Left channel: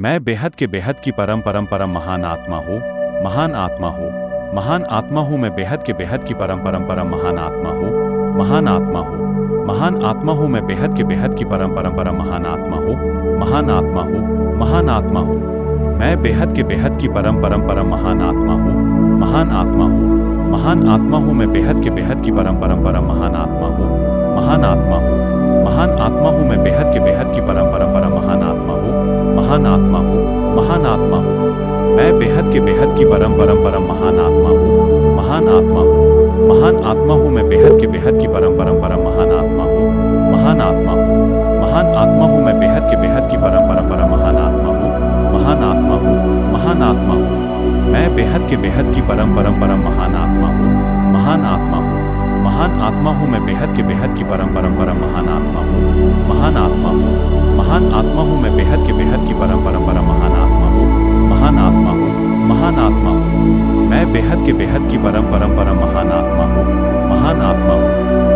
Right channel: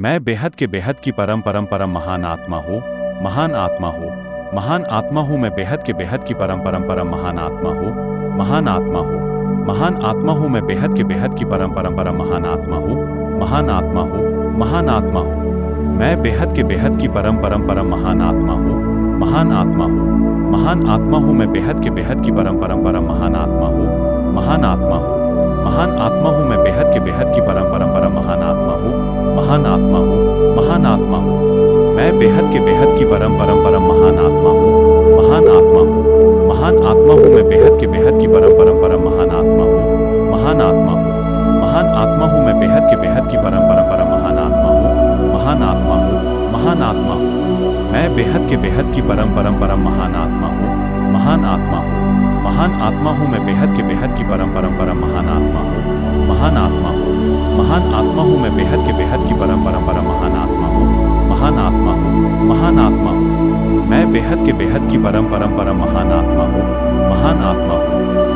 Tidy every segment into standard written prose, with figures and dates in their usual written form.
मैं बेहद के बेहद की परम परम परम महान आत्मा हूँ, महान आत्मा हूँ, महान आत्मा हूँ। मैं बेहद के बेहद की परम परम परम महान आत्मा हूँ, महान आत्मा हूँ, महान आत्मा हूँ। मैं बेहद के बेहद की परम परम परम महान आत्मा हूँ, महान आत्मा हूँ, महान आत्मा हूँ। मैं बेहद के बेहद की परम परम परम महान आत्मा हूँ, महान आत्मा हूँ, महान आत्मा हूँ। मैं बेहद के बेहद की परम परम परम महान आत्मा हूँ, महान आत्मा हूँ, महान आत्मा हूँ। मैं बेहद के बेहद की परम परम परम महान आत्मा हूँ, महान आत्मा हूँ, महान आत्मा हूँ। मैं बेहद के बेहद की परम परम परम महान आत्मा हूँ, महान आत्मा हूँ, महान आत्मा हूँ। मैं बेहद के बेहद की परम परम परम महान आत्मा हूँ, महान आत्मा हूँ, महान आत्मा हूँ। मैं बेहद के बेहद की परम परम परम महान आत्मा हूँ, महान आत्मा हूँ, महान आत्मा हूँ। मैं बेहद के बेहद की परम परम परम महान आत्मा हूँ, महान आत्मा हूँ, महान आत्मा हूँ। मैं बेहद के बेहद की परम परम परम महान आत्मा हूँ, महान आत्मा हूँ, महान आत्मा हूँ। मैं बेहद के बेहद की परम परम परम महान आत्मा हूँ, महान आत्मा हूँ, महान आत्मा हूँ। मैं बेहद के बेहद की परम परम परम महान आत्मा हूँ, महान आत्मा हूँ,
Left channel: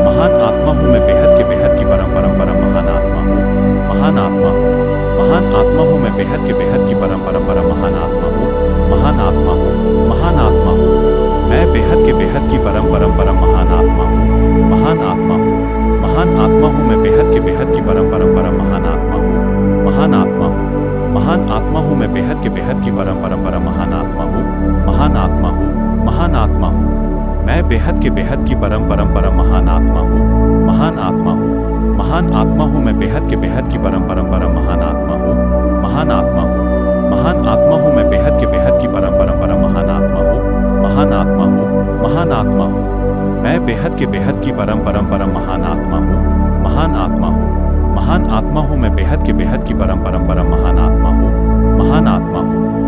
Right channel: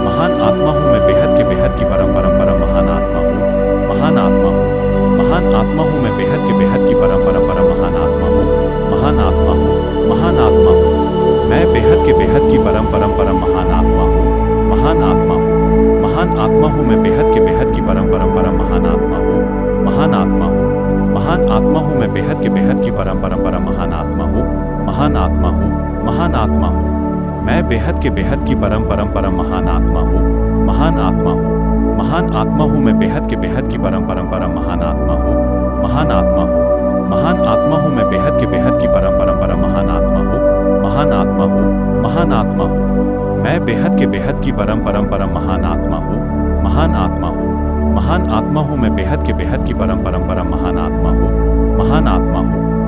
महान आत्मा हूँ। मैं बेहद के बेहद की परम परम परम महान आत्मा हूँ, महान आत्मा हूँ, महान आत्मा हूँ। मैं बेहद के बेहद की परम परम परम महान आत्मा हूँ, महान आत्मा हूँ, महान आत्मा हूँ। मैं बेहद के बेहद की परम परम परम महान आत्मा हूँ, महान आत्मा हूँ, महान आत्मा हूँ। मैं बेहद के बेहद की परम परम परम महान आत्मा हूँ, महान आत्मा हूँ, महान आत्मा हूँ। मैं बेहद के बेहद की परम परम परम महान आत्मा हूँ, महान आत्मा हूँ, महान आत्मा हूँ। मैं बेहद के बेहद की परम परम परम महान आत्मा हूँ, महान आत्मा हूँ, महान आत्मा हूँ। मैं बेहद के बेहद की परम परम परम महान आत्मा हूँ, महान आत्मा हूँ, महान आत्मा हूँ। मैं बेहद के बेहद की परम परम परम महान आत्मा हूँ, महान आत्मा हूँ, महान आत्मा हूँ। मैं बेहद के बेहद की परम परम परम महान आत्मा हूँ, महान आत्मा हूँ, महान आत्मा हूँ। मैं बेहद के बेहद की परम परम परम महान आत्मा हूँ, महान आत्मा हूँ, महान आत्मा हूँ। मैं बेहद के बेहद की परम परम परम महान आत्मा हूँ, महान आत्मा हूँ, महान आत्मा हूँ। मैं बेहद के बेहद की परम परम परम महान आत्मा हूँ, महान आत्मा हूँ, महान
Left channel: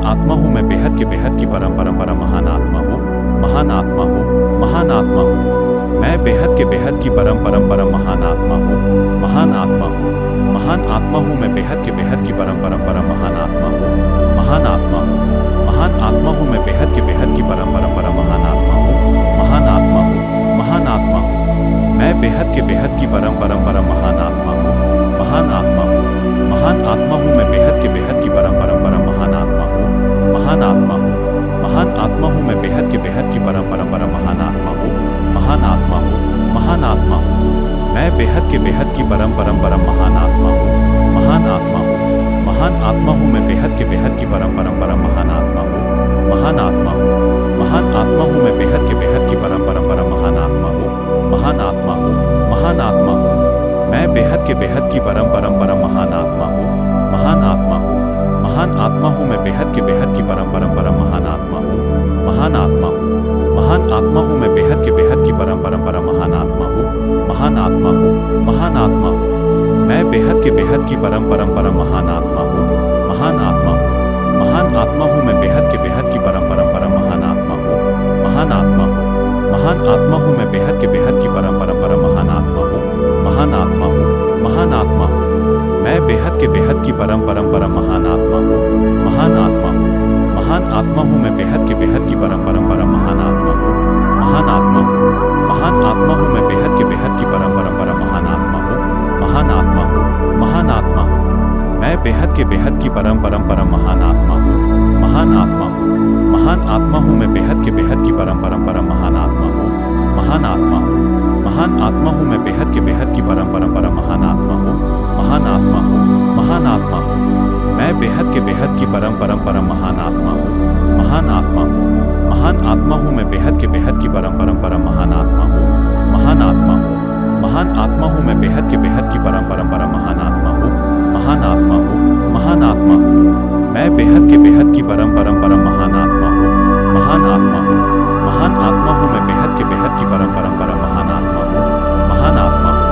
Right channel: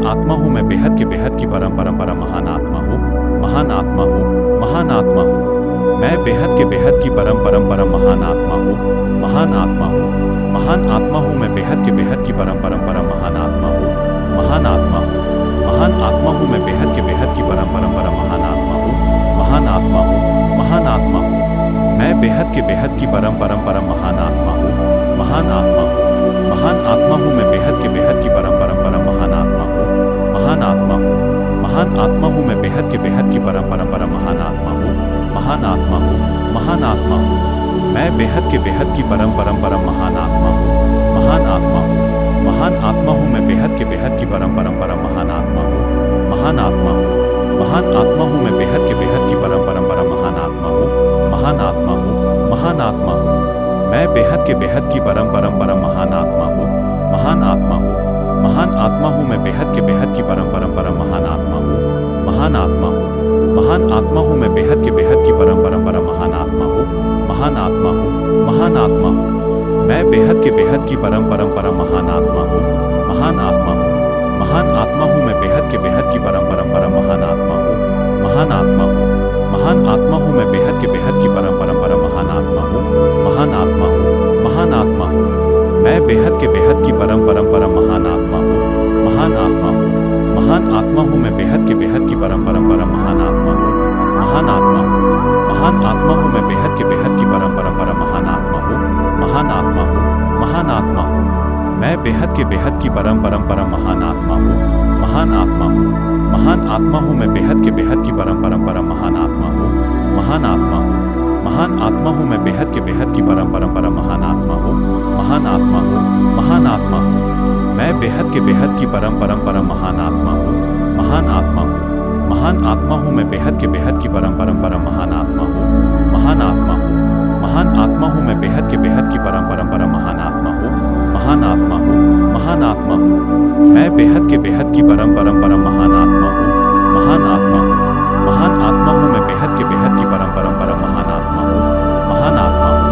आत्मा हूँ। मैं बेहद के बेहद की परम परम परम महान आत्मा हूँ, महान आत्मा हूँ, महान आत्मा हूँ। मैं बेहद के बेहद की परम परम परम महान आत्मा हूँ, महान आत्मा हूँ, महान आत्मा हूँ। मैं बेहद के बेहद की परम परम परम महान आत्मा हूँ, महान आत्मा हूँ, महान आत्मा हूँ। मैं बेहद के बेहद की परम परम परम महान आत्मा हूँ, महान आत्मा हूँ, महान आत्मा हूँ। मैं बेहद के बेहद की परम परम परम महान आत्मा हूँ, महान आत्मा हूँ, महान आत्मा हूँ। मैं बेहद के बेहद की परम परम परम महान आत्मा हूँ, महान आत्मा हूँ, महान आत्मा हूँ। मैं बेहद के बेहद की परम परम परम महान आत्मा हूँ, महान आत्मा हूँ, महान आत्मा हूँ। मैं बेहद के बेहद की परम परम परम महान आत्मा हूँ, महान आत्मा हूँ, महान आत्मा हूँ। मैं बेहद के बेहद की परम परम परम महान आत्मा हूँ, महान आत्मा हूँ, महान आत्मा हूँ। मैं बेहद के बेहद की परम परम परम महान आत्मा हूँ, महान आत्मा हूँ, महान आत्मा हूँ। मैं बेहद के बेहद की परम परम परम महान आत्मा हूँ, महान आत्मा हूँ, महान आत्मा हूँ। मैं बेहद के बेहद की परम परम परम महान आत्मा हूँ, महान आत्मा हूँ, महान आत्मा हूँ। मैं बेहद के बेहद की परम परम परम महान आत्मा हूँ, महान आत्मा हूँ, महान आत्मा हूँ। मैं बेहद के बेहद की परम परम परम महान आत्मा हूँ, महान आत्मा हूँ, महान आत्मा हूँ। मैं बेहद के बेहद की परम परम परम महान आत्मा हूँ, महान आत्मा हूँ, महान आत्मा हूँ। मैं बेहद के बेहद की परम परम परम महान आत्मा हूँ, महान आत्मा हूँ, महान आत्मा हूँ। मैं बेहद के बेहद की परम परम परम महान आत्मा हूँ, महान आत्मा हूँ, महान आत्मा हूँ। मैं बेहद के बेहद की परम परम परम महान आत्मा हूँ, महान आत्मा हूँ, महान आत्मा हूँ। मैं बेहद के बेहद की परम परम परम महान आत्मा हूँ, महान आत्मा हूँ, महान आत्मा हूँ। मैं बेहद के बेहद की परम परम परम महान आत्मा हूँ, महान आत्मा हूँ, महान आत्मा हूँ। मैं बेहद के बेहद की परम परम परम महान आत्मा हूँ, महान आत्मा हूँ, महान आत्मा हूँ। मैं बेहद के बेहद की परम परम परम महान आत्मा हूँ, महान आत्मा हूँ, महान आत्मा हूँ। मैं बेहद के बेहद की परम परम परम महान आत्मा हूँ, महान आत्मा हूँ, महान आत्मा हूँ। मैं बेहद के बेहद की परम परम परम महान आत्मा हूँ, महान आत्मा हूँ, महान आत्मा हूँ। मैं बेहद के बेहद की परम परम परम महान आत्मा हूँ, महान आत्मा हूँ,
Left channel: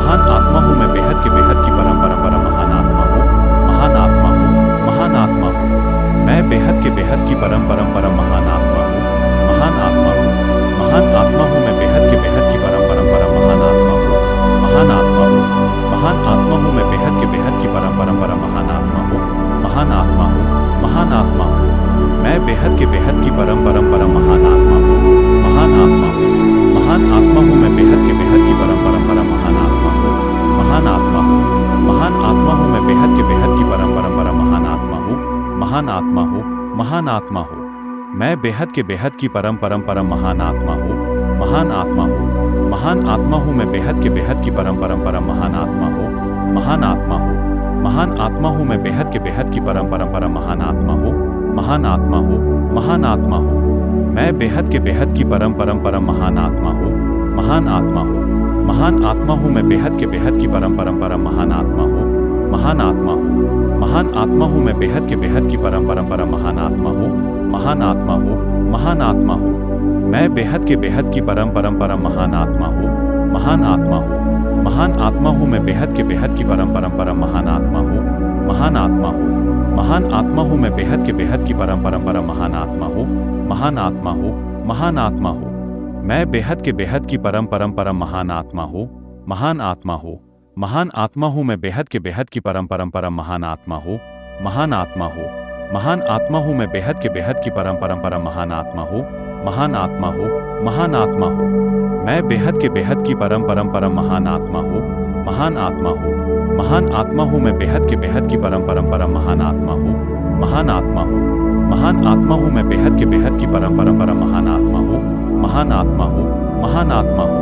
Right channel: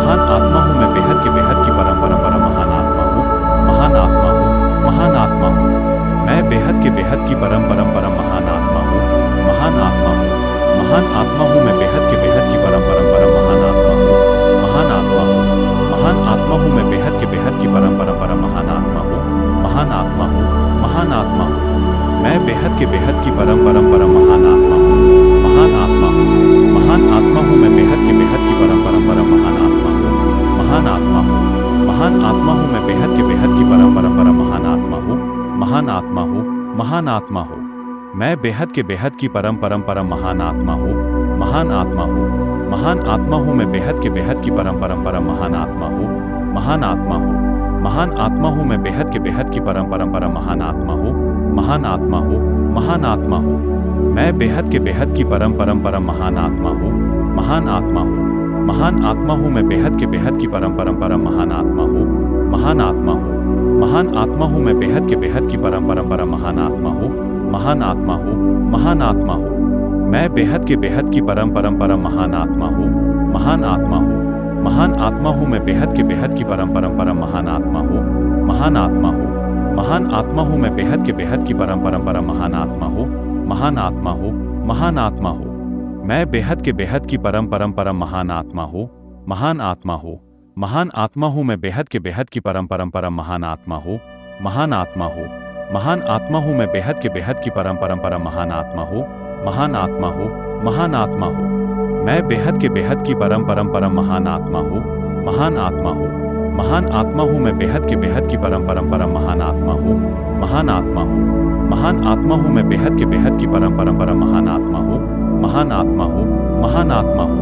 महान आत्मा हूँ। मैं बेहद के बेहद की परम परम परम महान आत्मा हूँ, महान आत्मा हूँ, महान आत्मा हूँ। मैं बेहद के बेहद की परम परम परम महान आत्मा हूँ, महान आत्मा हूँ, महान आत्मा हूँ। मैं बेहद के बेहद की परम परम परम महान आत्मा हूँ, महान आत्मा हूँ, महान आत्मा हूँ। मैं बेहद के बेहद की परम परम परम महान आत्मा हूँ, महान आत्मा हूँ, महान आत्मा हूँ। मैं बेहद के बेहद की परम परम परम महान आत्मा हूँ, महान आत्मा हूँ, महान आत्मा हूँ। मैं बेहद के बेहद की परम परम परम महान आत्मा हूँ, महान आत्मा हूँ, महान आत्मा हूँ मैं बेहद के बेहद की परम परंपरा महान आत्मा हूँ। महान आत्मा हूँ, महान आत्मा हूँ। मैं बेहद के बेहद की परम परंपरा महान आत्मा हूँ। महान आत्मा हूँ, महान आत्मा हूँ मैं बेहद के बेहद की परम परंपरा महान आत्मा हूँ। महान आत्मा हूँ, महान आत्मा हूँ मैं बेहद के बेहद की परम परंपरा महान आत्मा हूँ। महान आत्मा हूँ, महान आत्मा हूँ। मैं बेहद के बेहद की परम परंपरा महान आत्मा हूँ। महान आत्मा हूँ, महान आत्मा हूँ मैं बेहद के बेहद की परम परंपरा महान आत्मा हूँ। महान आत्मा हूँ, महान आत्मा हूँ मैं बेहद के बेहद की परम परंपरा महान आत्मा हूँ। महान आत्मा हूँ, महान आत्मा हूँ। मैं बेहद के बेहद की परम परंपरा महान आत्मा हूँ। महान आत्मा हूँ, महान आत्मा हूँ मैं बेहद के बेहद की परम परंपरा महान आत्मा हूँ। महान आत्मा हूँ, महान आत्मा हूँ मैं बेहद के बेहद की परम परंपरा महान आत्मा हूँ। महान आत्मा हूँ, महान आत्मा हूँ। मैं बेहद के बेहद की परम परंपरा महान आत्मा हूँ। महान आत्मा हूँ, महान आत्मा हूँ मैं बेहद के बेहद की परम परंपरा महान आत्मा हूँ। महान आत्मा हूँ, महान आत्मा हूँ मैं बेहद के बेहद की परम परंपरा महान आत्मा हूँ। महान आत्मा हूँ, महान आत्मा हूँ। मैं बेहद के बेहद की परम परंपरा महान आत्मा हूँ। महान आत्मा हूँ, महान आत्मा हूँ मैं बेहद के बेहद की परम परंपरा महान आत्मा हूँ। महान आत्मा हूँ, महान आत्मा हूँ मैं बेहद के बेहद की परम परंपरा महान आत्मा हूँ। महान आत्मा हूँ, महान आत्मा हूँ।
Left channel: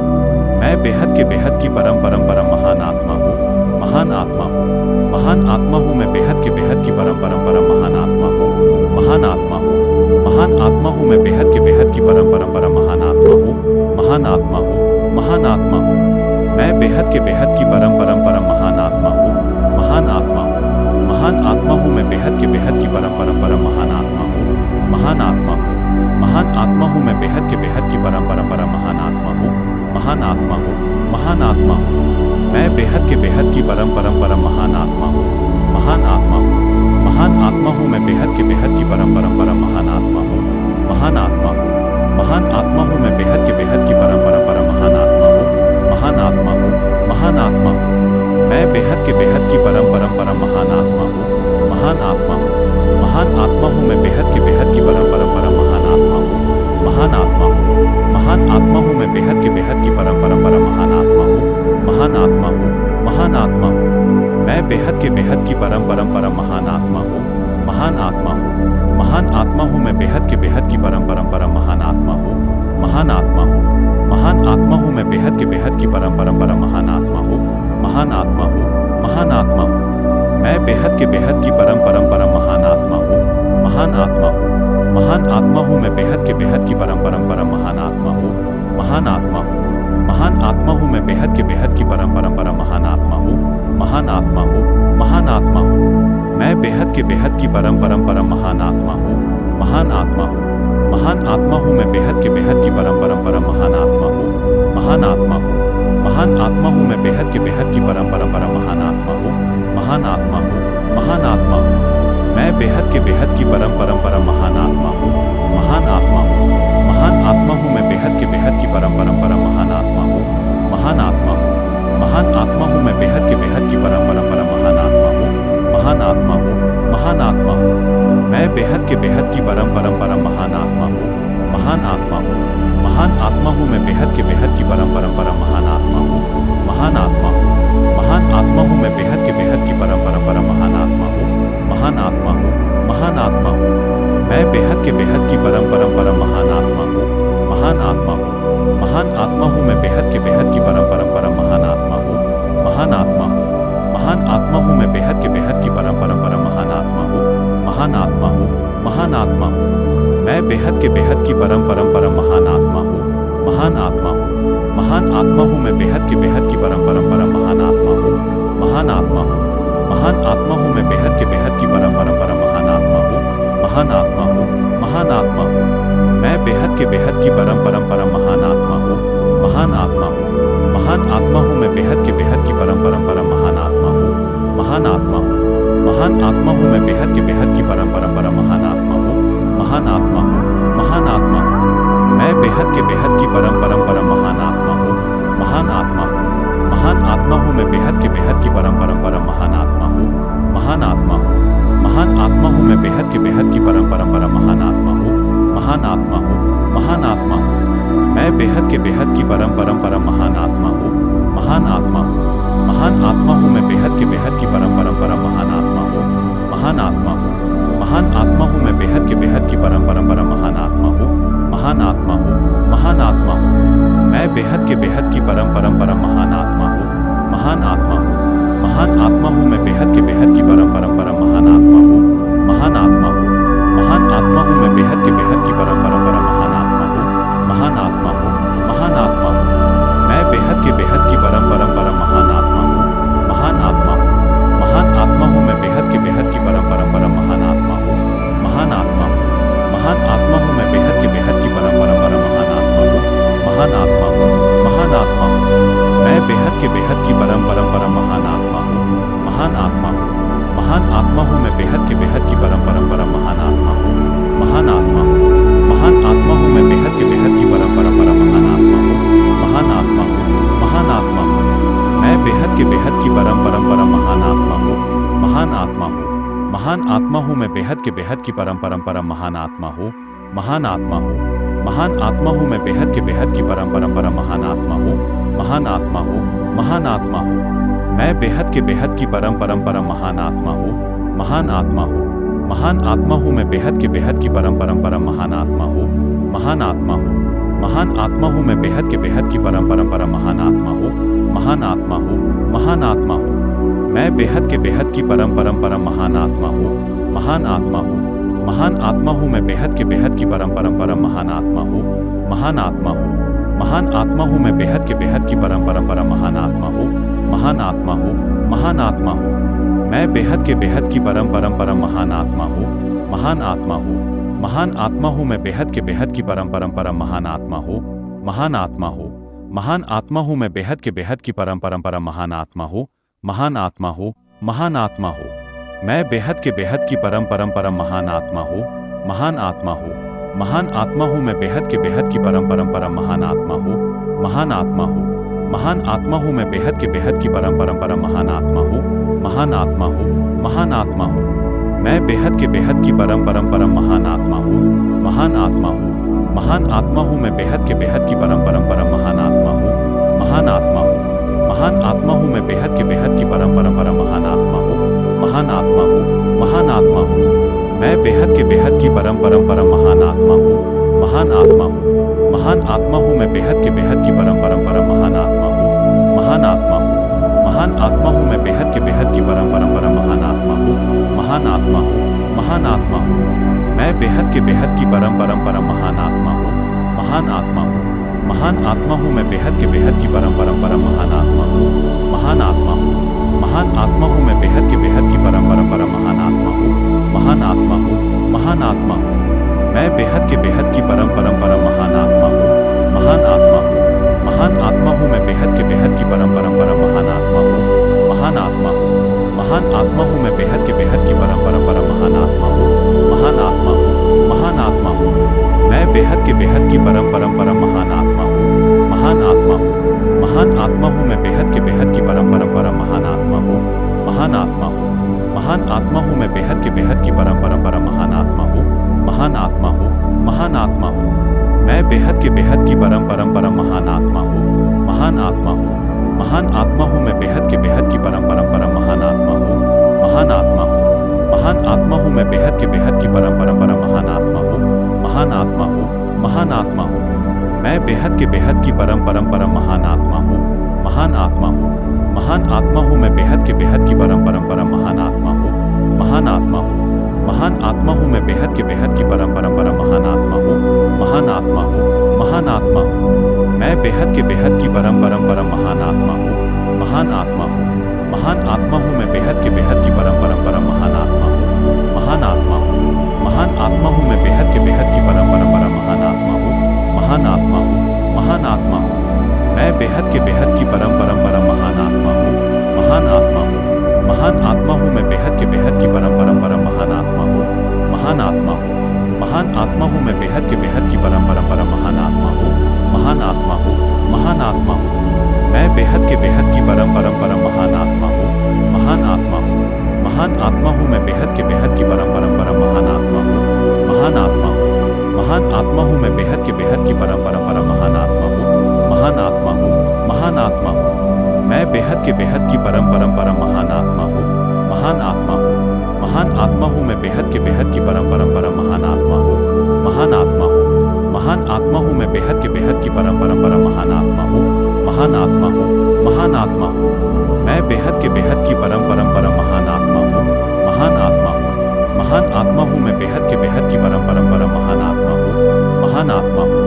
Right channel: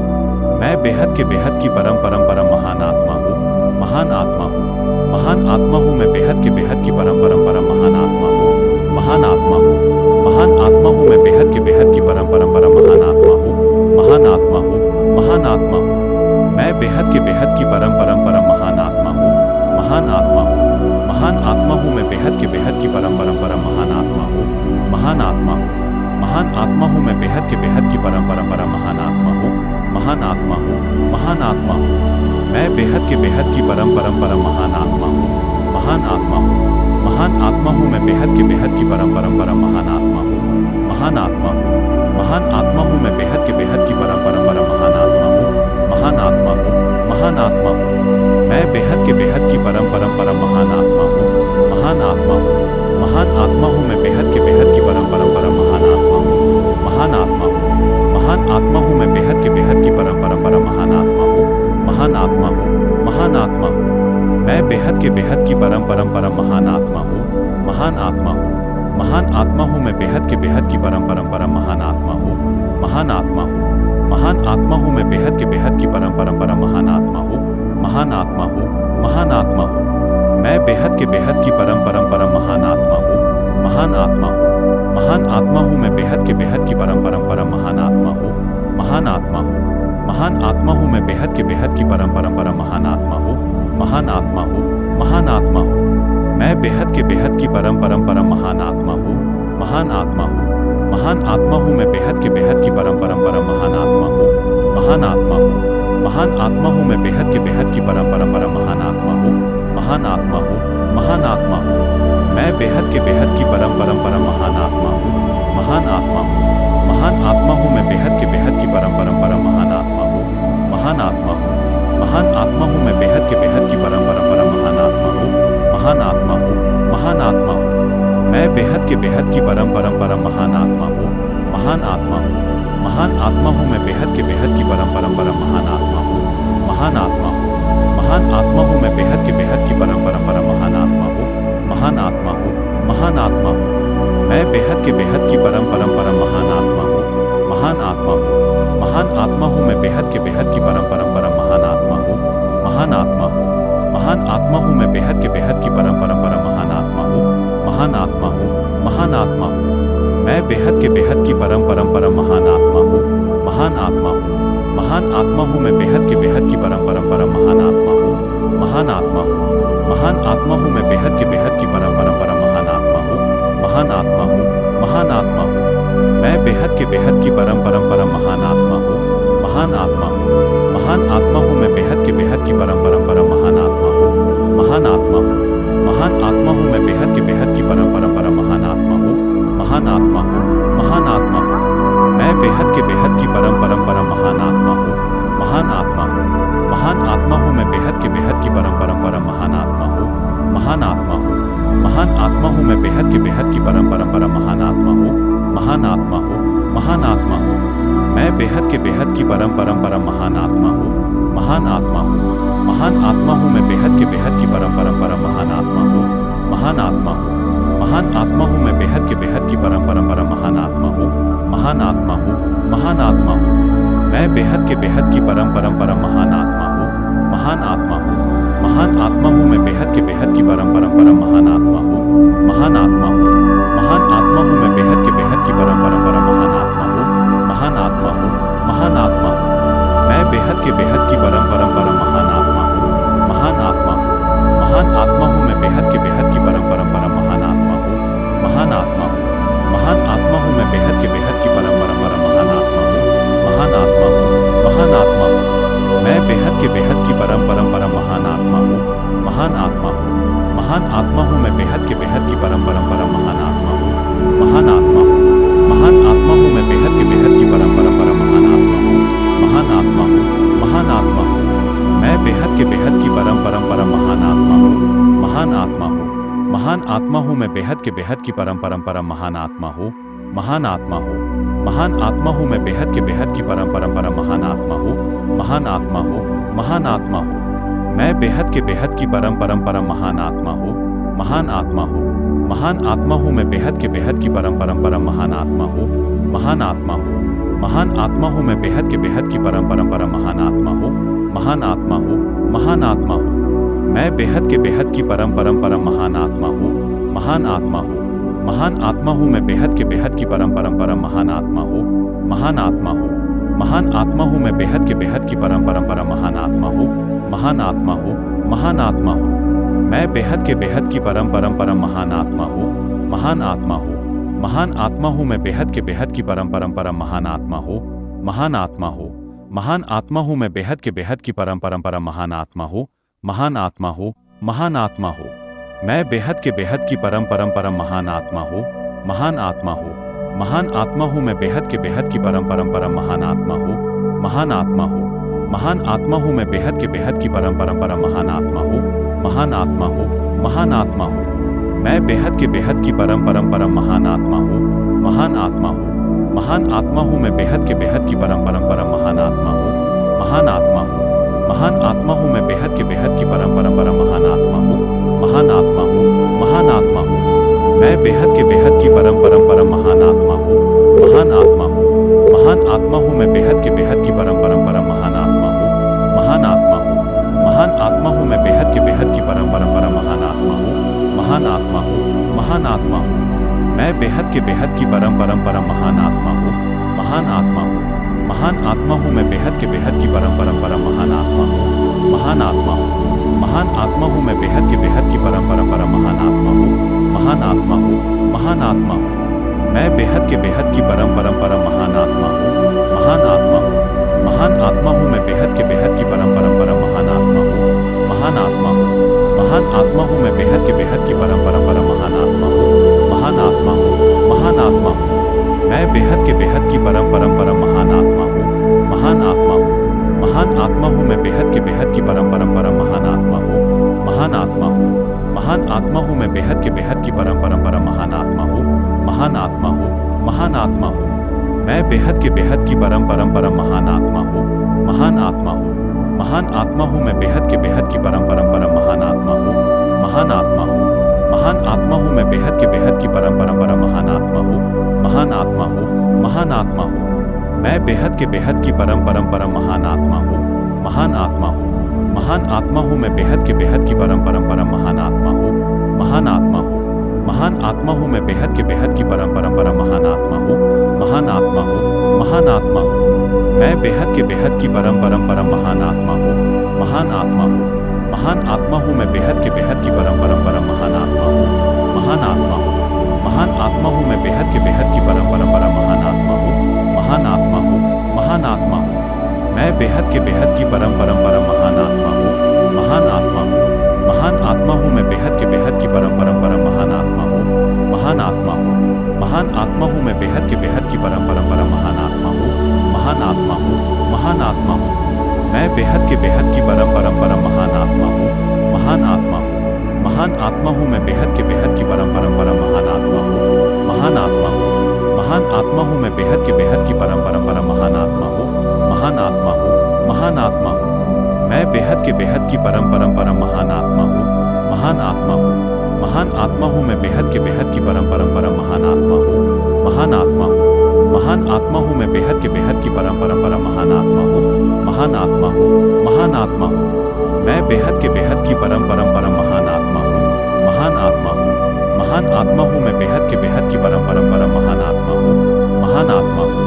मैं बेहद के बेहद की परम परंपरा महान आत्मा हूँ। महान आत्मा हूँ, महान आत्मा हूँ मैं बेहद के बेहद की परम परंपरा महान आत्मा हूँ। महान आत्मा हूँ, महान आत्मा हूँ मैं बेहद के बेहद की परम परंपरा महान आत्मा हूँ। महान आत्मा हूँ, महान आत्मा हूँ। मैं बेहद के बेहद की परम परंपरा महान आत्मा हूँ। महान आत्मा हूँ, महान आत्मा हूँ मैं बेहद के बेहद की परम परंपरा महान आत्मा हूँ। महान आत्मा हूँ, महान आत्मा हूँ मैं बेहद के बेहद की परम परंपरा महान आत्मा हूँ। महान आत्मा हूँ, महान आत्मा हूँ। मैं बेहद के बेहद की परम परंपरा महान आत्मा हूँ। महान आत्मा हूँ, महान आत्मा हूँ मैं बेहद के बेहद की परम परंपरा महान आत्मा हूँ। महान आत्मा हूँ, महान आत्मा हूँ मैं बेहद के बेहद की परम परंपरा महान आत्मा हूँ। महान आत्मा हूँ, महान आत्मा हूँ। मैं बेहद के बेहद की परम परंपरा महान आत्मा हूँ। महान आत्मा हूँ, महान आत्मा हूँ मैं बेहद के बेहद की परम परंपरा महान आत्मा हूँ। महान आत्मा हूँ, महान आत्मा हूँ मैं बेहद के बेहद की परम परंपरा महान आत्मा हूँ। महान आत्मा हूँ, महान आत्मा हूँ। मैं बेहद के बेहद की परम परंपरा महान आत्मा हूँ। महान आत्मा हूँ, महान आत्मा हूँ मैं बेहद के बेहद की परम परंपरा महान आत्मा हूँ। महान आत्मा हूँ, महान आत्मा हूँ मैं बेहद के बेहद की परम परंपरा महान आत्मा हूँ। महान आत्मा हूँ, महान आत्मा हूँ। मैं बेहद के बेहद की परम परंपरा महान आत्मा हूँ। महान आत्मा हूँ, महान आत्मा हूँ मैं बेहद के बेहद की परम परंपरा महान आत्मा हूँ। महान आत्मा हूँ, महान आत्मा हूँ मैं बेहद के बेहद की परम परंपरा महान आत्मा हूँ। महान आत्मा हूँ, महान आत्मा हूँ। मैं बेहद के बेहद की परम परंपरा महान आत्मा हूँ। महान आत्मा हूँ, महान आत्मा हूँ मैं बेहद के बेहद की परम परंपरा महान आत्मा हूँ। महान आत्मा हूँ, महान आत्मा हूँ मैं बेहद के बेहद की परम परंपरा महान आत्मा हूँ। महान आत्मा हूँ, महान आत्मा हूँ। मैं बेहद के बेहद की परम परंपरा महान आत्मा हूँ। महान आत्मा हूँ, महान आत्मा हूँ मैं बेहद के बेहद की परम परंपरा महान आत्मा हूँ। महान आत्मा हूँ, महान आत्मा हूँ मैं बेहद के बेहद की परम परंपरा महान आत्मा हूँ। महान आत्मा हूँ, महान आत्मा हूँ। मैं बेहद के बेहद की परम परंपरा महान आत्मा हूँ। महान आत्मा हूँ, महान आत्मा हूँ मैं बेहद के बेहद की परम परंपरा महान आत्मा हूँ। महान आत्मा हूँ, महान आत्मा हूँ मैं बेहद के बेहद की परम परंपरा महान आत्मा हूँ। महान आत्मा हूँ, महान आत्मा हूँ। मैं बेहद के बेहद की परम परंपरा महान आत्मा हूँ। महान आत्मा हूँ, महान आत्मा हूँ मैं बेहद के बेहद की परम परंपरा महान आत्मा हूँ। महान आत्मा हूँ, महान आत्मा हूँ मैं बेहद के बेहद की परम परंपरा महान आत्मा हूँ। महान आत्मा हूँ, महान आत्मा हूँ। मैं बेहद के बेहद की परम परंपरा महान आत्मा हूँ। महान आत्मा हूँ, महान आत्मा हूँ मैं बेहद के बेहद की परम परंपरा महान आत्मा हूँ। महान आत्मा हूँ, महान आत्मा हूँ मैं बेहद के बेहद की परम परंपरा महान आत्मा हूँ। महान आत्मा हूँ, महान आत्मा हूँ। मैं बेहद के बेहद की परम परंपरा महान आत्मा हूँ। महान आत्मा हूँ, महान आत्मा हूँ मैं बेहद के बेहद की परम परंपरा महान आत्मा हूँ। महान आत्मा हूँ, महान आत्मा हूँ मैं बेहद के बेहद की परम परंपरा महान आत्मा हूँ। महान आत्मा हूँ, महान आत्मा हूँ। मैं बेहद के बेहद की परम परंपरा महान आत्मा हूँ। महान आत्मा हूँ, महान आत्मा हूँ मैं बेहद के बेहद की परम परंपरा महान आत्मा हूँ। महान आत्मा हूँ, महान आत्मा हूँ मैं बेहद के बेहद की परम परंपरा महान आत्मा हूँ। महान आत्मा हूँ, महान आत्मा हूँ। मैं बेहद के बेहद की परम परंपरा महान आत्मा हूँ। महान आत्मा हूँ, महान आत्मा हूँ मैं बेहद के बेहद की परम परंपरा महान आत्मा हूँ, महान आत्मा हूँ, महान आत्मा हूँ मैं बेहद के बेहद की परम परंपरा महान आत्मा हूँ, महान आत्मा हूँ, महान आत्मा हूँ मैं बेहद के बेहद की परम परंपरा महान आत्मा हूँ, महान आत्मा हूँ, महान आत्मा हूँ मैं बेहद के बेहद की परम परंपरा महान आत्मा हूँ, महान आत्मा हूँ, महान आत्मा हूँ मैं बेहद के बेहद की परम परंपरा महान आत्मा हूँ, महान आत्मा हूँ, महान आत्मा हूँ मैं बेहद के बेहद की परम परंपरा महान आत्मा हूँ, महान आत्मा हूँ, महान आत्मा हूँ मैं बेहद के बेहद की परम परंपरा महान आत्मा हूँ, महान आत्मा हूँ, महान आत्मा हूँ मैं बेहद के बेहद की परम परंपरा महान आत्मा हूँ, महान आत्मा हूँ, महान आत्मा हूँ मैं बेहद के बेहद की परम परंपरा महान आत्मा हूँ, महान आत्मा हूँ, महान आत्मा हूँ मैं बेहद के बेहद की परम परंपरा महान आत्मा हूँ, महान आत्मा हूँ, महान आत्मा हूँ मैं बेहद के बेहद की परम परंपरा महान आत्मा हूँ, महान आत्मा हूँ, महान आत्मा हूँ मैं बेहद के बेहद की परम परंपरा महान आत्मा हूँ, महान आत्मा हूँ, महान आत्मा हूँ मैं बेहद के बेहद की परम परंपरा महान आत्मा हूँ, महान आत्मा हूँ, महान आत्मा हूँ मैं बेहद के बेहद की परम परंपरा महान आत्मा हूँ, महान आत्मा हूँ, महान आत्मा हूँ मैं बेहद के बेहद की परम परंपरा महान आत्मा हूँ, महान आत्मा हूँ, महान आत्मा हूँ मैं बेहद के बेहद की परम परंपरा महान आत्मा हूँ, महान आत्मा हूँ, महान आत्मा हूँ मैं बेहद के बेहद की परम परंपरा महान आत्मा हूँ, महान आत्मा हूँ, महान आत्मा हूँ मैं बेहद के बेहद की परम परंपरा महान आत्मा हूँ, महान आत्मा हूँ, महान आत्मा हूँ मैं बेहद के बेहद की परम परंपरा महान आत्मा हूँ, महान आत्मा हूँ, महान आत्मा हूँ मैं बेहद के बेहद की परम परंपरा महान आत्मा हूँ, महान आत्मा हूँ, महान आत्मा हूँ मैं बेहद के बेहद की परम परंपरा महान आत्मा हूँ, महान आत्मा हूँ, महान आत्मा हूँ मैं बेहद के बेहद की परम परंपरा महान आत्मा हूँ, महान आत्मा हूँ, महान आत्मा हूँ मैं बेहद के बेहद की परम परंपरा महान आत्मा हूँ, महान आत्मा हूँ, महान आत्मा हूँ मैं बेहद के बेहद की परम परंपरा महान आत्मा हूँ, महान आत्मा हूँ, महान आत्मा हूँ मैं बेहद के बेहद की परम परंपरा महान आत्मा हूँ, महान आत्मा हूँ, महान आत्मा हूँ मैं बेहद के बेहद की परम परंपरा महान आत्मा हूँ, महान आत्मा हूँ, महान आत्मा हूँ मैं बेहद के बेहद की परम परंपरा महान आत्मा हूँ, महान आत्मा हूँ, महान आत्मा हूँ मैं बेहद के बेहद की परम परंपरा महान आत्मा हूँ, महान आत्मा हूँ, महान आत्मा हूँ मैं बेहद के बेहद की परम परंपरा महान आत्मा हूँ, महान आत्मा हूँ, महान आत्मा हूँ मैं बेहद के बेहद की परम परंपरा महान आत्मा हूँ, महान आत्मा हूँ, महान आत्मा हूँ मैं बेहद के बेहद की परम परंपरा महान आत्मा हूँ, महान आत्मा हूँ, महान आत्मा हूँ मैं बेहद के बेहद की परम परंपरा महान आत्मा हूँ, महान आत्मा हूँ, महान आत्मा हूँ मैं बेहद के बेहद की परम परंपरा महान आत्मा हूँ, महान आत्मा हूँ, महान आत्मा हूँ मैं बेहद के बेहद की परम परंपरा महान आत्मा हूँ, महान आत्मा हूँ, महान आत्मा हूँ मैं बेहद के बेहद की परम परंपरा महान आत्मा हूँ, महान आत्मा हूँ, महान आत्मा हूँ मैं बेहद के बेहद की परम परंपरा महान आत्मा हूँ, महान आत्मा हूँ, महान आत्मा हूँ मैं बेहद के बेहद की परम परंपरा महान आत्मा हूँ, महान आत्मा हूँ, महान आत्मा हूँ मैं बेहद के बेहद की परम परंपरा महान आत्मा हूँ, महान आत्मा हूँ, महान आत्मा हूँ मैं बेहद के बेहद की परम परंपरा महान आत्मा हूँ, महान आत्मा हूँ, महान आत्मा हूँ मैं बेहद के बेहद की परम परंपरा महान आत्मा हूँ, महान आत्मा हूँ, महान आत्मा हूँ मैं बेहद के बेहद की परम परंपरा महान आत्मा हूँ, महान आत्मा हूँ, महान आत्मा हूँ मैं बेहद के बेहद की परम परंपरा महान आत्मा हूँ, महान आत्मा हूँ, महान आत्मा हूँ मैं बेहद के बेहद की परम परंपरा महान आत्मा हूँ, महान आत्मा हूँ, महान आत्मा हूँ मैं बेहद के बेहद की परम परंपरा महान आत्मा हूँ, महान आत्मा हूँ, महान आत्मा हूँ मैं बेहद के बेहद की परम परंपरा महान आत्मा हूँ, महान आत्मा हूँ, महान आत्मा हूँ मैं बेहद के बेहद की परम परंपरा महान आत्मा हूँ, महान आत्मा हूँ, महान आत्मा हूँ मैं बेहद के बेहद की परम परंपरा महान आत्मा हूँ, महान आत्मा हूँ, महान आत्मा हूँ मैं बेहद के बेहद की परम परंपरा महान आत्मा हूँ, महान आत्मा हूँ, महान आत्मा हूँ मैं बेहद के बेहद की परम परंपरा महान आत्मा हूँ, महान आत्मा हूँ, महान आत्मा हूँ मैं बेहद के बेहद की परम परंपरा महान आत्मा हूँ, महान आत्मा हूँ, महान आत्मा हूँ मैं बेहद के बेहद की परम परंपरा महान आत्मा हूँ, महान आत्मा हूँ, महान आत्मा हूँ मैं बेहद के बेहद की परम परंपरा महान आत्मा हूँ, महान आत्मा हूँ, महान आत्मा हूँ मैं बेहद के बेहद की परम परंपरा महान आत्मा हूँ, महान आत्मा हूँ, महान आत्मा हूँ मैं बेहद के बेहद की परम परंपरा महान आत्मा हूँ, महान आत्मा हूँ, महान आत्मा हूँ मैं बेहद के बेहद की परम परंपरा महान आत्मा हूँ, महान आत्मा हूँ, महान आत्मा हूँ मैं बेहद के बेहद की परम परंपरा महान आत्मा हूँ, महान आत्मा हूँ, महान आत्मा हूँ मैं बेहद के बेहद की परम परम परम महान आत्मा हूँ, महान आत्मा हूँ, महान आत्मा हूँ मैं बेहद के बेहद की परम परम परम महान आत्मा हूँ, महान आत्मा हूँ, महान आत्मा हूँ मैं बेहद के बेहद की परम परम परम महान आत्मा हूँ, महान आत्मा हूँ, महान आत्मा हूँ मैं बेहद के बेहद की परम परम परम महान आत्मा हूँ, महान आत्मा हूँ, महान आत्मा हूँ मैं बेहद के बेहद की परम परम परम महान आत्मा हूँ, महान आत्मा हूँ,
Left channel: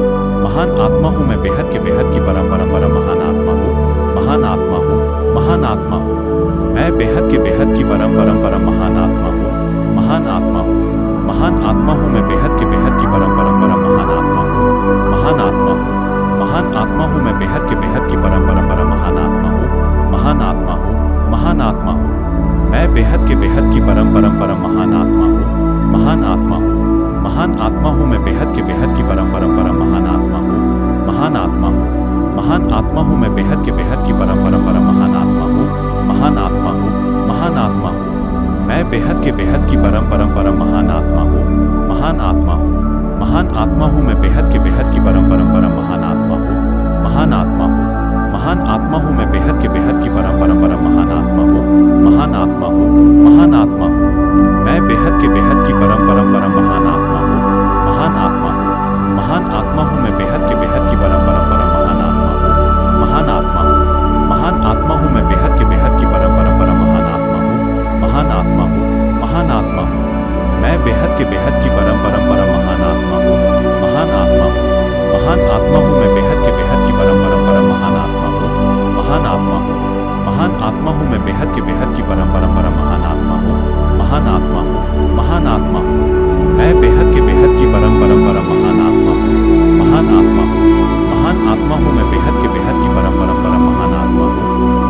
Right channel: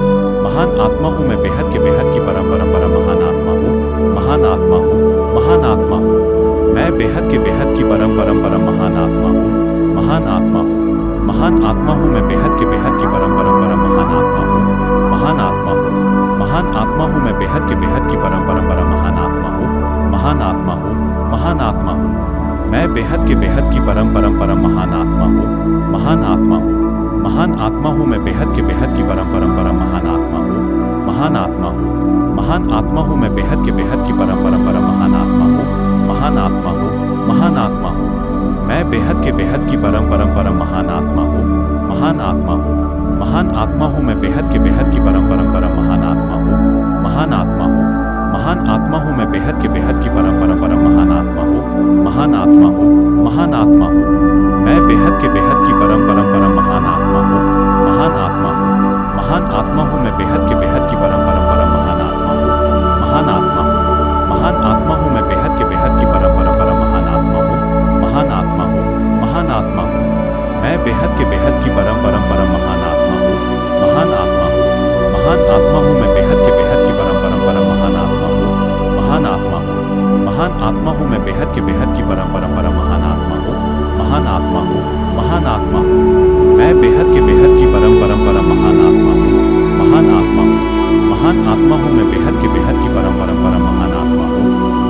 महान आत्मा हूँ मैं बेहद के बेहद की परम परम परम महान आत्मा हूँ, महान आत्मा हूँ, महान आत्मा हूँ मैं बेहद के बेहद की परम परम परम महान आत्मा हूँ, महान आत्मा हूँ, महान आत्मा हूँ मैं बेहद के बेहद की परम परम परम महान आत्मा हूँ, महान आत्मा हूँ, महान आत्मा हूँ मैं बेहद के बेहद की परम परम परम महान आत्मा हूँ, महान आत्मा हूँ, महान आत्मा हूँ मैं बेहद के बेहद की परम परम परम महान आत्मा हूँ, महान आत्मा हूँ, महान आत्मा हूँ मैं बेहद के बेहद की परम परम परम महान आत्मा हूँ, महान आत्मा हूँ, महान आत्मा हूँ मैं बेहद के बेहद की परम परम परम महान आत्मा हूँ, महान आत्मा हूँ, महान आत्मा हूँ मैं बेहद के बेहद की परम परम परम महान आत्मा हूँ, महान आत्मा हूँ, महान आत्मा हूँ मैं बेहद के बेहद की परम परम परम महान आत्मा हूँ, महान आत्मा हूँ, महान आत्मा हूँ मैं बेहद के बेहद की परम परम परम महान आत्मा हूँ, महान आत्मा हूँ, महान आत्मा हूँ मैं बेहद के बेहद की परम परम परम महान आत्मा हूँ, महान आत्मा हूँ, महान आत्मा हूँ मैं बेहद के बेहद की परम परम परम महान आत्मा हूँ, महान आत्मा हूँ, महान आत्मा हूँ मैं बेहद के बेहद की परम परम परम महान आत्मा हूँ, महान आत्मा हूँ, महान आत्मा हूँ मैं बेहद के बेहद की परम परम परम महान आत्मा हूँ, महान आत्मा हूँ, महान आत्मा हूँ मैं बेहद के बेहद की परम परम परम महान आत्मा हूँ, महान आत्मा हूँ, महान आत्मा हूँ मैं बेहद के बेहद की परम परम परम महान आत्मा हूँ, महान आत्मा हूँ, महान आत्मा हूँ मैं बेहद के बेहद की परम परम परम महान आत्मा हूँ, महान आत्मा हूँ, महान आत्मा हूँ मैं बेहद के बेहद की परम परम परम महान आत्मा हूँ, महान आत्मा हूँ, महान आत्मा हूँ मैं बेहद के बेहद की परम परम परम महान आत्मा हूँ,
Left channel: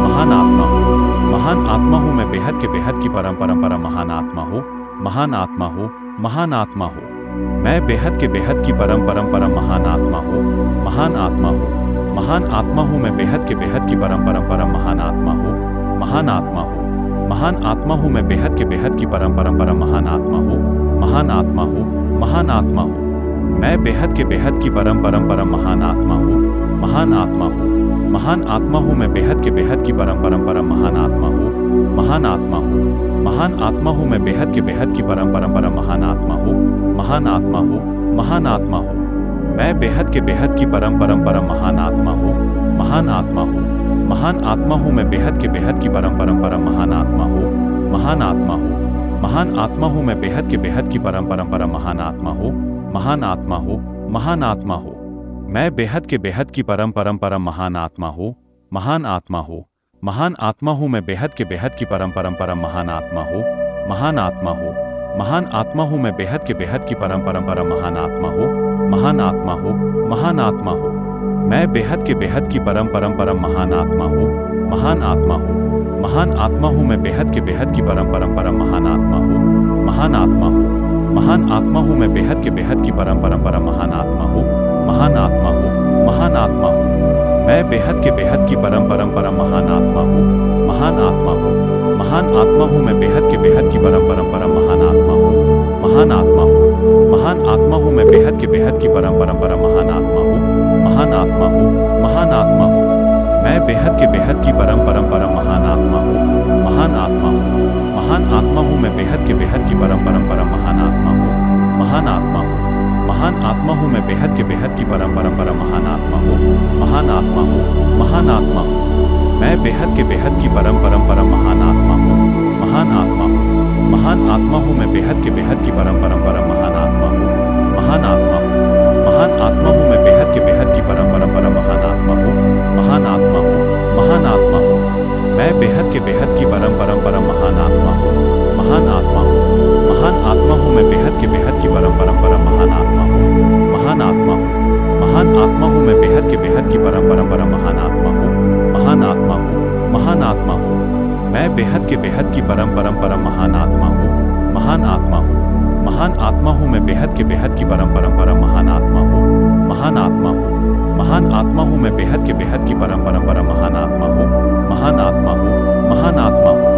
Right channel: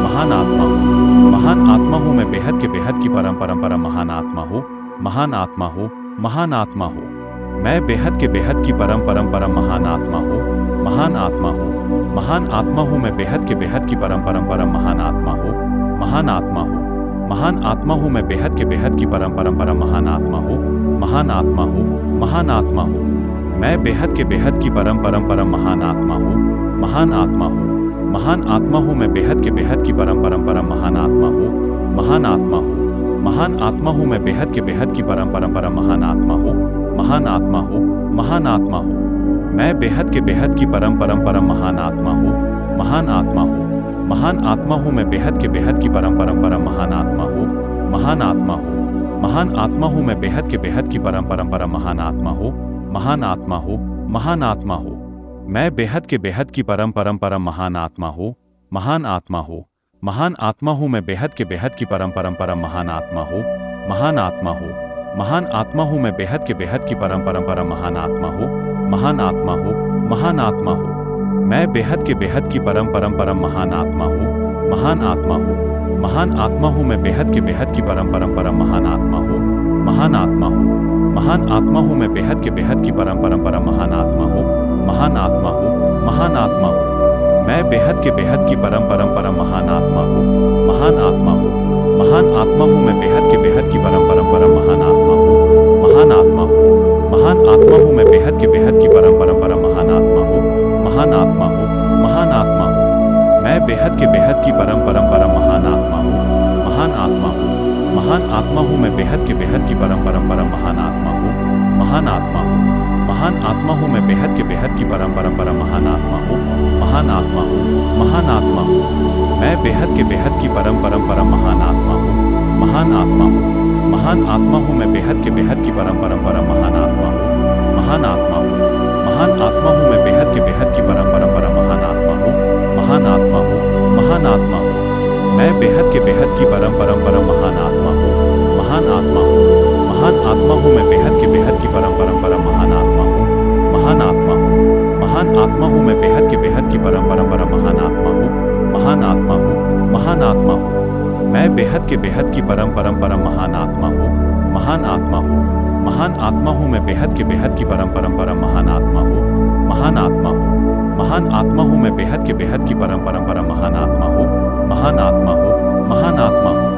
महान आत्मा हूँ, महान आत्मा हूँ मैं बेहद के बेहद की परम परम परम महान आत्मा हूँ, महान आत्मा हूँ, महान आत्मा हूँ मैं बेहद के बेहद की परम परम परम महान आत्मा हूँ, महान आत्मा हूँ, महान आत्मा हूँ मैं बेहद के बेहद की परम परम परम महान आत्मा हूँ, महान आत्मा हूँ, महान आत्मा हूँ मैं बेहद के बेहद की परम परम परम महान आत्मा हूँ, महान आत्मा हूँ, महान आत्मा हूँ मैं बेहद के बेहद की परम परम परम महान आत्मा हूँ, महान आत्मा हूँ, महान आत्मा हूँ मैं बेहद के बेहद की परम परम परम महान आत्मा हूँ, महान आत्मा हूँ, महान आत्मा हूँ मैं बेहद के बेहद की परम परम परम महान आत्मा हूँ, महान आत्मा हूँ, महान आत्मा हूँ मैं बेहद के बेहद की परम परम परम महान आत्मा हूँ, महान आत्मा हूँ, महान आत्मा हूँ मैं बेहद के बेहद की परम परम परम महान आत्मा हूँ, महान आत्मा हूँ, महान आत्मा हूँ मैं बेहद के बेहद की परम परम परम महान आत्मा हूँ, महान आत्मा हूँ, महान आत्मा हूँ मैं बेहद के बेहद की परम परम परम महान आत्मा हूँ, महान आत्मा हूँ, महान आत्मा हूँ मैं बेहद के बेहद की परम परम परम महान आत्मा हूँ, महान आत्मा हूँ, महान आत्मा हूँ मैं बेहद के बेहद की परम परम परम महान आत्मा हूँ, महान आत्मा हूँ, महान आत्मा हूँ मैं बेहद के बेहद की परम परम परम महान आत्मा हूँ, महान आत्मा हूँ, महान आत्मा हूँ मैं बेहद के बेहद की परम परम परम महान आत्मा हूँ, महान आत्मा हूँ, महान आत्मा हूँ मैं बेहद के बेहद की परम परम परम महान आत्मा हूँ, महान आत्मा हूँ, महान आत्मा हूँ मैं बेहद के बेहद की परम परम परम महान आत्मा हूँ, महान आत्मा हूँ, महान आत्मा हूँ मैं बेहद के बेहद की परम परम परम महान आत्मा हूँ, महान आत्मा हूँ, महान आत्मा हूँ मैं बेहद के बेहद की परम परम परम महान आत्मा हूँ, महान आत्मा हूँ, महान आत्मा हूँ मैं बेहद के बेहद की परम परम परम महान आत्मा हूँ, महान आत्मा हूँ, महान आत्मा हूँ मैं बेहद के बेहद की परम परम परम महान आत्मा हूँ, महान आत्मा हूँ, महान आत्मा हूँ मैं बेहद के बेहद की परम परम परम महान आत्मा हूँ, महान आत्मा हूँ, महान आत्मा हूँ मैं बेहद के बेहद की परम परम परम महान आत्मा हूँ, महान आत्मा हूँ, महान आत्मा हूँ मैं बेहद के बेहद की परम परम परम महान आत्मा हूँ, महान आत्मा हूँ, महान आत्मा हूँ मैं बेहद के बेहद की परम परम परम महान आत्मा हूँ, महान आत्मा हूँ, महान आत्मा हूँ मैं बेहद के बेहद की परम परम परम महान आत्मा हूँ, महान आत्मा हूँ, महान आत्मा हूँ मैं बेहद के बेहद की परम परम परम महान आत्मा हूँ, महान आत्मा हूँ, महान आत्मा हूँ मैं बेहद के बेहद की परम परम परम महान आत्मा हूँ, महान आत्मा हूँ, महान आत्मा हूँ मैं बेहद के बेहद की परम परम परम महान आत्मा हूँ, महान आत्मा हूँ, महान आत्मा हूँ मैं बेहद के बेहद की परम परम परम महान आत्मा हूँ, महान आत्मा हूँ, महान आत्मा हूँ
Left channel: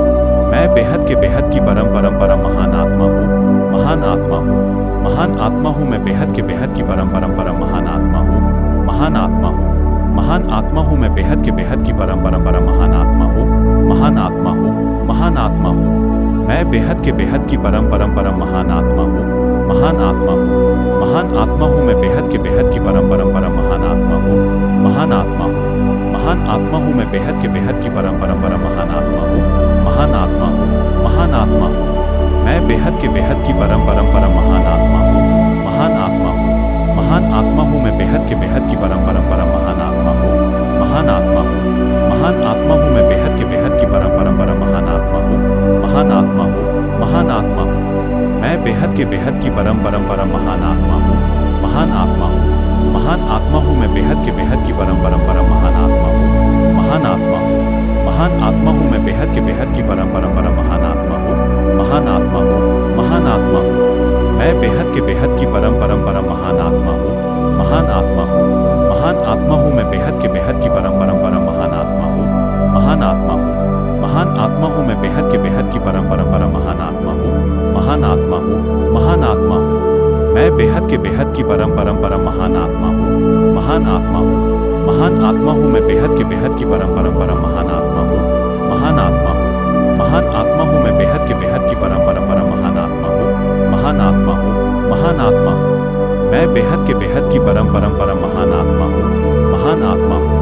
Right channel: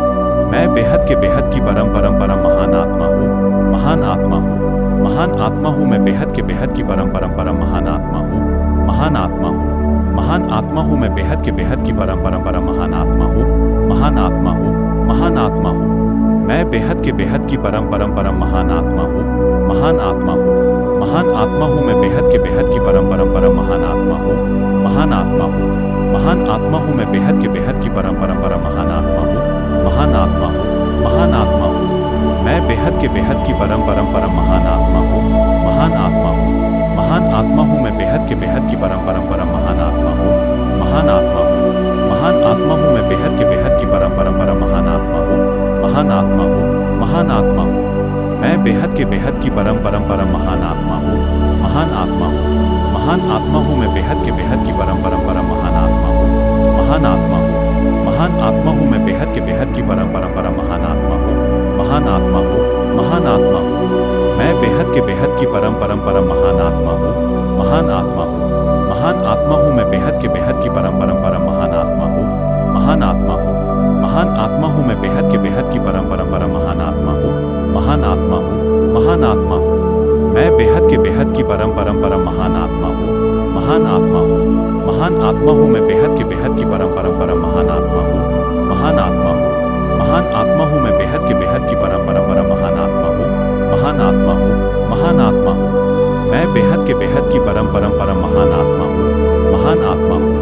मैं बेहद के बेहद की परम परम परम महान आत्मा हूँ, महान आत्मा हूँ, महान आत्मा हूँ मैं बेहद के बेहद की परम परम परम महान आत्मा हूँ, महान आत्मा हूँ, महान आत्मा हूँ मैं बेहद के बेहद की परम परम महान आत्मा हूँ, महान आत्मा हूँ, महान आत्मा हूँ। मैं बेहद के बेहद की परम परम महान आत्मा हूँ, महान आत्मा हूँ, महान आत्मा हूँ मैं बेहद के बेहद की परम परम महान आत्मा हूँ, महान आत्मा हूँ, महान आत्मा हूँ मैं बेहद के बेहद की परम परम महान आत्मा हूँ, महान आत्मा हूँ, महान आत्मा हूँ। मैं बेहद के बेहद की परम परम महान आत्मा हूँ, महान आत्मा हूँ, महान आत्मा हूँ मैं बेहद के बेहद की परम परम महान आत्मा हूँ, महान आत्मा हूँ, महान आत्मा हूँ मैं बेहद के बेहद की परम परम महान आत्मा हूँ, महान आत्मा हूँ, महान आत्मा हूँ। मैं बेहद के बेहद की परम परम महान आत्मा हूँ, महान आत्मा हूँ, महान आत्मा हूँ मैं बेहद के बेहद की परम परम महान आत्मा हूँ, महान आत्मा हूँ, महान आत्मा हूँ मैं बेहद के बेहद की परम परम महान आत्मा हूँ, महान आत्मा हूँ, महान आत्मा हूँ। मैं बेहद के बेहद की परम परम महान आत्मा हूँ, महान आत्मा हूँ, महान आत्मा हूँ मैं बेहद के बेहद की परम परम महान आत्मा हूँ, महान आत्मा हूँ, महान आत्मा हूँ मैं बेहद के बेहद की परम परम महान आत्मा हूँ, महान आत्मा हूँ, महान आत्मा हूँ। मैं बेहद के बेहद की परम परम महान आत्मा हूँ, महान आत्मा हूँ, महान आत्मा हूँ मैं बेहद के बेहद की परम परम महान आत्मा हूँ, महान आत्मा हूँ, महान आत्मा हूँ मैं बेहद के बेहद की परम परम महान आत्मा हूँ, महान आत्मा हूँ, महान आत्मा हूँ। मैं बेहद के बेहद की परम परम महान आत्मा हूँ, महान आत्मा हूँ,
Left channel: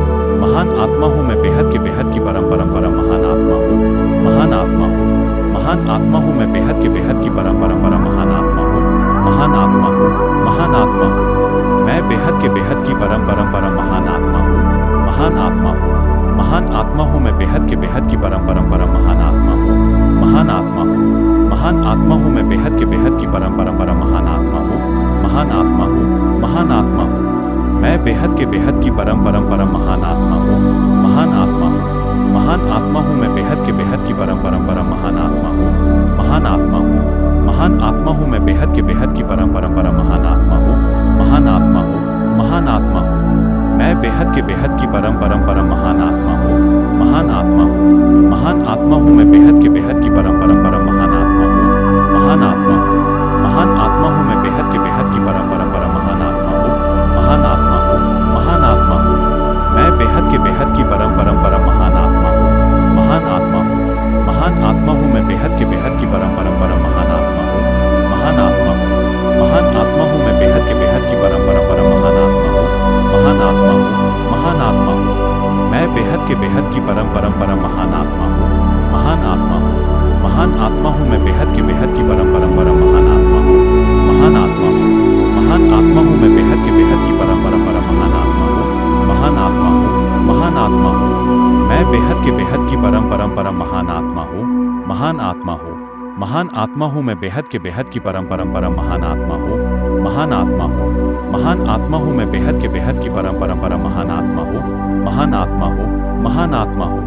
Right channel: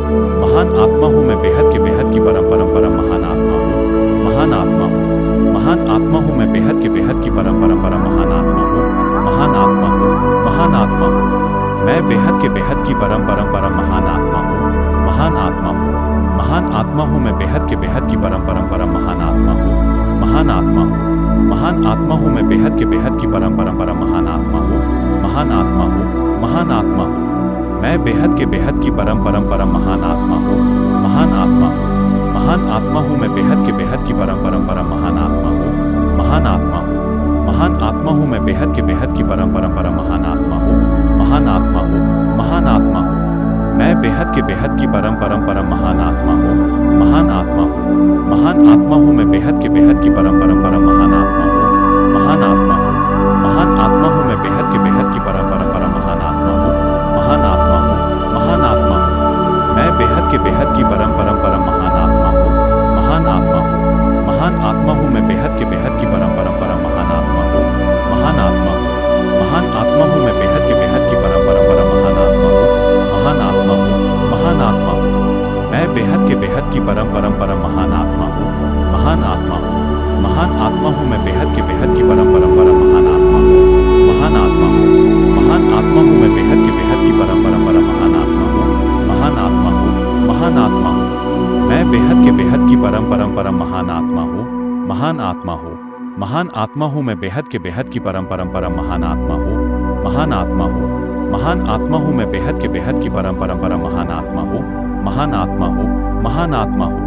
महान आत्मा हूँ मैं बेहद के बेहद की परम परम महान आत्मा हूँ, महान आत्मा हूँ, महान आत्मा हूँ मैं बेहद के बेहद की परम परम महान आत्मा हूँ, महान आत्मा हूँ, महान आत्मा हूँ। मैं बेहद के बेहद की परम परम महान आत्मा हूँ, महान आत्मा हूँ, महान आत्मा हूँ मैं बेहद के बेहद की परम परम महान आत्मा हूँ, महान आत्मा हूँ, महान आत्मा हूँ मैं बेहद के बेहद की परम परम महान आत्मा हूँ, महान आत्मा हूँ, महान आत्मा हूँ। मैं बेहद के बेहद की परम परम महान आत्मा हूँ, महान आत्मा हूँ, महान आत्मा हूँ मैं बेहद के बेहद की परम परम महान आत्मा हूँ, महान आत्मा हूँ, महान आत्मा हूँ मैं बेहद के बेहद की परम परम महान आत्मा हूँ, महान आत्मा हूँ, महान आत्मा हूँ। मैं बेहद के बेहद की परम परम महान आत्मा हूँ, महान आत्मा हूँ, महान आत्मा हूँ मैं बेहद के बेहद की परम परम महान आत्मा हूँ, महान आत्मा हूँ, महान आत्मा हूँ मैं बेहद के बेहद की परम परम महान आत्मा हूँ, महान आत्मा हूँ, महान आत्मा हूँ। मैं बेहद के बेहद की परम परम महान आत्मा हूँ, महान आत्मा हूँ, महान आत्मा हूँ मैं बेहद के बेहद की परम परम महान आत्मा हूँ, महान आत्मा हूँ, महान आत्मा हूँ मैं बेहद के बेहद की परम परम महान आत्मा हूँ, महान आत्मा हूँ, महान आत्मा हूँ। मैं बेहद के बेहद की परम परम महान आत्मा हूँ, महान आत्मा हूँ, महान आत्मा हूँ मैं बेहद के बेहद की परम परम महान आत्मा हूँ, महान आत्मा हूँ, महान आत्मा हूँ मैं बेहद के बेहद की परम परम महान आत्मा हूँ, महान आत्मा हूँ, महान आत्मा हूँ। मैं बेहद के बेहद की परम परम महान आत्मा हूँ, महान आत्मा हूँ, महान आत्मा हूँ मैं बेहद के बेहद की परम परम महान आत्मा हूँ, महान आत्मा हूँ, महान आत्मा हूँ मैं बेहद के बेहद की परम परम महान आत्मा हूँ, महान आत्मा हूँ, महान आत्मा हूँ।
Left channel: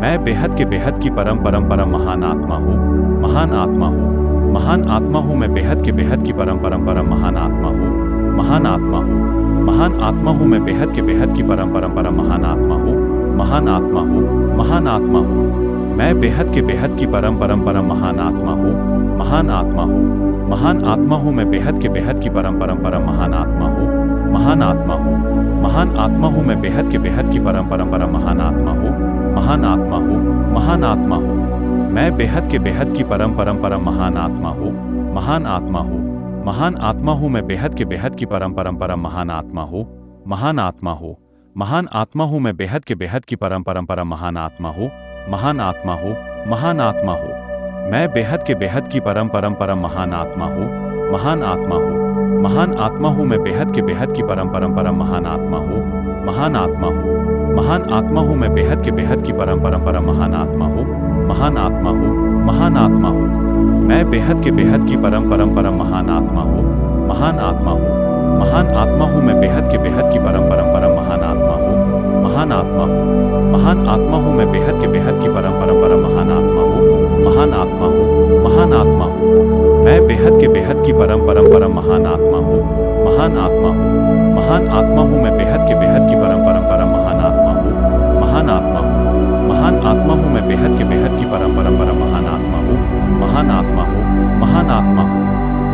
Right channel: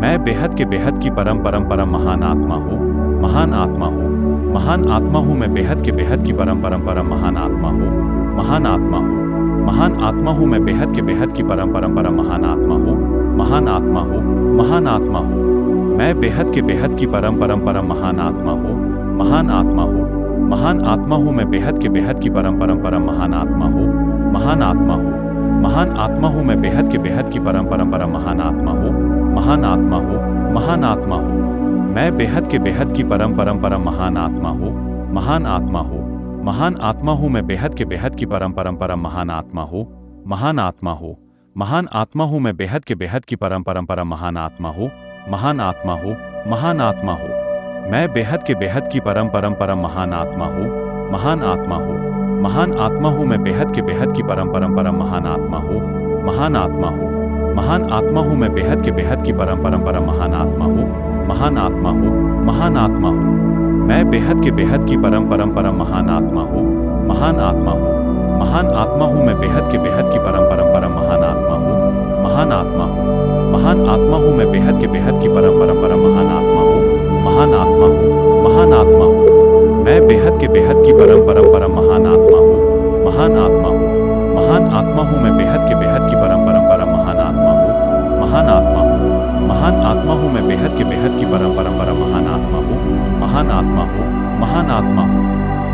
मैं बेहद के बेहद की परम परम महान आत्मा हूँ, महान आत्मा हूँ, महान आत्मा हूँ मैं बेहद के बेहद की परम परम महान आत्मा हूँ, महान आत्मा हूँ, महान आत्मा हूँ मैं बेहद के बेहद की परम परम महान आत्मा हूँ, महान आत्मा हूँ, महान आत्मा हूँ। मैं बेहद के बेहद की परम परम महान आत्मा हूँ, महान आत्मा हूँ, महान आत्मा हूँ मैं बेहद के बेहद की परम परम महान आत्मा हूँ, महान आत्मा हूँ, महान आत्मा हूँ मैं बेहद के बेहद की परम परम महान आत्मा हूँ, महान आत्मा हूँ, महान आत्मा हूँ। मैं बेहद के बेहद की परम परम महान आत्मा हूँ, महान आत्मा हूँ, महान आत्मा हूँ मैं बेहद के बेहद की परम परम महान आत्मा हूँ, महान आत्मा हूँ, महान आत्मा हूँ मैं बेहद के बेहद की परम परम महान आत्मा हूँ, महान आत्मा हूँ, महान आत्मा हूँ। मैं बेहद के बेहद की परम परम महान आत्मा हूँ, महान आत्मा हूँ, महान आत्मा हूँ मैं बेहद के बेहद की परम परम महान आत्मा हूँ, महान आत्मा हूँ, महान आत्मा हूँ मैं बेहद के बेहद की परम परम महान आत्मा हूँ, महान आत्मा हूँ, महान आत्मा हूँ। मैं बेहद के बेहद की परम परम महान आत्मा हूँ, महान आत्मा हूँ, महान आत्मा हूँ मैं बेहद के बेहद की परम परम महान आत्मा हूँ, महान आत्मा हूँ, महान आत्मा हूँ मैं बेहद के बेहद की परम परम महान आत्मा हूँ, महान आत्मा हूँ, महान आत्मा हूँ। मैं बेहद के बेहद की परम परम महान आत्मा हूँ, महान आत्मा हूँ, महान आत्मा हूँ मैं बेहद के बेहद की परम परम महान आत्मा हूँ, महान आत्मा हूँ, महान आत्मा हूँ मैं बेहद के बेहद की परम परम महान आत्मा हूँ, महान आत्मा हूँ, महान आत्मा हूँ।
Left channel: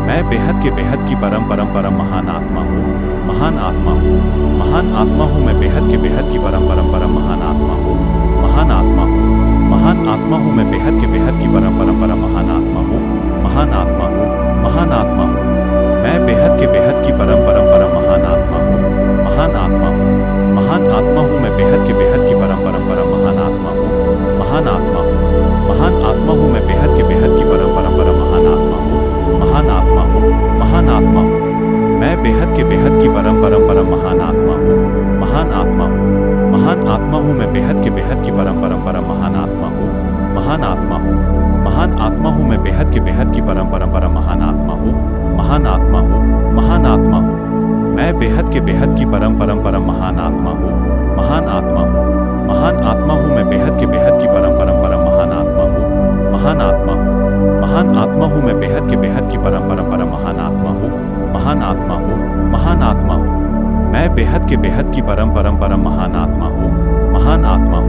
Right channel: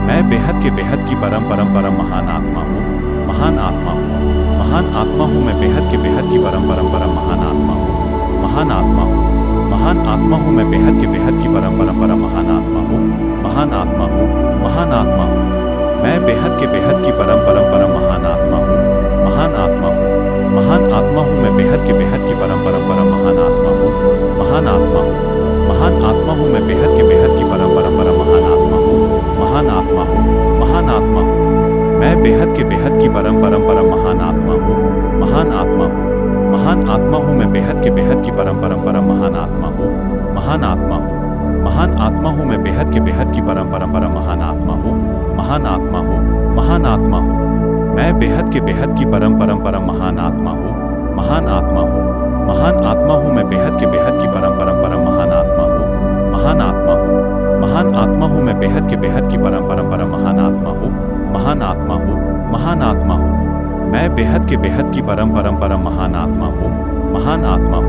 मैं बेहद के बेहद की परम परम महान आत्मा हूँ, महान आत्मा हूँ, महान आत्मा हूँ मैं बेहद के बेहद की परम परम परम महान आत्मा हूँ। महान आत्मा हूँ, महान आत्मा हूँ मैं बेहद के बेहद की परम परम परम महान आत्मा हूँ। महान आत्मा हूँ, महान आत्मा हूँ मैं बेहद के बेहद की परम परम परम महान आत्मा हूँ। महान आत्मा हूँ, महान आत्मा हूँ मैं बेहद के बेहद की परम परम परम महान आत्मा हूँ। महान आत्मा हूँ, महान आत्मा हूँ मैं बेहद के बेहद की परम परम परम महान आत्मा हूँ। महान आत्मा हूँ, महान आत्मा हूँ मैं बेहद के बेहद की परम परम परम महान आत्मा हूँ। महान आत्मा हूँ, महान आत्मा हूँ मैं बेहद के बेहद की परम परम परम महान आत्मा हूँ। महान आत्मा हूँ, महान आत्मा हूँ मैं बेहद के बेहद की परम परम परम महान आत्मा हूँ। महान आत्मा हूँ, महान आत्मा हूँ मैं बेहद के बेहद की परम परम परम महान आत्मा हूँ। महान आत्मा हूँ, महान आत्मा हूँ मैं बेहद के बेहद की परम परम परम महान आत्मा हूँ। महान आत्मा हूँ, महान आत्मा हूँ मैं बेहद के बेहद की परम परम परम महान आत्मा हूँ। महान आत्मा हूँ, महान आत्मा हूँ मैं बेहद के बेहद की परम परम परम महान आत्मा हूँ। महान आत्मा हूँ,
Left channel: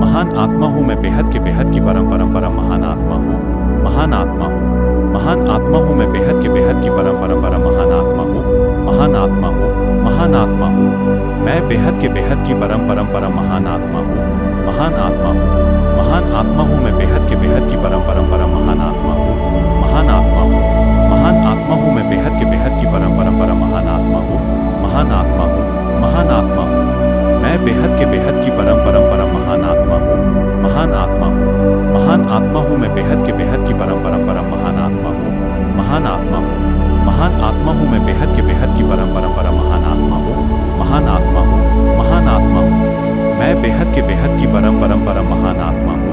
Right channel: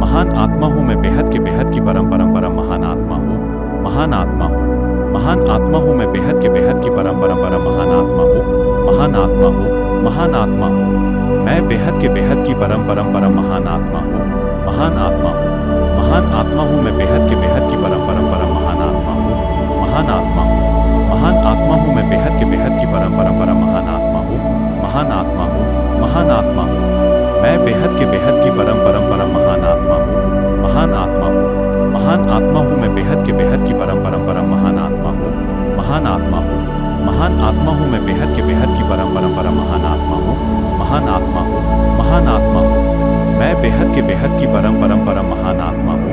महान आत्मा हूँ मैं बेहद के बेहद की परम परम परम महान आत्मा हूँ। महान आत्मा हूँ, महान आत्मा हूँ मैं बेहद के बेहद की परम परम परम महान आत्मा हूँ। महान आत्मा हूँ, महान आत्मा हूँ मैं बेहद के बेहद की परम परम परम महान आत्मा हूँ। महान आत्मा हूँ, महान आत्मा हूँ मैं बेहद के बेहद की परम परम परम महान आत्मा हूँ। महान आत्मा हूँ, महान आत्मा हूँ मैं बेहद के बेहद की परम परम परम महान आत्मा हूँ। महान आत्मा हूँ, महान आत्मा हूँ मैं बेहद के बेहद की परम परम परम महान आत्मा हूँ। महान आत्मा हूँ, महान आत्मा हूँ मैं बेहद के बेहद की परम परम परम महान आत्मा हूँ। महान आत्मा हूँ, महान आत्मा हूँ मैं बेहद के बेहद की परम परम परम महान आत्मा हूँ। महान आत्मा हूँ, महान आत्मा हूँ मैं बेहद के बेहद की परम परम परम महान आत्मा हूँ। महान आत्मा हूँ, महान आत्मा हूँ मैं बेहद के बेहद की परम परम परम महान आत्मा हूँ।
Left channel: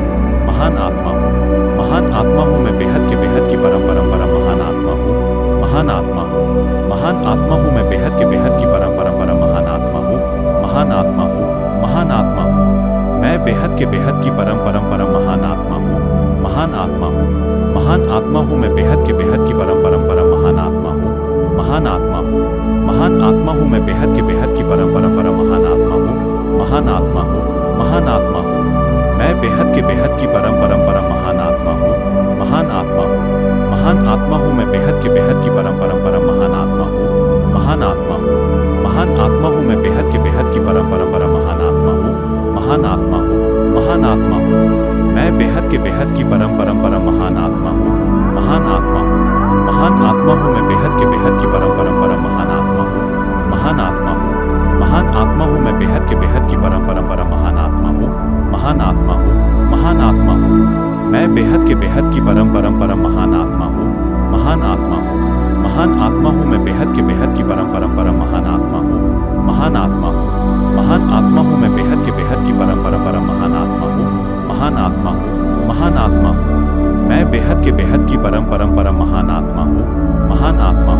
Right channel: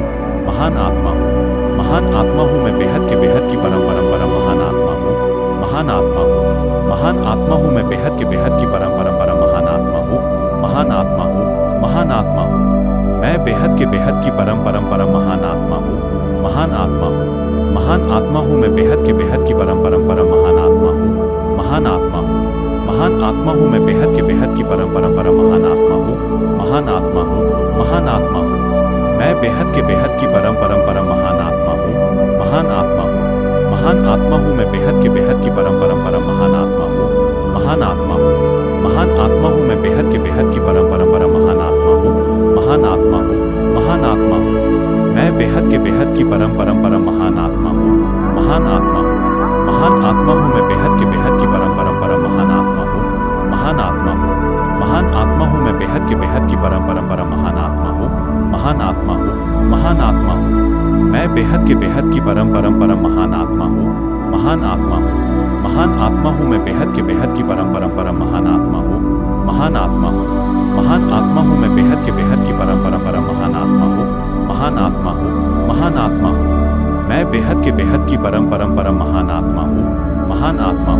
महान आत्मा हूँ, महान आत्मा हूँ मैं बेहद के बेहद की परम परम परम महान आत्मा हूँ। महान आत्मा हूँ, महान आत्मा हूँ मैं बेहद के बेहद की परम परम परम महान आत्मा हूँ। महान आत्मा हूँ, महान आत्मा हूँ मैं बेहद के बेहद की परम परम परम महान आत्मा हूँ। महान आत्मा हूँ, महान आत्मा हूँ मैं बेहद के बेहद की परम परम परम महान आत्मा हूँ। महान आत्मा हूँ, महान आत्मा हूँ मैं बेहद के बेहद की परम परम परम महान आत्मा हूँ। महान आत्मा हूँ, महान आत्मा हूँ मैं बेहद के बेहद की परम परम परम महान आत्मा हूँ। महान आत्मा हूँ, महान आत्मा हूँ मैं बेहद के बेहद की परम परम परम महान आत्मा हूँ। महान आत्मा हूँ, महान आत्मा हूँ मैं बेहद के बेहद की परम परम परम महान आत्मा हूँ। महान आत्मा हूँ, महान आत्मा हूँ मैं बेहद के बेहद की परम परम परम महान आत्मा हूँ। महान आत्मा हूँ, महान आत्मा हूँ मैं बेहद के बेहद की परम परम परम महान आत्मा हूँ। महान आत्मा हूँ, महान आत्मा हूँ मैं बेहद के बेहद की परम परम परम महान आत्मा हूँ। महान आत्मा हूँ, महान आत्मा हूँ मैं बेहद के बेहद की परम परम परम महान आत्मा हूँ। महान आत्मा हूँ, महान आत्मा हूँ मैं बेहद के बेहद की परम परम परम महान आत्मा हूँ। महान आत्मा हूँ, महान आत्मा हूँ मैं बेहद के बेहद की परम परम परम महान आत्मा हूँ। महान आत्मा हूँ, महान आत्मा हूँ मैं बेहद के बेहद की परम परम परम महान आत्मा हूँ। महान आत्मा हूँ, महान आत्मा हूँ मैं बेहद के बेहद की परम परम परम महान आत्मा हूँ। महान आत्मा हूँ, महान आत्मा हूँ मैं बेहद के बेहद की परम परम परम महान आत्मा हूँ। महान आत्मा हूँ,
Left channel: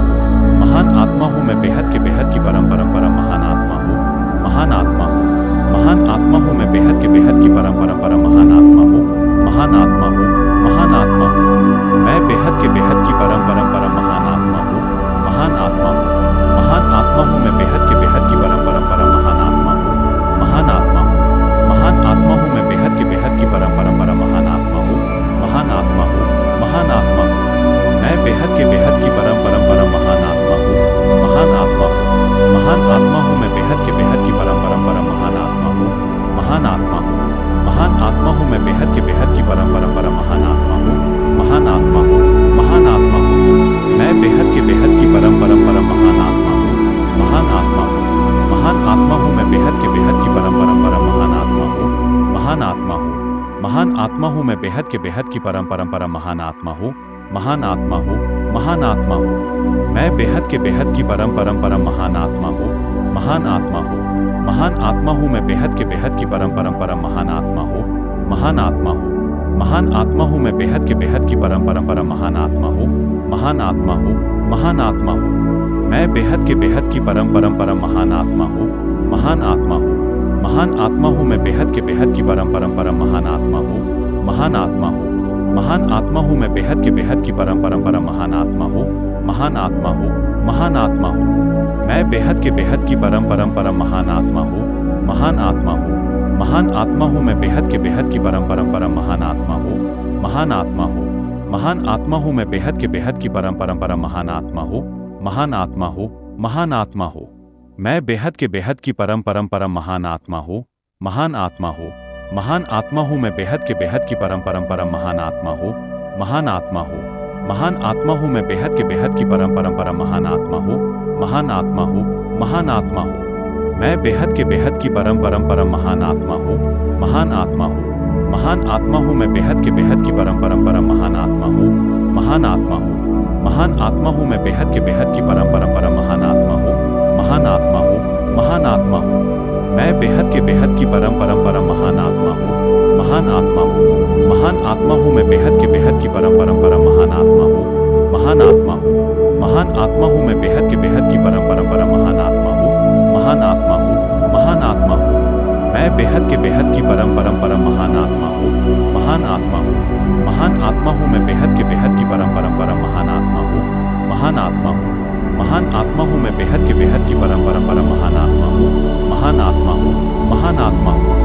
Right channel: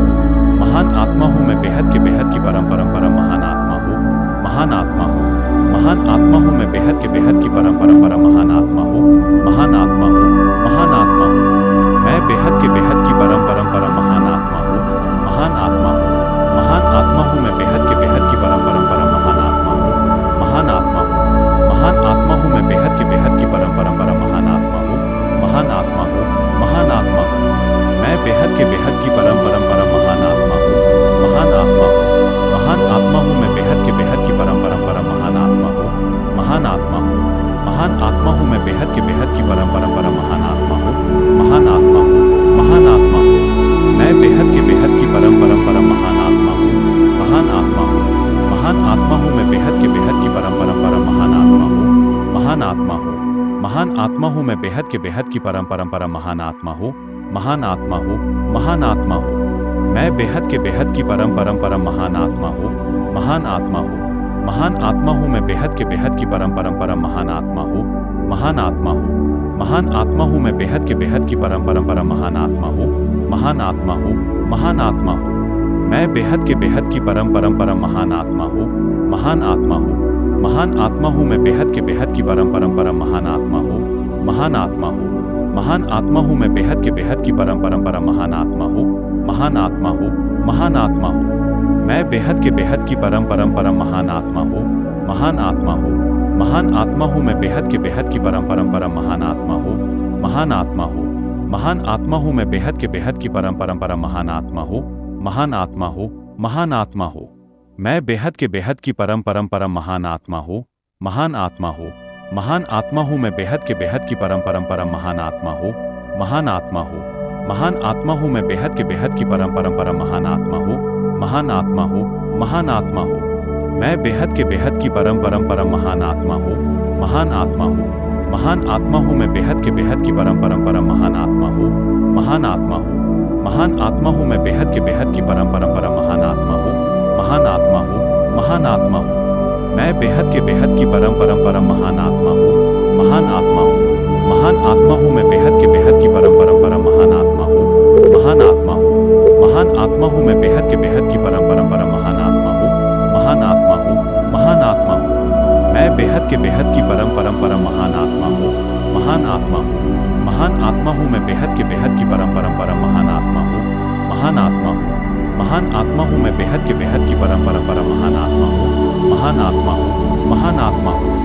महान आत्मा हूँ मैं बेहद के बेहद की परम परम परम महान आत्मा हूँ। महान आत्मा हूँ, महान आत्मा हूँ मैं बेहद के बेहद की परम परम परम महान आत्मा हूँ। महान आत्मा हूँ, महान आत्मा हूँ मैं बेहद के बेहद की परम परम परम महान आत्मा हूँ। महान आत्मा हूँ, महान आत्मा हूँ मैं बेहद के बेहद की परम परम परम महान आत्मा हूँ। महान आत्मा हूँ, महान आत्मा हूँ मैं बेहद के बेहद की परम परम परम महान आत्मा हूँ। महान आत्मा हूँ, महान आत्मा हूँ मैं बेहद के बेहद की परम परम परम महान आत्मा हूँ। महान आत्मा हूँ, महान आत्मा हूँ मैं बेहद के बेहद की परम परम परम महान आत्मा हूँ। महान आत्मा हूँ, महान आत्मा हूँ मैं बेहद के बेहद की परम परम परम महान आत्मा हूँ। महान आत्मा हूँ, महान आत्मा हूँ मैं बेहद के बेहद की परम परम परम महान आत्मा हूँ। महान आत्मा हूँ, महान आत्मा हूँ मैं बेहद के बेहद की परम परम परम महान आत्मा हूँ। महान आत्मा हूँ, महान आत्मा हूँ मैं बेहद के बेहद की परम परम परम महान आत्मा हूँ। महान आत्मा हूँ, महान आत्मा हूँ मैं बेहद के बेहद की परम परम परम महान आत्मा हूँ। महान आत्मा हूँ, महान आत्मा हूँ मैं बेहद के बेहद की परम परम परम महान आत्मा हूँ। महान आत्मा हूँ, महान आत्मा हूँ मैं बेहद के बेहद की परम परम परम महान आत्मा हूँ। महान आत्मा हूँ, महान आत्मा हूँ मैं बेहद के बेहद की परम परम परम महान आत्मा हूँ। महान आत्मा हूँ, महान आत्मा हूँ मैं बेहद के बेहद की परम परम परम महान आत्मा हूँ। महान आत्मा हूँ, महान आत्मा हूँ मैं बेहद के बेहद की परम परम परम महान आत्मा हूँ। महान आत्मा हूँ, महान आत्मा हूँ मैं बेहद के बेहद की परम परम परम महान आत्मा हूँ, महान आत्मा हूँ, महान आत्मा हूँ मैं बेहद के बेहद की परम परम परम महान आत्मा हूँ, महान आत्मा हूँ, महान आत्मा हूँ मैं बेहद के बेहद की परम परम परम महान आत्मा हूँ, महान आत्मा हूँ, महान आत्मा हूँ। मैं बेहद के बेहद की परम परम परम महान आत्मा हूँ, महान आत्मा हूँ, महान आत्मा हूँ मैं बेहद के बेहद की परम परम परम महान आत्मा हूँ, महान आत्मा हूँ, महान आत्मा हूँ मैं बेहद के बेहद की परम परम परम महान आत्मा हूँ, महान आत्मा हूँ, महान आत्मा हूँ। मैं बेहद के बेहद की परम परम परम महान आत्मा हूँ, महान आत्मा हूँ, महान आत्मा हूँ मैं बेहद के बेहद की परम परम परम महान आत्मा हूँ, महान आत्मा हूँ, महान आत्मा हूँ मैं बेहद के बेहद की परम परम परम महान आत्मा हूँ, महान आत्मा हूँ, महान आत्मा हूँ। मैं बेहद के बेहद की परम परम परम महान आत्मा हूँ, महान आत्मा हूँ, महान आत्मा हूँ मैं बेहद के बेहद की परम परम परम महान आत्मा हूँ, महान आत्मा हूँ, महान आत्मा हूँ मैं बेहद के बेहद की परम परम परम महान आत्मा हूँ, महान आत्मा हूँ, महान आत्मा हूँ।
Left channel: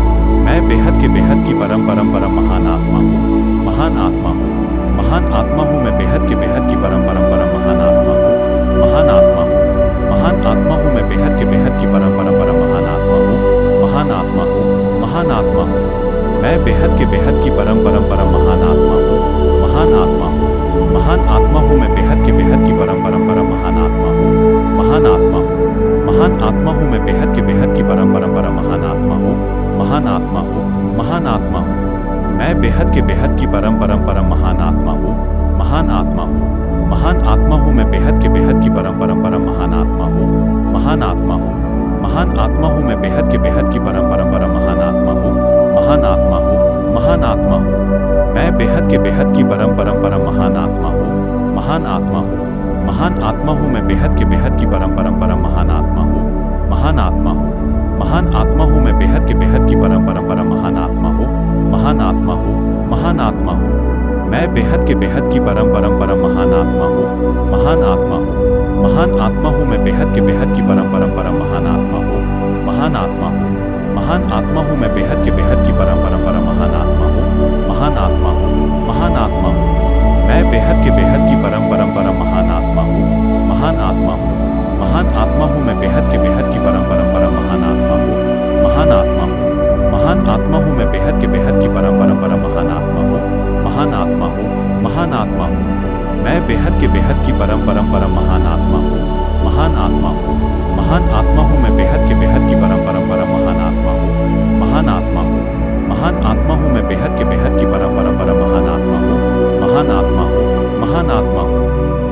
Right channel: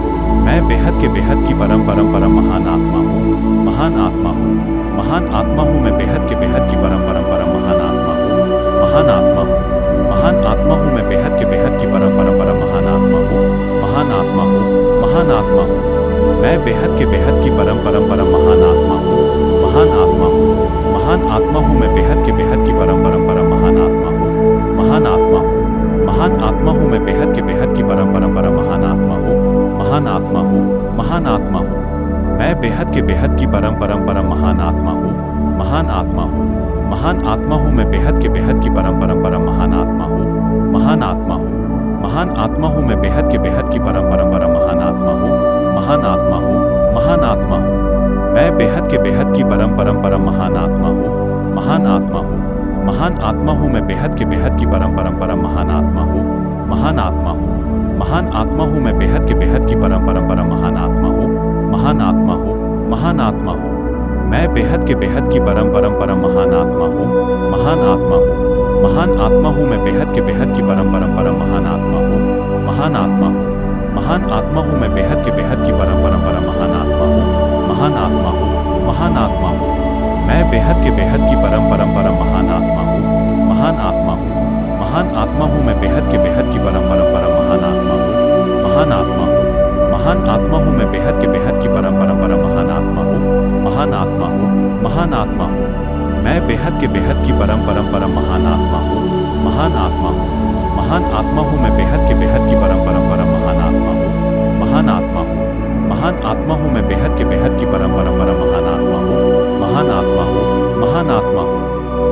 मैं बेहद के बेहद की परम परम परम महान आत्मा हूँ, महान आत्मा हूँ, महान आत्मा हूँ मैं बेहद के बेहद की परम परम परम महान आत्मा हूँ, महान आत्मा हूँ, महान आत्मा हूँ मैं बेहद के बेहद की परम परम परम महान आत्मा हूँ, महान आत्मा हूँ, महान आत्मा हूँ। मैं बेहद के बेहद की परम परम परम महान आत्मा हूँ, महान आत्मा हूँ, महान आत्मा हूँ मैं बेहद के बेहद की परम परम परम महान आत्मा हूँ, महान आत्मा हूँ, महान आत्मा हूँ मैं बेहद के बेहद की परम परम परम महान आत्मा हूँ, महान आत्मा हूँ, महान आत्मा हूँ। मैं बेहद के बेहद की परम परम परम महान आत्मा हूँ, महान आत्मा हूँ, महान आत्मा हूँ मैं बेहद के बेहद की परम परम परम महान आत्मा हूँ, महान आत्मा हूँ, महान आत्मा हूँ मैं बेहद के बेहद की परम परम परम महान आत्मा हूँ, महान आत्मा हूँ, महान आत्मा हूँ। मैं बेहद के बेहद की परम परम परम महान आत्मा हूँ, महान आत्मा हूँ, महान आत्मा हूँ मैं बेहद के बेहद की परम परम परम महान आत्मा हूँ, महान आत्मा हूँ, महान आत्मा हूँ मैं बेहद के बेहद की परम परम परम महान आत्मा हूँ, महान आत्मा हूँ, महान आत्मा हूँ। मैं बेहद के बेहद की परम परम परम महान आत्मा हूँ, महान आत्मा हूँ, महान आत्मा हूँ मैं बेहद के बेहद की परम परम परम महान आत्मा हूँ, महान आत्मा हूँ, महान आत्मा हूँ मैं बेहद के बेहद की परम परम परम महान आत्मा हूँ, महान आत्मा हूँ, महान आत्मा हूँ। मैं बेहद के बेहद की परम परम परम महान आत्मा हूँ, महान आत्मा हूँ, महान आत्मा हूँ मैं बेहद के बेहद की परम परम परम महान आत्मा हूँ, महान आत्मा हूँ, महान आत्मा हूँ मैं बेहद के बेहद की परम परम परम महान आत्मा हूँ, महान आत्मा हूँ, महान आत्मा हूँ। मैं बेहद के बेहद की परम परम परम महान आत्मा हूँ, महान आत्मा हूँ, महान आत्मा हूँ मैं बेहद के बेहद की परम परम परम महान आत्मा हूँ, महान आत्मा हूँ, महान आत्मा हूँ मैं बेहद के बेहद की परम परम परम महान आत्मा हूँ, महान आत्मा हूँ, महान आत्मा हूँ।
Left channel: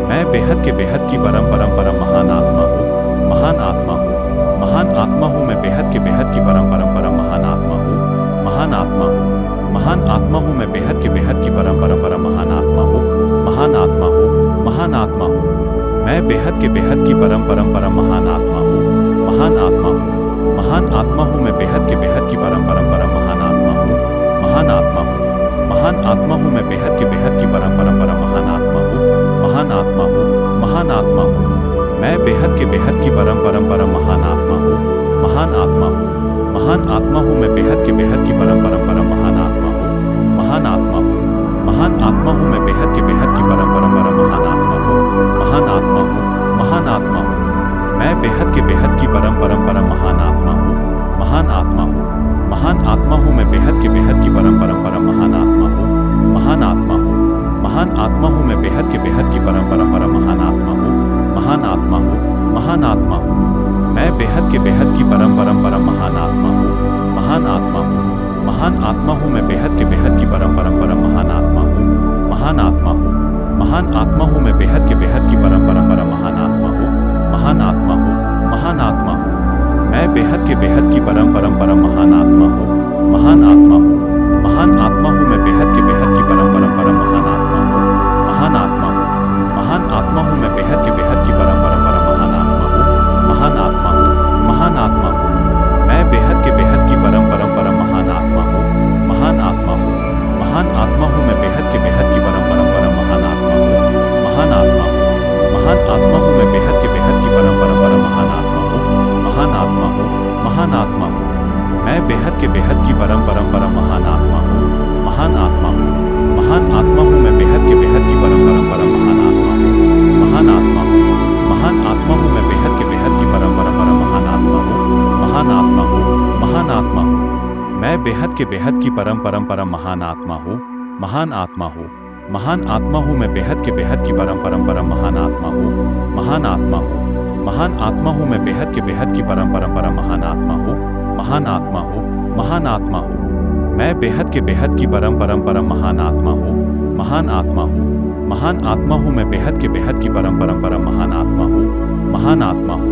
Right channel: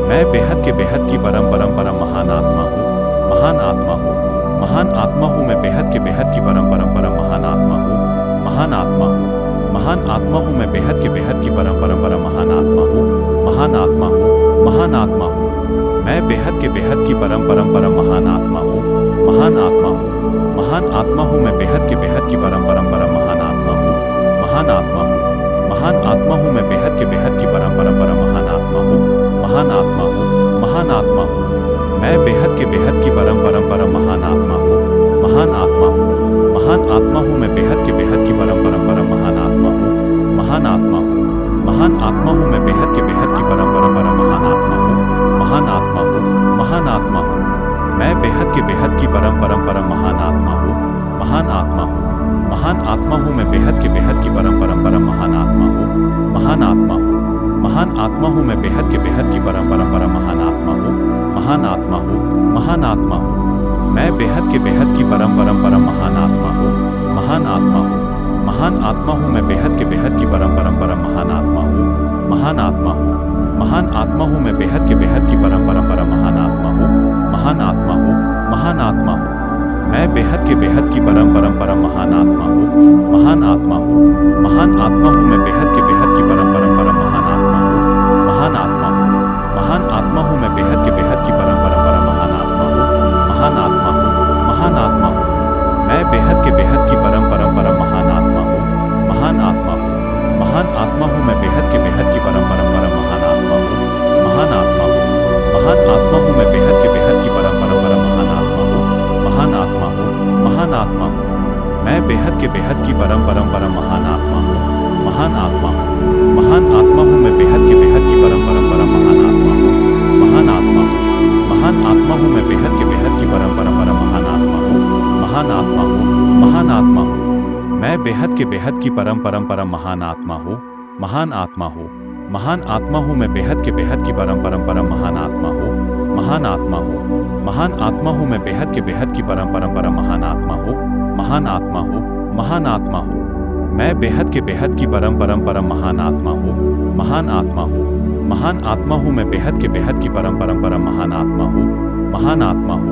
मैं बेहद के बेहद की परम परम परम महान आत्मा हूँ, महान आत्मा हूँ, महान आत्मा हूँ मैं बेहद के बेहद की परम परम परम महान आत्मा हूँ, महान आत्मा हूँ, महान आत्मा हूँ मैं बेहद के बेहद की परम परम परम महान आत्मा हूँ, महान आत्मा हूँ, महान आत्मा हूँ। मैं बेहद के बेहद की परम परम परम महान आत्मा हूँ, महान आत्मा हूँ, महान आत्मा हूँ मैं बेहद के बेहद की परम परम परम महान आत्मा हूँ, महान आत्मा हूँ, महान आत्मा हूँ मैं बेहद के बेहद की परम परम परम महान आत्मा हूँ, महान आत्मा हूँ, महान आत्मा हूँ। मैं बेहद के बेहद की परम परम परम महान आत्मा हूँ, महान आत्मा हूँ, महान आत्मा हूँ मैं बेहद के बेहद की परम परम परम महान आत्मा हूँ, महान आत्मा हूँ, महान आत्मा हूँ मैं बेहद के बेहद की परम परम परम महान आत्मा हूँ, महान आत्मा हूँ, महान आत्मा हूँ। मैं बेहद के बेहद की परम परम परम महान आत्मा हूँ, महान आत्मा हूँ, महान आत्मा हूँ मैं बेहद के बेहद की परम परम परम महान आत्मा हूँ, महान आत्मा हूँ, महान आत्मा हूँ मैं बेहद के बेहद की परम परम परम महान आत्मा हूँ, महान आत्मा हूँ, महान आत्मा हूँ। मैं बेहद के बेहद की परम परम परम महान आत्मा हूँ, महान आत्मा हूँ, महान आत्मा हूँ मैं बेहद के बेहद की परम परम परम महान आत्मा हूँ, महान आत्मा हूँ, महान आत्मा हूँ मैं बेहद के बेहद की परम परम परम महान आत्मा हूँ, महान आत्मा हूँ, महान आत्मा हूँ। मैं बेहद के बेहद की परम परम परम महान आत्मा हूँ, महान आत्मा हूँ, महान आत्मा हूँ मैं बेहद के बेहद की परम परम परम महान आत्मा हूँ, महान आत्मा हूँ, महान आत्मा हूँ मैं बेहद के बेहद की परम परम परम महान आत्मा हूँ, महान आत्मा हूँ, महान आत्मा हूँ। मैं बेहद के बेहद की परम परम परम महान आत्मा हूँ, महान आत्मा हूँ, महान आत्मा हूँ मैं बेहद के बेहद की परम परम परम महान आत्मा हूँ, महान आत्मा हूँ, महान आत्मा हूँ मैं बेहद के बेहद की परम परम परम महान आत्मा हूँ, महान आत्मा हूँ, महान आत्मा हूँ। मैं बेहद के बेहद की परम परम परम महान आत्मा हूँ, महान आत्मा हूँ, महान आत्मा हूँ मैं बेहद के बेहद की परम परम परम महान आत्मा हूँ, महान आत्मा हूँ, महान आत्मा हूँ मैं बेहद के बेहद की परम परम परम महान आत्मा हूँ, महान आत्मा हूँ, महान आत्मा हूँ। मैं बेहद के बेहद की परम परम परम महान आत्मा हूँ, महान आत्मा हूँ, महान आत्मा हूँ। मैं बेहद के बेहद की परम परम परम महान आत्मा हूँ, महान आत्मा हूँ, महान आत्मा हूँ। मैं बेहद के बेहद की परम परम परम महान आत्मा हूँ, महान आत्मा हूँ, महान आत्मा हूँ। मैं बेहद के बेहद की परम परम परम महान आत्मा हूँ, महान आत्मा हूँ, महान आत्मा हूँ। मैं बेहद के बेहद की परम परम परम महान आत्मा हूँ, महान आत्मा हूँ,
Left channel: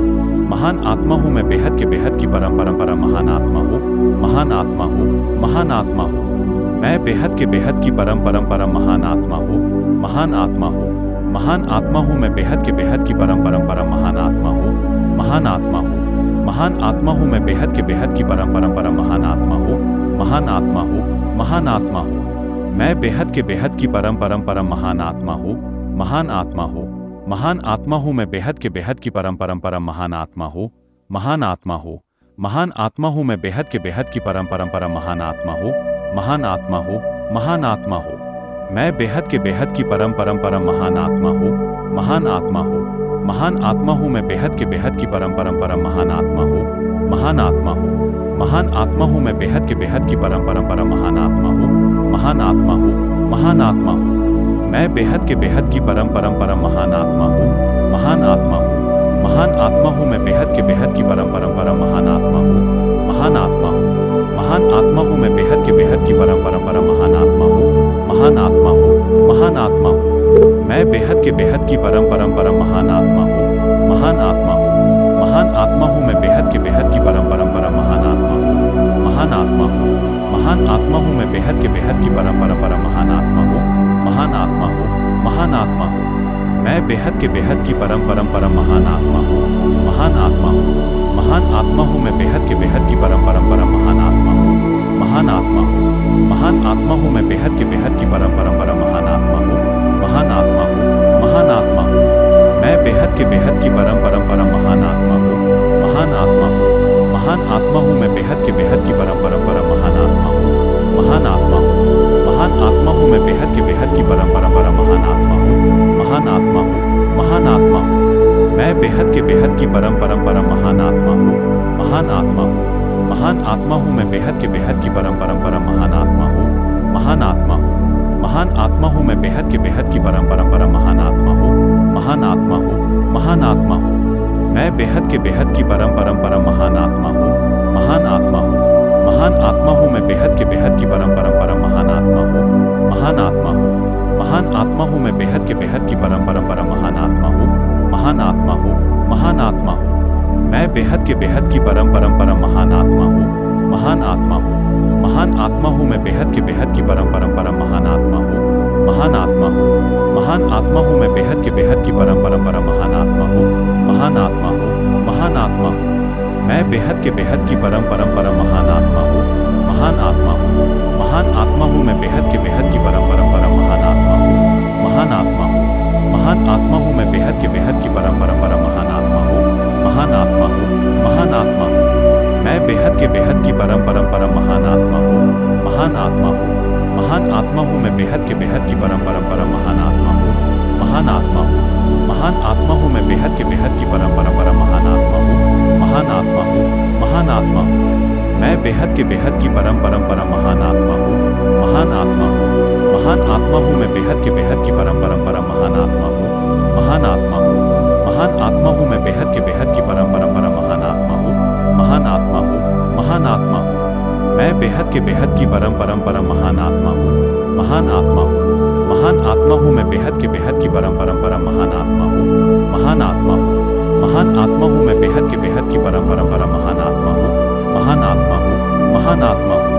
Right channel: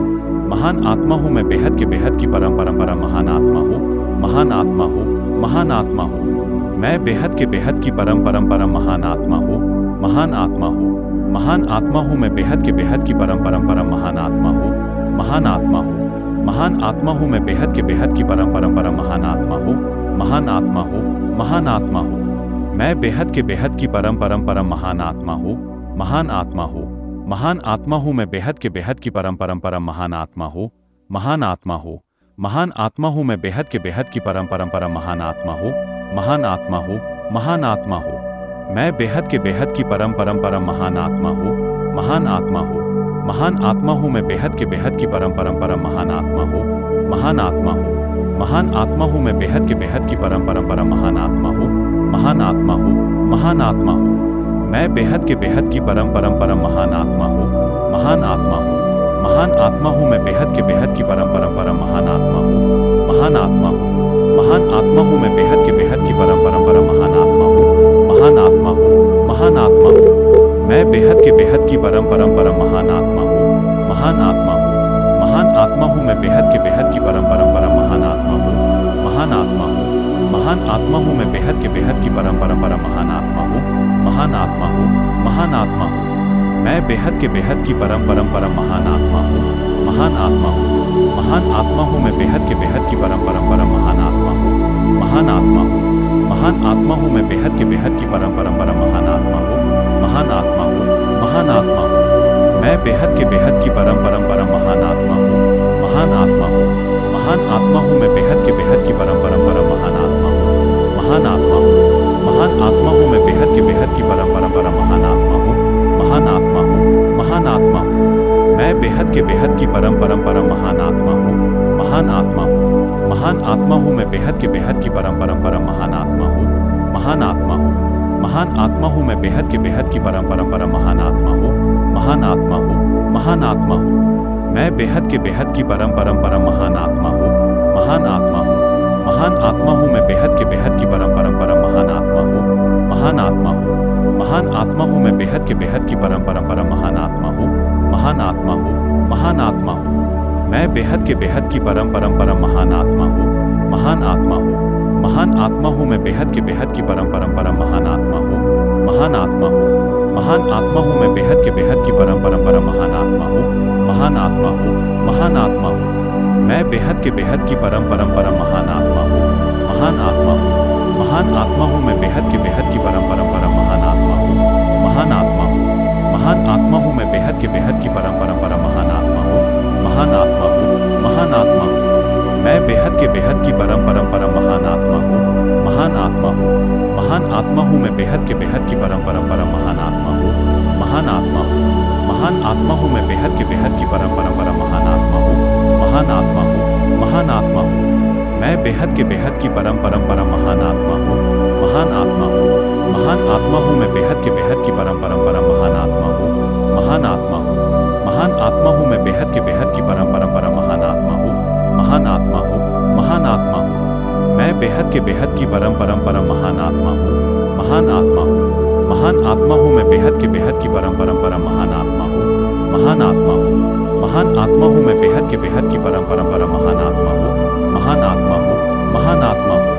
महान आत्मा हूँ। मैं बेहद के बेहद की परम परम परम महान आत्मा हूँ, महान आत्मा हूँ, महान आत्मा हूँ। मैं बेहद के बेहद की परम परम परम महान आत्मा हूँ, महान आत्मा हूँ, महान आत्मा हूँ। मैं बेहद के बेहद की परम परम परम महान आत्मा हूँ, महान आत्मा हूँ, महान आत्मा हूँ। मैं बेहद के बेहद की परम परम परम महान आत्मा हूँ, महान आत्मा हूँ, महान आत्मा हूँ। मैं बेहद के बेहद की परम परम परम महान आत्मा हूँ, महान आत्मा हूँ, महान आत्मा हूँ। मैं बेहद के बेहद की परम परम परम महान आत्मा हूँ, महान आत्मा हूँ, महान आत्मा हूँ। मैं बेहद के बेहद की परम परम परम महान आत्मा हूँ, महान आत्मा हूँ, महान आत्मा हूँ। मैं बेहद के बेहद की परम परम परम महान आत्मा हूँ, महान आत्मा हूँ, महान आत्मा हूँ। मैं बेहद के बेहद की परम परम परम महान आत्मा हूँ, महान आत्मा हूँ, महान आत्मा हूँ। मैं बेहद के बेहद की परम परम परम महान आत्मा हूँ, महान आत्मा हूँ, महान आत्मा हूँ। मैं बेहद के बेहद की परम परम परम महान आत्मा हूँ, महान आत्मा हूँ, महान आत्मा हूँ। मैं बेहद के बेहद की परम परम परम महान आत्मा हूँ, महान आत्मा हूँ, महान आत्मा हूँ। मैं बेहद के बेहद की परम परम परम महान आत्मा हूँ, महान आत्मा हूँ, महान आत्मा हूँ। मैं बेहद के बेहद की परम परम परम महान आत्मा हूँ, महान आत्मा हूँ, महान आत्मा हूँ। मैं बेहद के बेहद की परम परम परम महान आत्मा हूँ, महान आत्मा हूँ, महान आत्मा हूँ। मैं बेहद के बेहद की परम परम परम महान आत्मा हूँ, महान आत्मा हूँ, महान आत्मा हूँ। मैं बेहद के बेहद की परम परम परम महान आत्मा हूँ, महान आत्मा हूँ, महान आत्मा हूँ। मैं बेहद के बेहद की परम परम परम महान आत्मा हूँ, महान आत्मा हूँ, महान आत्मा हूँ। मैं बेहद के बेहद की परम परम परम महान आत्मा हूँ, महान आत्मा हूँ, महान आत्मा हूँ। मैं बेहद के बेहद की परम परम परम महान आत्मा हूँ, महान आत्मा हूँ, महान आत्मा हूँ। मैं बेहद के बेहद की परम परम परम महान आत्मा हूँ, महान आत्मा हूँ, महान आत्मा हूँ। मैं बेहद के बेहद की परम परम परम महान आत्मा हूँ, महान आत्मा हूँ, महान आत्मा हूँ। मैं बेहद के बेहद की परम परम परम महान आत्मा हूँ, महान आत्मा हूँ, महान आत्मा हूँ। मैं बेहद के बेहद की परम परम परम महान आत्मा हूँ, महान आत्मा हूँ, महान आत्मा हूँ। मैं बेहद के बेहद की परम परम परम महान आत्मा हूँ, महान आत्मा हूँ, महान आत्मा हूँ। मैं बेहद के बेहद की परम परम परम महान आत्मा हूँ, महान आत्मा हूँ, महान आत्मा हूँ। मैं बेहद के बेहद की परम परम परम महान आत्मा हूँ, महान आत्मा हूँ, महान आत्मा हूँ। मैं बेहद के बेहद की परम परम परम महान आत्मा हूँ, महान आत्मा हूँ, महान आत्मा हूँ। मैं बेहद के बेहद की परम परम परम महान आत्मा हूँ, महान आत्मा हूँ, महान आत्मा हूँ। मैं बेहद के बेहद की परम परम परम महान आत्मा हूँ, महान आत्मा हूँ, महान आत्मा हूँ। मैं बेहद के बेहद की परम परम परम महान आत्मा हूँ, महान आत्मा हूँ, महान आत्मा हूँ। मैं बेहद के बेहद की परम परम परम महान आत्मा हूँ, महान आत्मा हूँ, महान आत्मा हूँ। मैं बेहद के बेहद की परम परम परम महान आत्मा हूँ, महान आत्मा हूँ, महान आत्मा हूँ। मैं बेहद के बेहद की परम परम परम महान आत्मा हूँ, महान आत्मा हूँ, महान आत्मा हूँ। मैं बेहद के बेहद की परम परम परम महान आत्मा हूँ, महान आत्मा हूँ, महान आत्मा हूँ। मैं बेहद के बेहद की परम परम परम महान आत्मा हूँ, महान आत्मा हूँ, महान आत्मा हूँ। मैं बेहद के बेहद की परम परम परम महान आत्मा हूँ, महान आत्मा हूँ, महान आत्मा हूँ। मैं बेहद के बेहद की परम परम परम महान आत्मा हूँ, महान आत्मा हूँ, महान आत्मा हूँ। मैं बेहद के बेहद की परम परम परम महान आत्मा हूँ, महान आत्मा हूँ, महान आत्मा हूँ। मैं बेहद के बेहद की परम परम परम महान आत्मा हूँ, महान आत्मा हूँ, महान आत्मा हूँ। मैं बेहद के बेहद की परम परम परम महान आत्मा हूँ, महान आत्मा हूँ, महान आत्मा हूँ। मैं बेहद के बेहद की परम परम परम महान आत्मा हूँ, महान आत्मा हूँ, महान आत्मा हूँ। मैं बेहद के बेहद की परम परम परम महान आत्मा हूँ, महान आत्मा हूँ, महान आत्मा हूँ।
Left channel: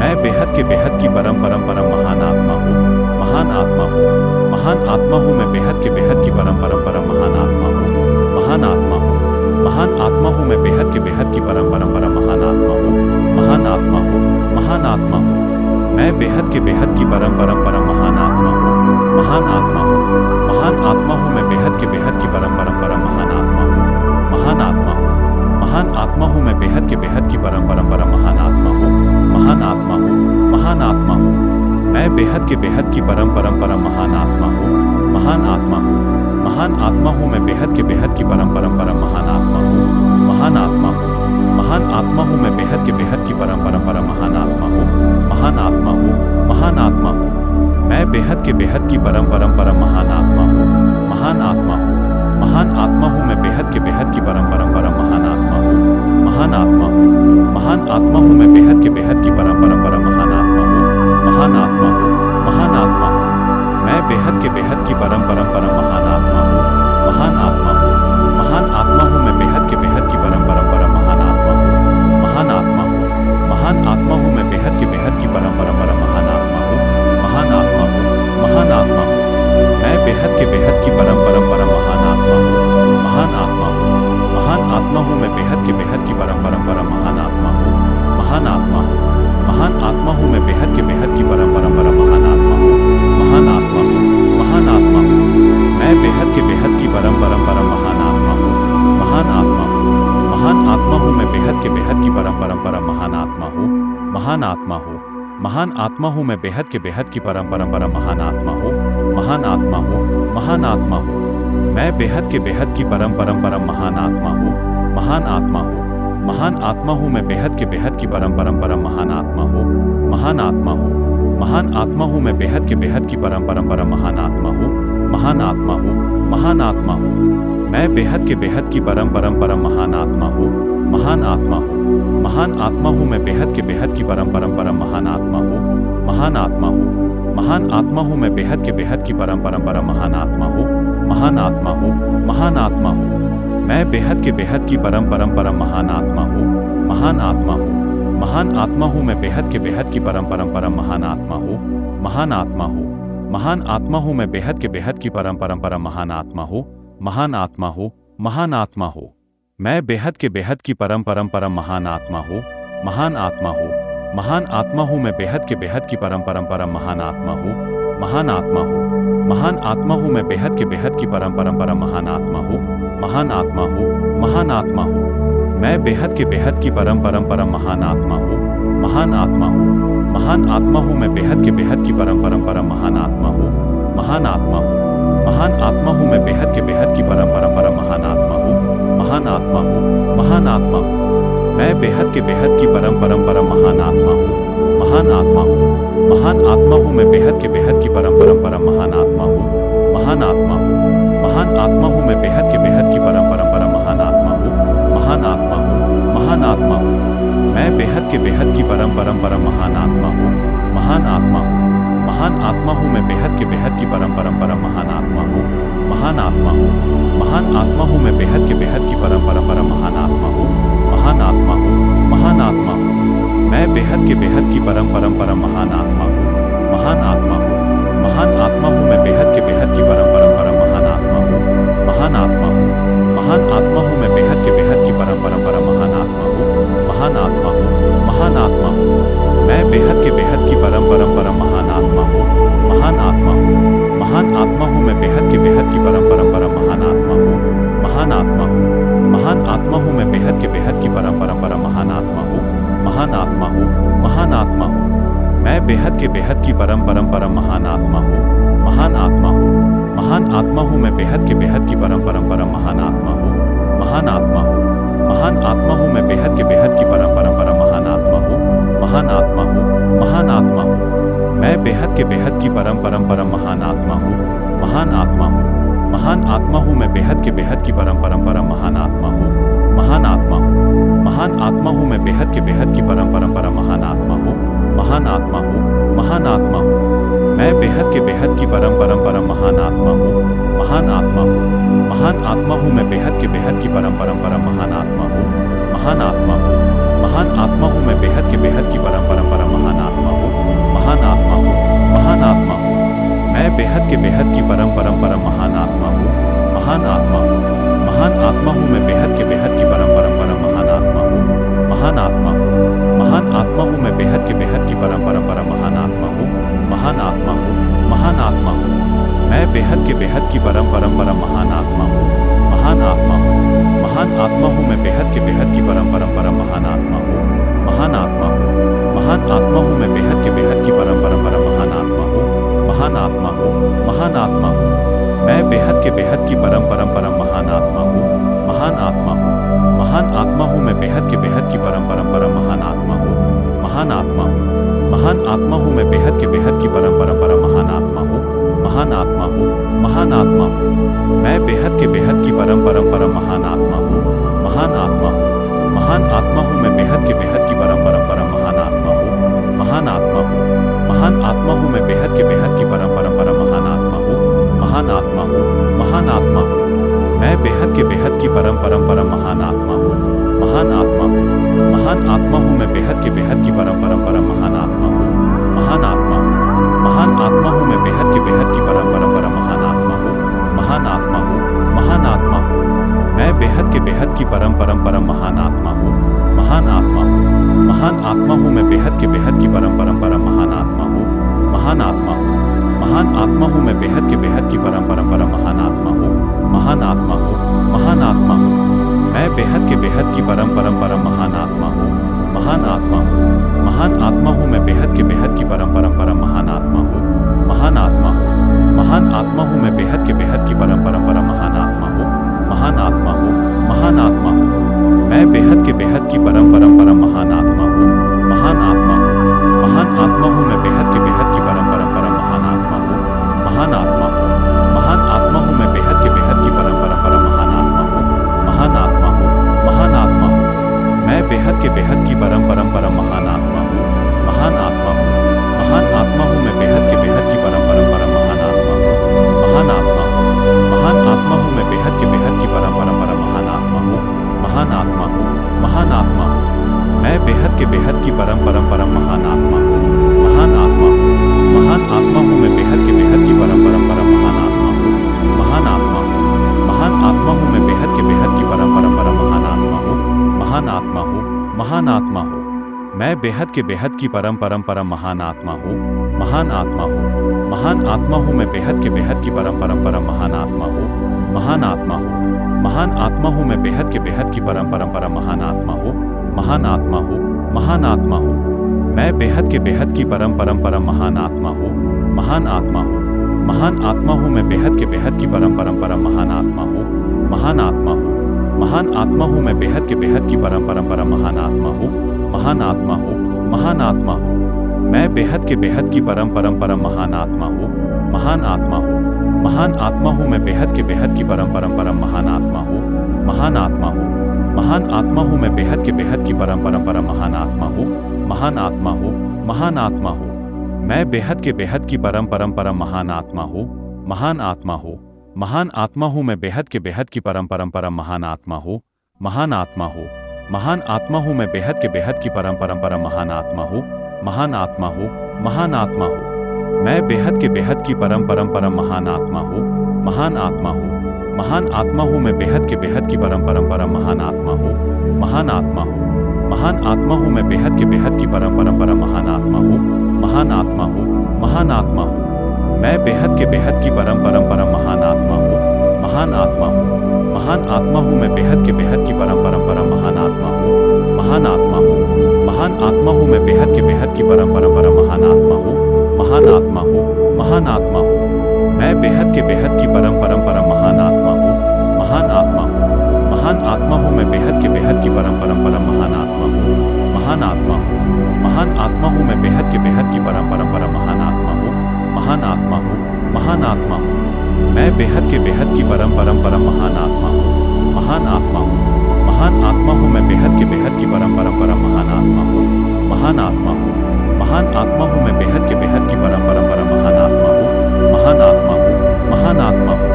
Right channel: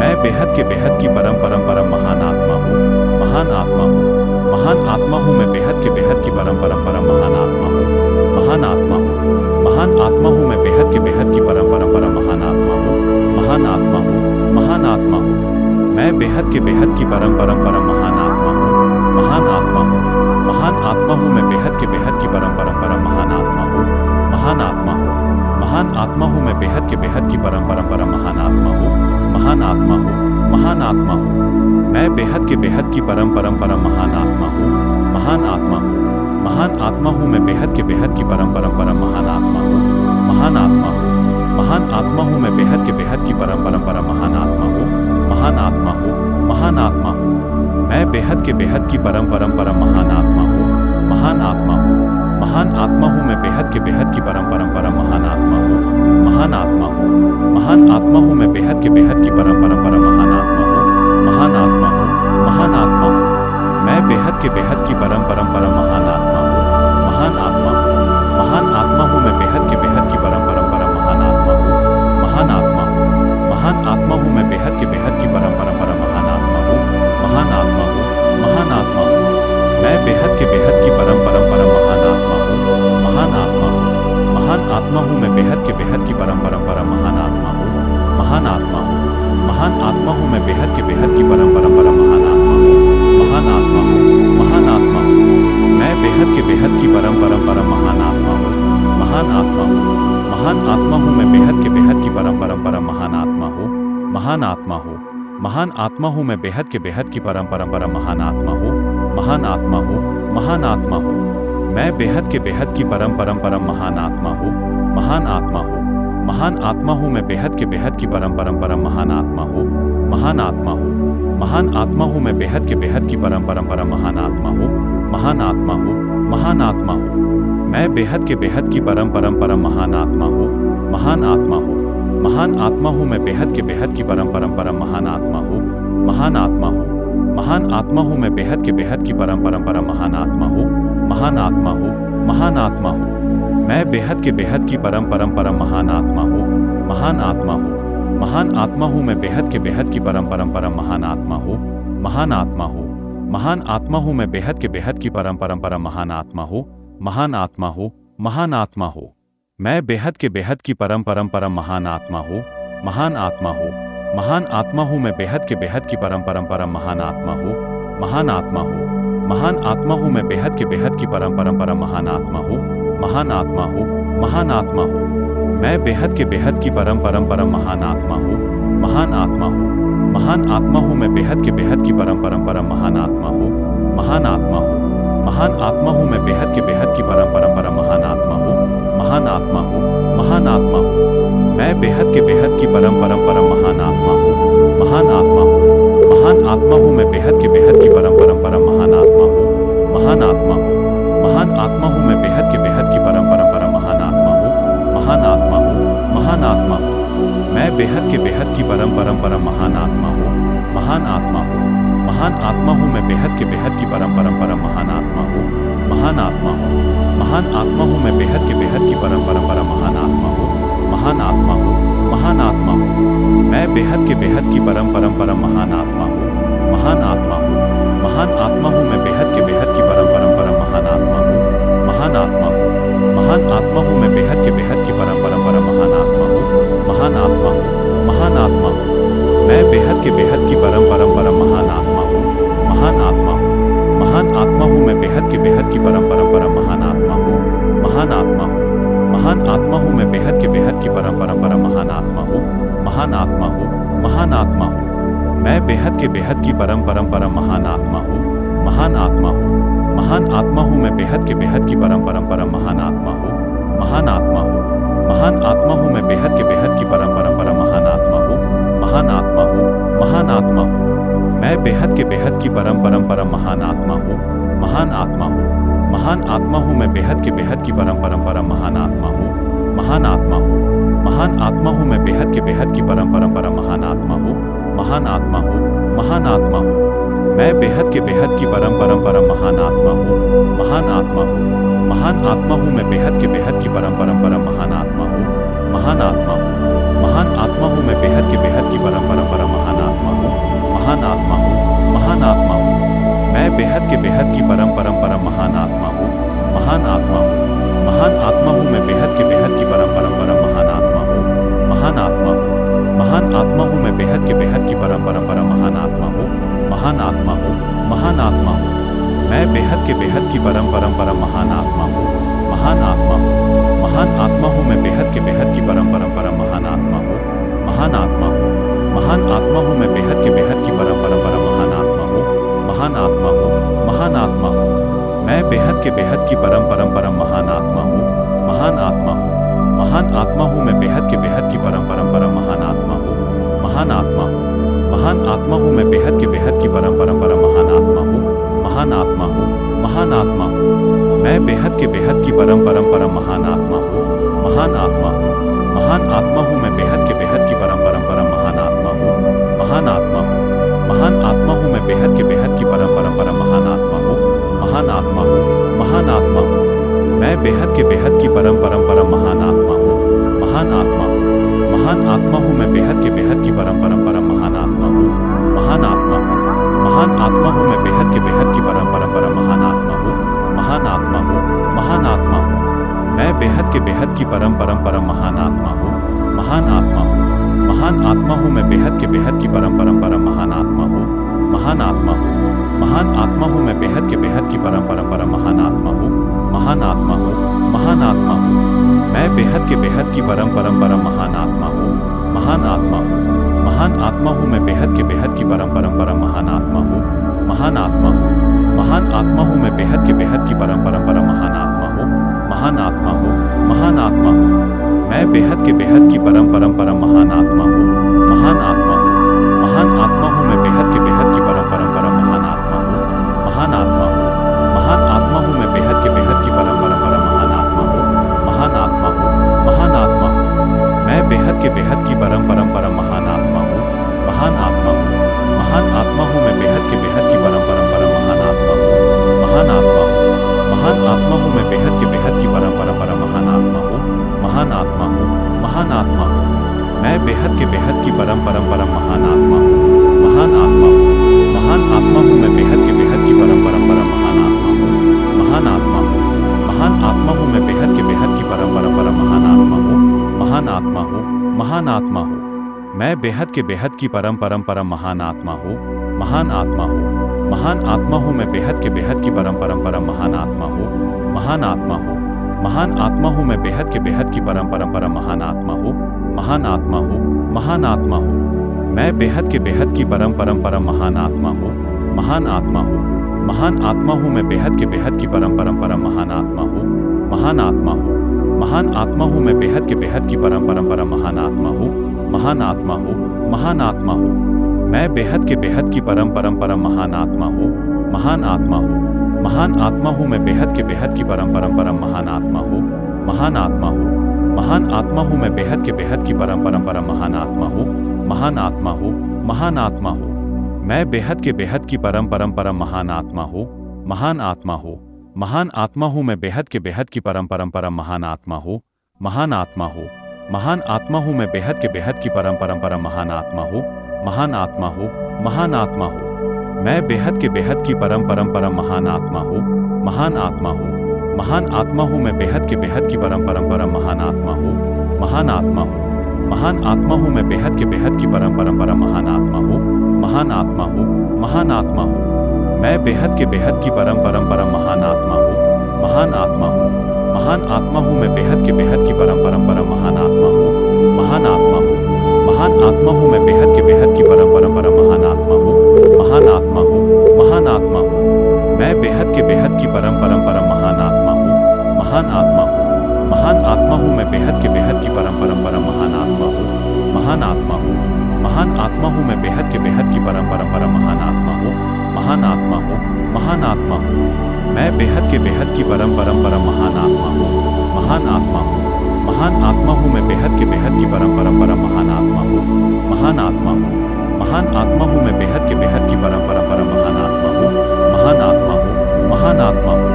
मैं बेहद के बेहद की परम परम परम महान आत्मा हूँ, महान आत्मा हूँ, महान आत्मा हूँ। मैं बेहद के बेहद की परम परम परम महान आत्मा हूँ, महान आत्मा हूँ, महान आत्मा हूँ। मैं बेहद के बेहद की परम परम परम महान आत्मा हूँ, महान आत्मा हूँ, महान आत्मा हूँ। मैं बेहद के बेहद की परम परम परम महान आत्मा हूँ, महान आत्मा हूँ, महान आत्मा हूँ। मैं बेहद के बेहद की परम परम परम महान आत्मा हूँ, महान आत्मा हूँ, महान आत्मा हूँ। मैं बेहद के बेहद की परम परम परम महान आत्मा हूँ, महान आत्मा हूँ, महान आत्मा हूँ। मैं बेहद के बेहद की परम परम परम महान आत्मा हूँ, महान आत्मा हूँ, महान आत्मा हूँ मैं बेहद के बेहद की परम परम परम महान आत्मा हूँ। महान आत्मा हूँ। महान आत्मा हूँ मैं बेहद के बेहद की परम परम परम महान आत्मा हूँ। महान आत्मा हूँ। महान आत्मा हूँ मैं बेहद के बेहद की परम परम परम महान आत्मा हूँ। महान आत्मा हूँ। महान आत्मा हूँ मैं बेहद के बेहद की परम परम परम महान आत्मा हूँ। महान आत्मा हूँ। महान आत्मा हूँ मैं बेहद के बेहद की परम परम परम महान आत्मा हूँ। महान आत्मा हूँ। महान आत्मा हूँ मैं बेहद के बेहद की परम परम परम महान आत्मा हूँ। महान आत्मा हूँ। महान आत्मा हूँ मैं बेहद के बेहद की परम परम परम महान आत्मा हूँ। महान आत्मा हूँ। महान आत्मा हूँ मैं बेहद के बेहद की परम परम परम महान आत्मा हूँ। महान आत्मा हूँ। महान आत्मा हूँ मैं बेहद के बेहद की परम परम परम महान आत्मा हूँ। महान आत्मा हूँ। महान आत्मा हूँ मैं बेहद के बेहद की परम परम परम महान आत्मा हूँ। महान आत्मा हूँ। महान आत्मा हूँ मैं बेहद के बेहद की परम परम परम महान आत्मा हूँ। महान आत्मा हूँ। महान आत्मा हूँ मैं बेहद के बेहद की परम परम परम महान आत्मा हूँ। महान आत्मा हूँ। महान आत्मा हूँ मैं बेहद के बेहद की परम परम परम महान आत्मा हूँ। महान आत्मा हूँ। महान आत्मा हूँ मैं बेहद के बेहद की परम परम परम महान आत्मा हूँ। महान आत्मा हूँ। महान आत्मा हूँ मैं बेहद के बेहद की परम परम परम महान आत्मा हूँ। महान आत्मा हूँ। महान आत्मा हूँ मैं बेहद के बेहद की परम परम परम महान आत्मा हूँ। महान आत्मा हूँ। महान आत्मा हूँ मैं बेहद के बेहद की परम परम परम महान आत्मा हूँ। महान आत्मा हूँ। महान आत्मा हूँ मैं बेहद के बेहद की परम परम परम महान आत्मा हूँ। महान आत्मा हूँ। महान आत्मा हूँ मैं बेहद के बेहद की परम परम परम महान आत्मा हूँ। महान आत्मा हूँ। महान आत्मा हूँ मैं बेहद के बेहद की परम परम परम महान आत्मा हूँ। महान आत्मा हूँ। महान आत्मा हूँ मैं बेहद के बेहद की परम परम परम महान आत्मा हूँ। महान आत्मा हूँ। महान आत्मा हूँ मैं बेहद के बेहद की परम परम परम महान आत्मा हूँ। महान आत्मा हूँ। महान आत्मा हूँ मैं बेहद के बेहद की परम परम परम महान आत्मा हूँ। महान आत्मा हूँ। महान आत्मा हूँ मैं बेहद के बेहद की परम परम परम महान आत्मा हूँ। महान आत्मा हूँ। महान आत्मा हूँ मैं बेहद के बेहद की परम परम परम महान आत्मा हूँ। महान आत्मा हूँ। महान आत्मा हूँ मैं बेहद के बेहद की परम परम परम महान आत्मा हूँ। महान आत्मा हूँ। महान आत्मा हूँ मैं बेहद के बेहद की परम परम परम महान आत्मा हूँ। महान आत्मा हूँ। महान आत्मा हूँ मैं बेहद के बेहद की परम परम परम महान आत्मा हूँ। महान आत्मा हूँ। महान आत्मा हूँ मैं बेहद के बेहद की परम परम परम महान आत्मा हूँ। महान आत्मा हूँ। महान आत्मा हूँ मैं बेहद के बेहद की परम परम परम महान आत्मा हूँ। महान आत्मा हूँ। महान आत्मा हूँ मैं बेहद के बेहद की परम परम परम महान आत्मा हूँ। महान आत्मा हूँ। महान आत्मा हूँ मैं बेहद के बेहद की परम परम परम महान आत्मा हूँ। महान आत्मा हूँ। महान आत्मा हूँ मैं बेहद के बेहद की परम परम परम महान आत्मा हूँ। महान आत्मा हूँ। महान आत्मा हूँ मैं बेहद के बेहद की परम परम परम महान आत्मा हूँ। महान आत्मा हूँ। महान आत्मा हूँ मैं बेहद के बेहद की परम परम परम महान आत्मा हूँ। महान आत्मा हूँ। महान आत्मा हूँ मैं बेहद के बेहद की परम परम परम महान आत्मा हूँ। महान आत्मा हूँ। महान आत्मा हूँ मैं बेहद के बेहद की परम परम परम महान आत्मा हूँ। महान आत्मा हूँ। महान आत्मा हूँ मैं बेहद के बेहद की परम परम परम महान आत्मा हूँ। महान आत्मा हूँ। महान आत्मा हूँ मैं बेहद के बेहद की परम परम परम महान आत्मा हूँ। महान आत्मा हूँ। महान आत्मा हूँ मैं बेहद के बेहद की परम परम परम महान आत्मा हूँ। महान आत्मा हूँ। महान आत्मा हूँ मैं बेहद के बेहद की परम परम परम महान आत्मा हूँ। महान आत्मा हूँ। महान आत्मा हूँ मैं बेहद के बेहद की परम परम परम महान आत्मा हूँ। महान आत्मा हूँ। महान आत्मा हूँ मैं बेहद के बेहद की परम परम परम महान आत्मा हूँ। महान आत्मा हूँ। महान आत्मा हूँ मैं बेहद के बेहद की परम परम परम महान आत्मा हूँ। महान आत्मा हूँ। महान आत्मा हूँ मैं बेहद के बेहद की परम परम परम महान आत्मा हूँ। महान आत्मा हूँ। महान आत्मा हूँ मैं बेहद के बेहद की परम परम परम महान आत्मा हूँ। महान आत्मा हूँ। महान आत्मा हूँ मैं बेहद के बेहद की परम परम परम महान आत्मा हूँ। महान आत्मा हूँ। महान आत्मा हूँ मैं बेहद के बेहद की परम परम परम महान आत्मा हूँ। महान आत्मा हूँ। महान आत्मा हूँ मैं बेहद के बेहद की परम परम परम महान आत्मा हूँ। महान आत्मा हूँ। महान आत्मा हूँ मैं बेहद के बेहद की परम परम परम महान आत्मा हूँ। महान आत्मा हूँ। महान आत्मा हूँ मैं बेहद के बेहद की परम परम परम महान आत्मा हूँ। महान आत्मा हूँ। महान आत्मा हूँ मैं बेहद के बेहद की परम परम परम महान आत्मा हूँ। महान आत्मा हूँ। महान आत्मा हूँ मैं बेहद के बेहद की परम परम परम महान आत्मा हूँ। महान आत्मा हूँ। महान आत्मा हूँ मैं बेहद के बेहद की परम परम परम महान आत्मा हूँ। महान आत्मा हूँ। महान आत्मा हूँ मैं बेहद के बेहद की परम परम परम महान आत्मा हूँ। महान आत्मा हूँ। महान आत्मा हूँ मैं बेहद के बेहद की परम परम परम महान आत्मा हूँ। महान आत्मा हूँ। महान आत्मा हूँ मैं बेहद के बेहद की परम परम परम महान आत्मा हूँ, महान आत्मा हूँ, महान आत्मा हूँ मैं बेहद के बेहद की परम परम परम महान आत्मा हूँ, महान आत्मा हूँ, महान आत्मा हूँ मैं बेहद के बेहद की परम परम परम महान आत्मा हूँ, महान आत्मा हूँ, महान आत्मा हूँ, मैं बेहद के बेहद की परम परम परम महान आत्मा हूँ, महान आत्मा हूँ, महान आत्मा हूँ मैं बेहद के बेहद की परम परम परम महान आत्मा हूँ, महान आत्मा हूँ, महान आत्मा हूँ मैं बेहद के बेहद की परम परम परम महान आत्मा हूँ, महान आत्मा हूँ, महान आत्मा हूँ, मैं बेहद के बेहद की परम परम परम महान आत्मा हूँ, महान आत्मा हूँ, महान आत्मा हूँ मैं बेहद के बेहद की परम परम परम महान आत्मा हूँ, महान आत्मा हूँ, महान आत्मा हूँ मैं बेहद के बेहद की परम परम परम महान आत्मा हूँ, महान आत्मा हूँ, महान आत्मा हूँ, मैं बेहद के बेहद की परम परम परम महान आत्मा हूँ, महान आत्मा हूँ, महान आत्मा हूँ मैं बेहद के बेहद की परम परम परम महान आत्मा हूँ, महान आत्मा हूँ, महान आत्मा हूँ मैं बेहद के बेहद की परम परम परम महान आत्मा हूँ, महान आत्मा हूँ, महान आत्मा हूँ, मैं बेहद के बेहद की परम परम परम महान आत्मा हूँ, महान आत्मा हूँ, महान आत्मा हूँ मैं बेहद के बेहद की परम परम परम महान आत्मा हूँ, महान आत्मा हूँ, महान आत्मा हूँ मैं बेहद के बेहद की परम परम परम महान आत्मा हूँ, महान आत्मा हूँ, महान आत्मा हूँ, मैं बेहद के बेहद की परम परम परम महान आत्मा हूँ, महान आत्मा हूँ, महान आत्मा हूँ मैं बेहद के बेहद की परम परम परम महान आत्मा हूँ, महान आत्मा हूँ, महान आत्मा हूँ मैं बेहद के बेहद की परम परम परम महान आत्मा हूँ, महान आत्मा हूँ, महान आत्मा हूँ, मैं बेहद के बेहद की परम परम परम महान आत्मा हूँ, महान आत्मा हूँ, महान आत्मा हूँ मैं बेहद के बेहद की परम परम परम महान आत्मा हूँ, महान आत्मा हूँ, महान आत्मा हूँ मैं बेहद के बेहद की परम परम परम महान आत्मा हूँ, महान आत्मा हूँ, महान आत्मा हूँ, मैं बेहद के बेहद की परम परम परम महान आत्मा हूँ, महान आत्मा हूँ, महान आत्मा हूँ मैं बेहद के बेहद की परम परम परम महान आत्मा हूँ, महान आत्मा हूँ, महान आत्मा हूँ मैं बेहद के बेहद की परम परम परम महान आत्मा हूँ, महान आत्मा हूँ, महान आत्मा हूँ, मैं बेहद के बेहद की परम परम परम महान आत्मा हूँ, महान आत्मा हूँ, महान आत्मा हूँ मैं बेहद के बेहद की परम परम परम महान आत्मा हूँ, महान आत्मा हूँ, महान आत्मा हूँ मैं बेहद के बेहद की परम परम परम महान आत्मा हूँ, महान आत्मा हूँ, महान आत्मा हूँ, मैं बेहद के बेहद की परम परम परम महान आत्मा हूँ, महान आत्मा हूँ, महान आत्मा हूँ मैं बेहद के बेहद की परम परम परम महान आत्मा हूँ, महान आत्मा हूँ, महान आत्मा हूँ मैं बेहद के बेहद की परम परम परम महान आत्मा हूँ, महान आत्मा हूँ, महान आत्मा हूँ, मैं बेहद के बेहद की परम परम परम महान आत्मा हूँ, महान आत्मा हूँ, महान आत्मा हूँ मैं बेहद के बेहद की परम परम परम महान आत्मा हूँ, महान आत्मा हूँ, महान आत्मा हूँ मैं बेहद के बेहद की परम परम परम महान आत्मा हूँ, महान आत्मा हूँ, महान आत्मा हूँ, मैं बेहद के बेहद की परम परम परम महान आत्मा हूँ, महान आत्मा हूँ, महान आत्मा हूँ मैं बेहद के बेहद की परम परम परम महान आत्मा हूँ, महान आत्मा हूँ, महान आत्मा हूँ मैं बेहद के बेहद की परम परम परम महान आत्मा हूँ, महान आत्मा हूँ, महान आत्मा हूँ, मैं बेहद के बेहद की परम परम परम महान आत्मा हूँ, महान आत्मा हूँ, महान आत्मा हूँ मैं बेहद के बेहद की परम परम परम महान आत्मा हूँ, महान आत्मा हूँ, महान आत्मा हूँ मैं बेहद के बेहद की परम परम परम महान आत्मा हूँ, महान आत्मा हूँ, महान आत्मा हूँ, मैं बेहद के बेहद की परम परम परम महान आत्मा हूँ, महान आत्मा हूँ, महान आत्मा हूँ मैं बेहद के बेहद की परम परम परम महान आत्मा हूँ, महान आत्मा हूँ, महान आत्मा हूँ मैं बेहद के बेहद की परम परम परम महान आत्मा हूँ, महान आत्मा हूँ, महान आत्मा हूँ, मैं बेहद के बेहद की परम परम परम महान आत्मा हूँ, महान आत्मा हूँ, महान आत्मा हूँ मैं बेहद के बेहद की परम परम परम महान आत्मा हूँ, महान आत्मा हूँ, महान आत्मा हूँ मैं बेहद के बेहद की परम परम परम महान आत्मा हूँ, महान आत्मा हूँ, महान आत्मा हूँ, मैं बेहद के बेहद की परम परम परम महान आत्मा हूँ, महान आत्मा हूँ, महान आत्मा हूँ मैं बेहद के बेहद की परम परम परम महान आत्मा हूँ, महान आत्मा हूँ, महान आत्मा हूँ मैं बेहद के बेहद की परम परम परम महान आत्मा हूँ, महान आत्मा हूँ, महान आत्मा हूँ,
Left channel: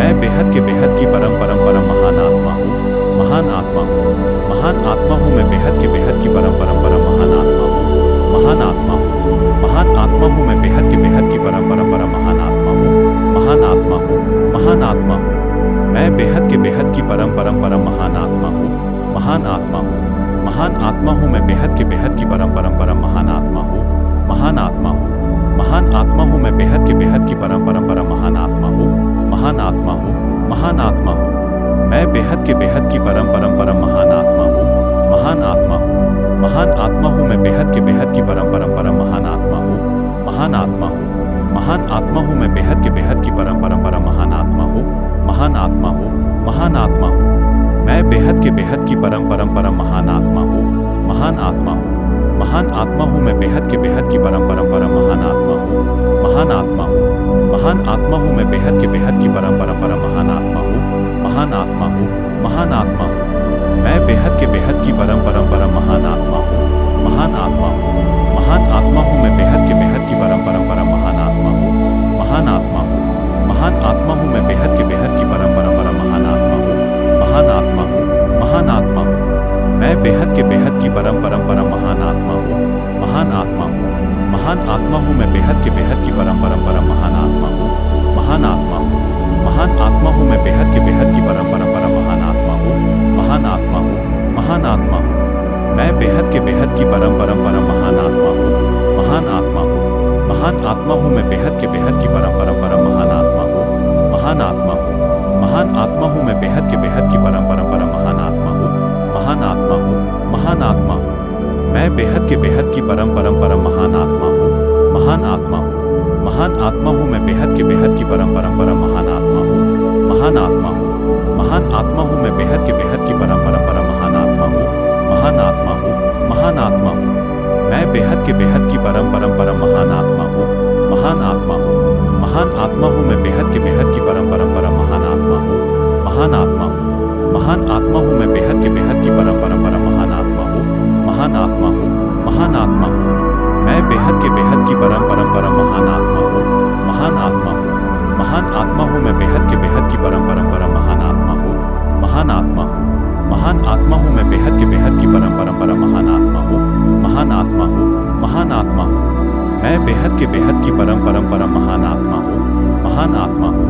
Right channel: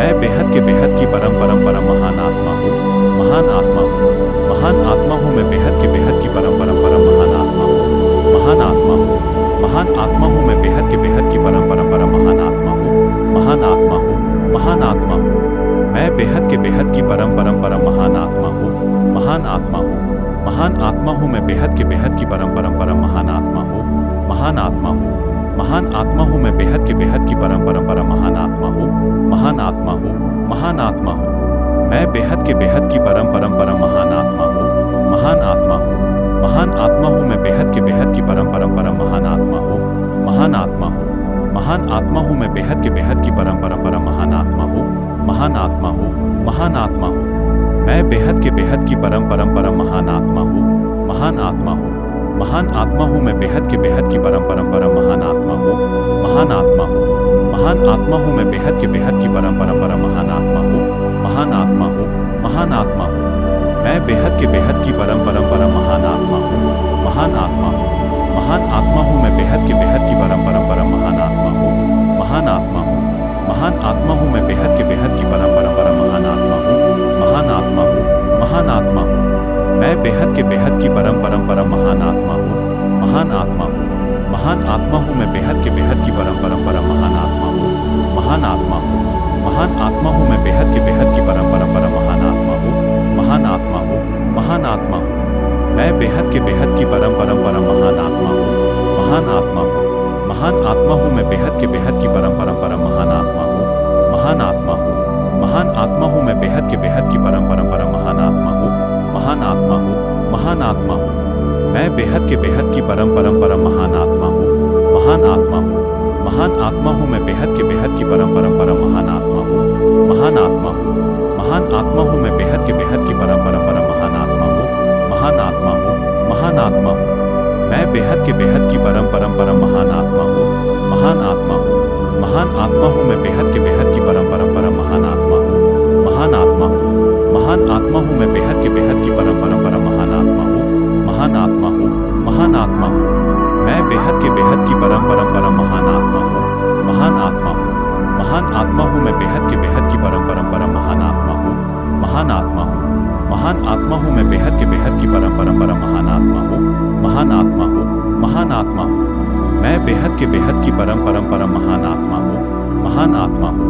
मैं बेहद के बेहद की परम परम परम महान आत्मा हूँ, महान आत्मा हूँ, महान आत्मा हूँ मैं बेहद के बेहद की परम परम परम महान आत्मा हूँ, महान आत्मा हूँ, महान आत्मा हूँ मैं बेहद के बेहद की परम परम परम महान आत्मा हूँ, महान आत्मा हूँ, महान आत्मा हूँ, मैं बेहद के बेहद की परम परम परम महान आत्मा हूँ, महान आत्मा हूँ, महान आत्मा हूँ मैं बेहद के बेहद की परम परम परम महान आत्मा हूँ, महान आत्मा हूँ, महान आत्मा हूँ मैं बेहद के बेहद की परम परम परम महान आत्मा हूँ, महान आत्मा हूँ, महान आत्मा हूँ, मैं बेहद के बेहद की परम परम परम महान आत्मा हूँ, महान आत्मा हूँ, महान आत्मा हूँ मैं बेहद के बेहद की परम परम परम महान आत्मा हूँ, महान आत्मा हूँ, महान आत्मा हूँ मैं बेहद की परम परंपरा महान आत्मा हूँ, महान आत्मा हूँ, महान आत्मा हूँ। मैं बेहद की परम परंपरा महान आत्मा हूँ, महान आत्मा हूँ, महान आत्मा हूँ मैं बेहद की परम परंपरा महान आत्मा हूँ, महान आत्मा हूँ, महान आत्मा हूँ मैं बेहद की परम परंपरा महान आत्मा हूँ, महान आत्मा हूँ, महान आत्मा हूँ। मैं बेहद की परम परंपरा महान आत्मा हूँ, महान आत्मा हूँ, महान आत्मा हूँ मैं बेहद की परम परंपरा महान आत्मा हूँ, महान आत्मा हूँ, महान आत्मा हूँ मैं बेहद की परम परंपरा महान आत्मा हूँ, महान आत्मा हूँ, महान आत्मा हूँ। मैं बेहद की परम परंपरा महान आत्मा हूँ, महान आत्मा हूँ, महान आत्मा हूँ मैं बेहद की परम परंपरा महान आत्मा हूँ, महान आत्मा हूँ, महान आत्मा हूँ मैं बेहद की परम परंपरा महान आत्मा हूँ, महान आत्मा हूँ, महान आत्मा हूँ। मैं बेहद की परम परंपरा महान आत्मा हूँ, महान आत्मा हूँ, महान आत्मा हूँ मैं बेहद की परम परंपरा महान आत्मा हूँ, महान आत्मा हूँ, महान आत्मा हूँ मैं बेहद की परम परंपरा महान आत्मा हूँ, महान आत्मा हूँ, महान आत्मा हूँ। मैं बेहद की परम परंपरा महान आत्मा हूँ, महान आत्मा हूँ, महान आत्मा हूँ मैं बेहद की परम परंपरा महान आत्मा हूँ, महान आत्मा हूँ, महान आत्मा हूँ मैं बेहद की परम परंपरा महान आत्मा हूँ, महान आत्मा हूँ, महान आत्मा हूँ। मैं बेहद की परम परंपरा महान आत्मा हूँ, महान आत्मा हूँ, महान आत्मा हूँ मैं बेहद की परम परंपरा महान आत्मा हूँ, महान आत्मा हूँ, महान आत्मा हूँ मैं बेहद की परम परंपरा महान आत्मा हूँ, महान आत्मा हूँ, महान आत्मा हूँ। मैं बेहद की परम परंपरा महान आत्मा हूँ, महान आत्मा हूँ, महान आत्मा हूँ मैं बेहद की परम परंपरा महान आत्मा हूँ, महान आत्मा हूँ, महान आत्मा हूँ मैं बेहद की परम परंपरा महान आत्मा हूँ, महान आत्मा हूँ, महान आत्मा हूँ। मैं बेहद की परम परंपरा महान आत्मा हूँ, महान आत्मा हूँ,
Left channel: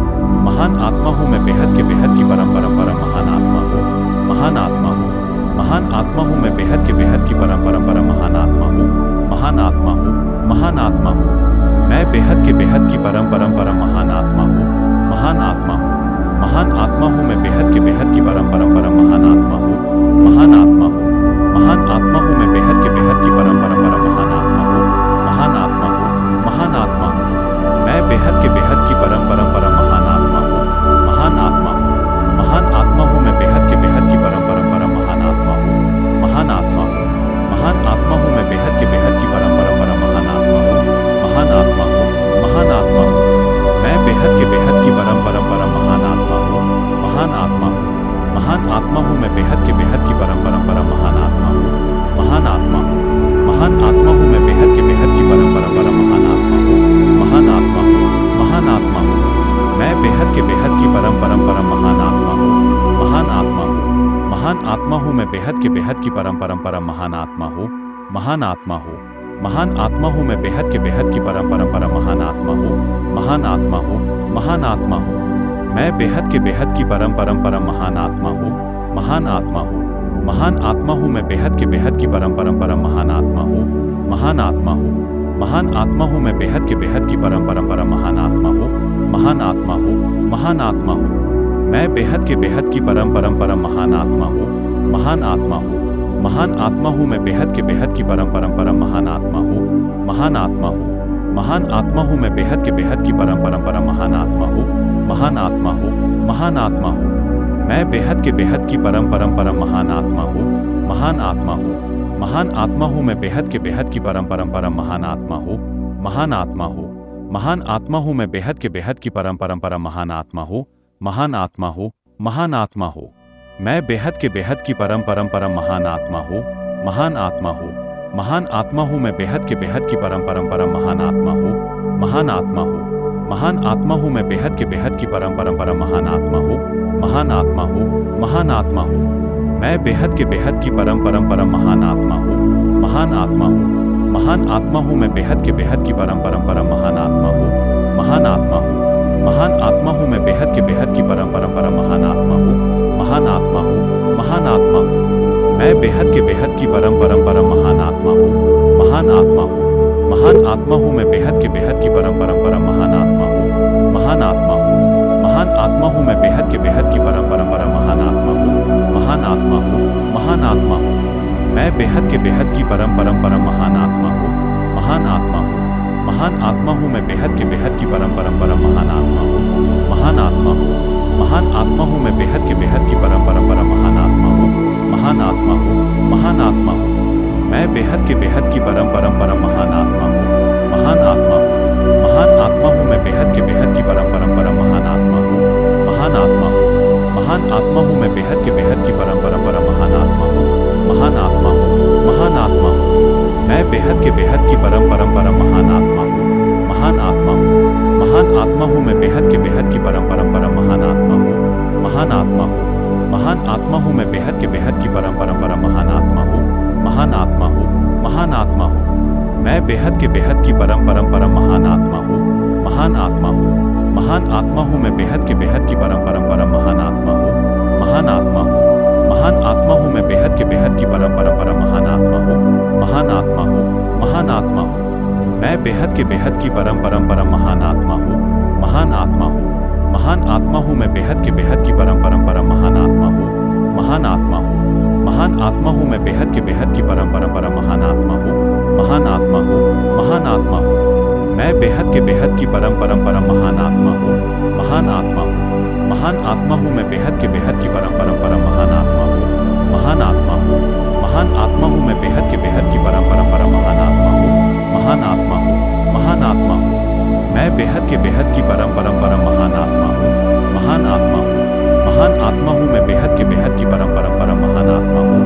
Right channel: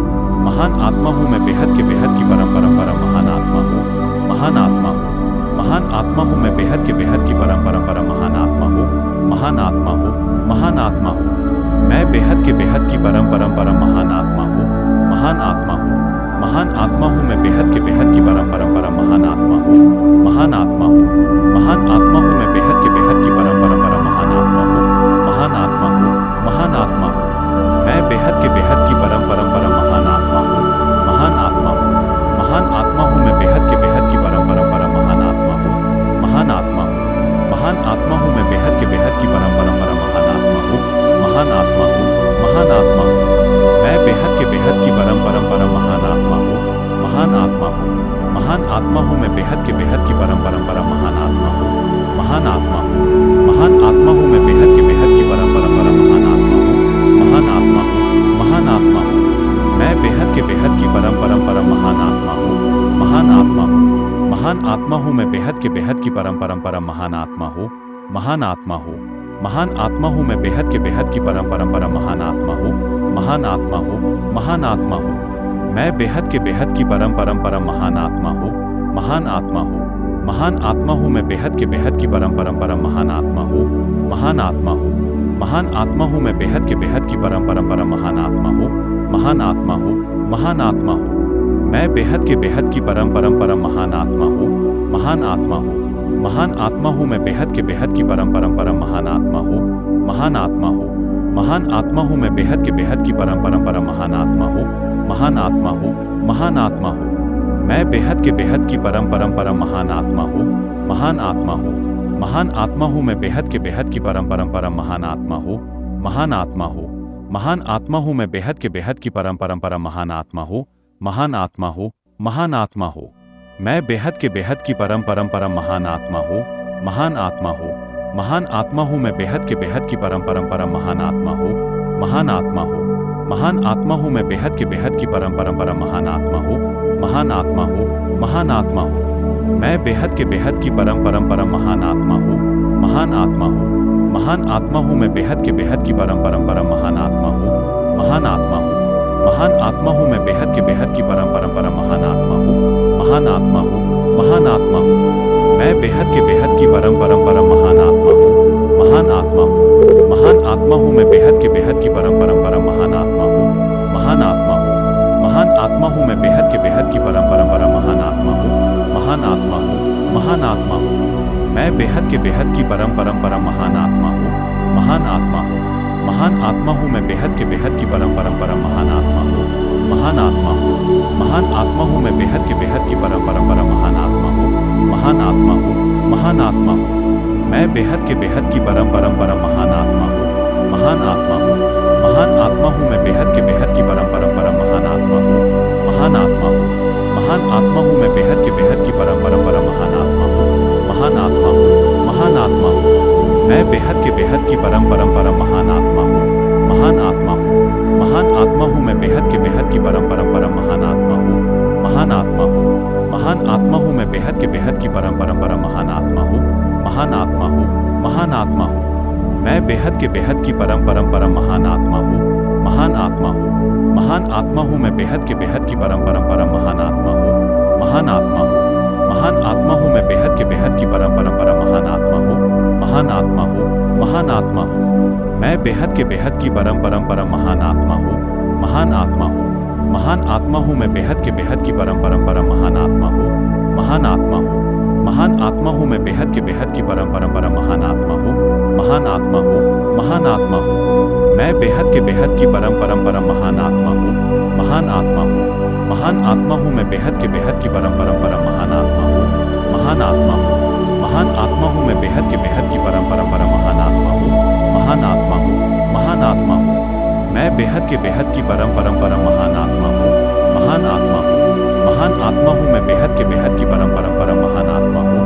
महान आत्मा हूँ मैं बेहद की परम परंपरा महान आत्मा हूँ, महान आत्मा हूँ, महान आत्मा हूँ मैं बेहद की परम परंपरा महान आत्मा हूँ, महान आत्मा हूँ, महान आत्मा हूँ। मैं बेहद की परम परंपरा महान आत्मा हूँ, महान आत्मा हूँ, महान आत्मा हूँ मैं बेहद की परम परंपरा महान आत्मा हूँ, महान आत्मा हूँ, महान आत्मा हूँ मैं बेहद की परम परंपरा महान आत्मा हूँ, महान आत्मा हूँ, महान आत्मा हूँ। मैं बेहद की परम परंपरा महान आत्मा हूँ, महान आत्मा हूँ, महान आत्मा हूँ मैं बेहद की परम परंपरा महान आत्मा हूँ, महान आत्मा हूँ, महान आत्मा हूँ मैं बेहद की परम परंपरा महान आत्मा हूँ, महान आत्मा हूँ, महान आत्मा हूँ। मैं बेहद की परम परंपरा महान आत्मा हूँ, महान आत्मा हूँ, महान आत्मा हूँ मैं बेहद की परम परंपरा महान आत्मा हूँ, महान आत्मा हूँ, महान आत्मा हूँ मैं बेहद की परम परंपरा महान आत्मा हूँ, महान आत्मा हूँ, महान आत्मा हूँ। मैं बेहद की परम परंपरा महान आत्मा हूँ, महान आत्मा हूँ, महान आत्मा हूँ मैं बेहद की परम परंपरा महान आत्मा हूँ, महान आत्मा हूँ, महान आत्मा हूँ मैं बेहद की परम परंपरा महान आत्मा हूँ, महान आत्मा हूँ, महान आत्मा हूँ। मैं बेहद की परम परंपरा महान आत्मा हूँ, महान आत्मा हूँ, महान आत्मा हूँ मैं बेहद की परम परंपरा महान आत्मा हूँ, महान आत्मा हूँ, महान आत्मा हूँ मैं बेहद की परम परंपरा महान आत्मा हूँ, महान आत्मा हूँ, महान आत्मा हूँ। मैं बेहद की परम परंपरा महान आत्मा हूँ, महान आत्मा हूँ, महान आत्मा हूँ मैं बेहद की परम परंपरा महान आत्मा हूँ, महान आत्मा हूँ, महान आत्मा हूँ मैं बेहद की परम परंपरा महान आत्मा हूँ, महान आत्मा हूँ, महान आत्मा हूँ। मैं बेहद की परम परंपरा महान आत्मा हूँ, महान आत्मा हूँ, महान आत्मा हूँ मैं बेहद की परम परंपरा महान आत्मा हूँ, महान आत्मा हूँ, महान आत्मा हूँ मैं बेहद की परम परंपरा महान आत्मा हूँ, महान आत्मा हूँ, महान आत्मा हूँ। मैं बेहद की परम परंपरा महान आत्मा हूँ, महान आत्मा हूँ, महान आत्मा हूँ मैं बेहद की परम परंपरा महान आत्मा हूँ, महान आत्मा हूँ, महान आत्मा हूँ मैं बेहद की परम परंपरा महान आत्मा हूँ, महान आत्मा हूँ, महान आत्मा हूँ। मैं बेहद की परम परंपरा महान आत्मा हूँ, महान आत्मा हूँ, महान आत्मा हूँ मैं बेहद की परम परंपरा महान आत्मा हूँ, महान आत्मा हूँ, महान आत्मा हूँ मैं बेहद की परम परंपरा महान आत्मा हूँ, महान आत्मा हूँ, महान आत्मा हूँ। मैं बेहद की परम परंपरा महान आत्मा हूँ, महान आत्मा हूँ, महान आत्मा हूँ मैं बेहद की परम परंपरा महान आत्मा हूँ, महान आत्मा हूँ, महान आत्मा हूँ मैं बेहद की परम परंपरा महान आत्मा हूँ, महान आत्मा हूँ, महान आत्मा हूँ। मैं बेहद की परम परंपरा महान आत्मा हूँ, महान आत्मा हूँ, महान आत्मा हूँ मैं बेहद के बेहद की परम परम परम महान आत्मा हूँ। महान आत्मा हूँ, महान आत्मा हूँ मैं बेहद के बेहद की परम परम परम महान आत्मा हूँ। महान आत्मा हूँ, महान आत्मा हूँ मैं बेहद के बेहद की परम परम परम महान आत्मा हूँ। महान आत्मा हूँ, महान आत्मा हूँ मैं बेहद के बेहद की परम परम परम महान आत्मा हूँ। महान आत्मा हूँ, महान आत्मा हूँ मैं बेहद के बेहद की परम परम परम महान आत्मा हूँ। महान आत्मा हूँ, महान आत्मा हूँ मैं बेहद के बेहद की परम परम परम महान आत्मा हूँ। महान आत्मा हूँ, महान आत्मा हूँ मैं बेहद के बेहद की परम परम परम महान आत्मा हूँ। महान आत्मा हूँ, महान आत्मा हूँ मैं बेहद के बेहद की परम परम परम महान आत्मा हूँ। महान आत्मा हूँ, महान आत्मा हूँ मैं बेहद के बेहद की परम परम परम महान आत्मा हूँ। महान आत्मा हूँ, महान आत्मा हूँ मैं बेहद के बेहद की परम परम परम महान आत्मा हूँ। महान आत्मा हूँ, महान आत्मा हूँ मैं बेहद के बेहद की परम परम परम महान आत्मा हूँ। महान आत्मा हूँ, महान आत्मा हूँ मैं बेहद के बेहद की परम परम परम महान आत्मा हूँ। महान आत्मा हूँ, महान आत्मा हूँ मैं बेहद के बेहद की परम परम परम महान आत्मा हूँ। महान आत्मा हूँ, महान आत्मा हूँ मैं बेहद के बेहद की परम परम परम महान आत्मा हूँ। महान आत्मा हूँ, महान आत्मा हूँ मैं बेहद के बेहद की परम परम परम महान आत्मा हूँ। महान आत्मा हूँ, महान आत्मा हूँ मैं बेहद के बेहद की परम परम परम महान आत्मा हूँ। महान आत्मा हूँ, महान आत्मा हूँ मैं बेहद के बेहद की परम परम परम महान आत्मा हूँ। महान आत्मा हूँ, महान आत्मा हूँ मैं बेहद के बेहद की परम परम परम महान आत्मा हूँ। महान आत्मा हूँ, महान आत्मा हूँ मैं बेहद के बेहद की परम परम परम महान आत्मा हूँ। महान आत्मा हूँ, महान आत्मा हूँ मैं बेहद के बेहद की परम परम परम महान आत्मा हूँ।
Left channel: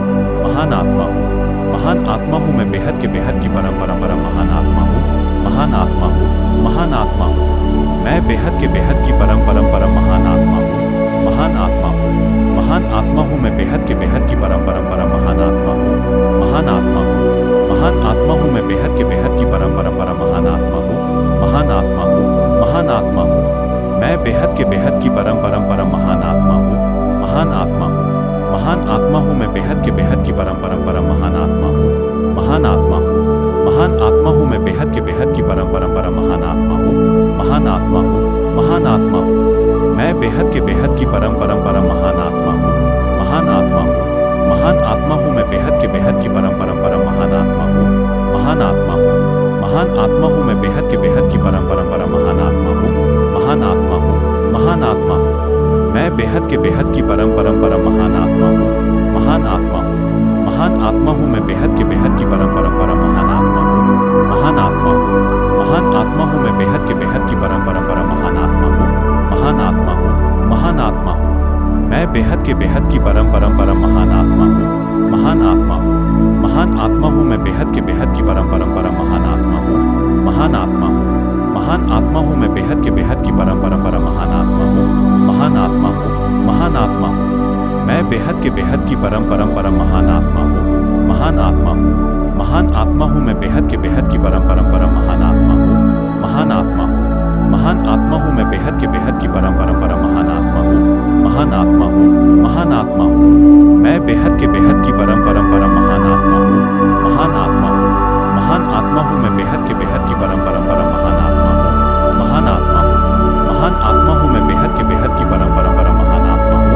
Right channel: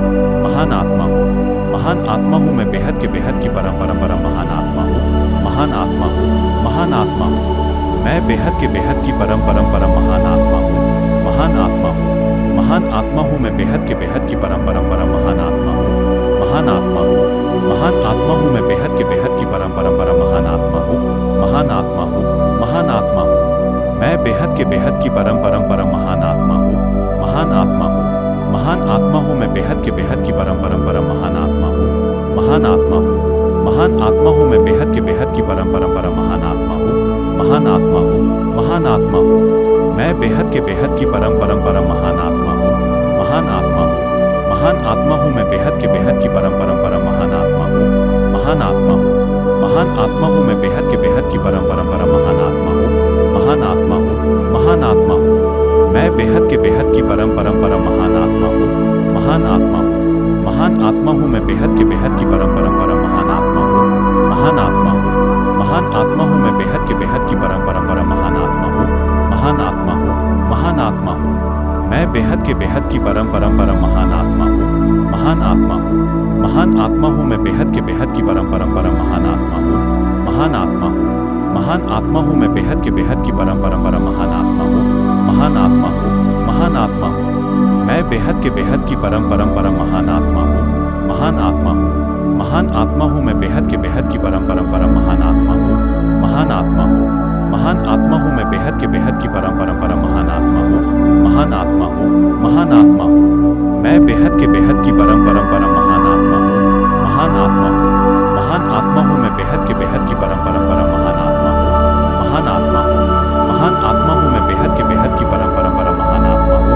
महान आत्मा हूँ, महान आत्मा हूँ मैं बेहद के बेहद की परम परम परम महान आत्मा हूँ। महान आत्मा हूँ, महान आत्मा हूँ मैं बेहद के बेहद की परम परम परम महान आत्मा हूँ। महान आत्मा हूँ, महान आत्मा हूँ मैं बेहद के बेहद की परम परम परम महान आत्मा हूँ। महान आत्मा हूँ, महान आत्मा हूँ मैं बेहद के बेहद की परम परम परम महान आत्मा हूँ। महान आत्मा हूँ, महान आत्मा हूँ मैं बेहद के बेहद की परम परम परम महान आत्मा हूँ। महान आत्मा हूँ, महान आत्मा हूँ मैं बेहद के बेहद की परम परम परम महान आत्मा हूँ। महान आत्मा हूँ, महान आत्मा हूँ मैं बेहद के बेहद की परम परम परम महान आत्मा हूँ। महान आत्मा हूँ, महान आत्मा हूँ मैं बेहद के बेहद की परम परम परम महान आत्मा हूँ। महान आत्मा हूँ, महान आत्मा हूँ मैं बेहद के बेहद की परम परम परम महान आत्मा हूँ। महान आत्मा हूँ, महान आत्मा हूँ मैं बेहद के बेहद की परम परम परम महान आत्मा हूँ। महान आत्मा हूँ, महान आत्मा हूँ मैं बेहद के बेहद की परम परम परम महान आत्मा हूँ। महान आत्मा हूँ, महान आत्मा हूँ मैं बेहद के बेहद की परम परम परम महान आत्मा हूँ। महान आत्मा हूँ, महान आत्मा हूँ मैं बेहद के बेहद की परम परम परम महान आत्मा हूँ। महान आत्मा हूँ, महान आत्मा हूँ मैं बेहद के बेहद की परम परम परम महान आत्मा हूँ। महान आत्मा हूँ, महान आत्मा हूँ मैं बेहद के बेहद की परम परम परम महान आत्मा हूँ। महान आत्मा हूँ, महान आत्मा हूँ मैं बेहद के बेहद की परम परम परम महान आत्मा हूँ। महान आत्मा हूँ, महान आत्मा हूँ मैं बेहद के बेहद की परम परम परम महान आत्मा हूँ। महान आत्मा हूँ, महान आत्मा हूँ मैं बेहद के बेहद की परम परम परम महान आत्मा हूँ। महान आत्मा हूँ, महान आत्मा हूँ मैं बेहद के बेहद की परम परम परम महान आत्मा हूँ। महान आत्मा हूँ, महान आत्मा हूँ मैं बेहद के बेहद की परम परम परम महान आत्मा हूँ। महान आत्मा हूँ, महान आत्मा हूँ मैं बेहद के बेहद की परम परम परम महान आत्मा हूँ। महान आत्मा हूँ, महान आत्मा हूँ मैं बेहद के बेहद की परम परम परम महान आत्मा हूँ। महान आत्मा हूँ, महान आत्मा हूँ मैं बेहद के बेहद की परम परम परम महान आत्मा हूँ।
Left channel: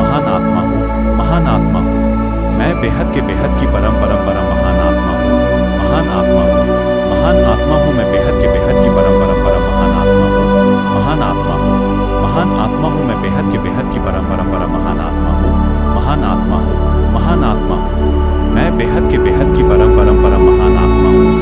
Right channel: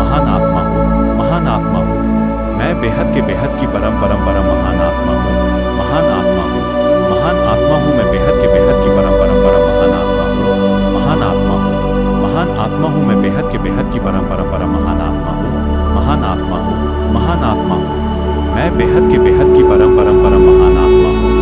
महान आत्मा हूँ, महान आत्मा हूँ मैं बेहद के बेहद की परम परम परम महान आत्मा हूँ। महान आत्मा हूँ, महान आत्मा हूँ मैं बेहद के बेहद की परम परम परम महान आत्मा हूँ। महान आत्मा हूँ, महान आत्मा हूँ मैं बेहद के बेहद की परम परम परम महान आत्मा हूँ।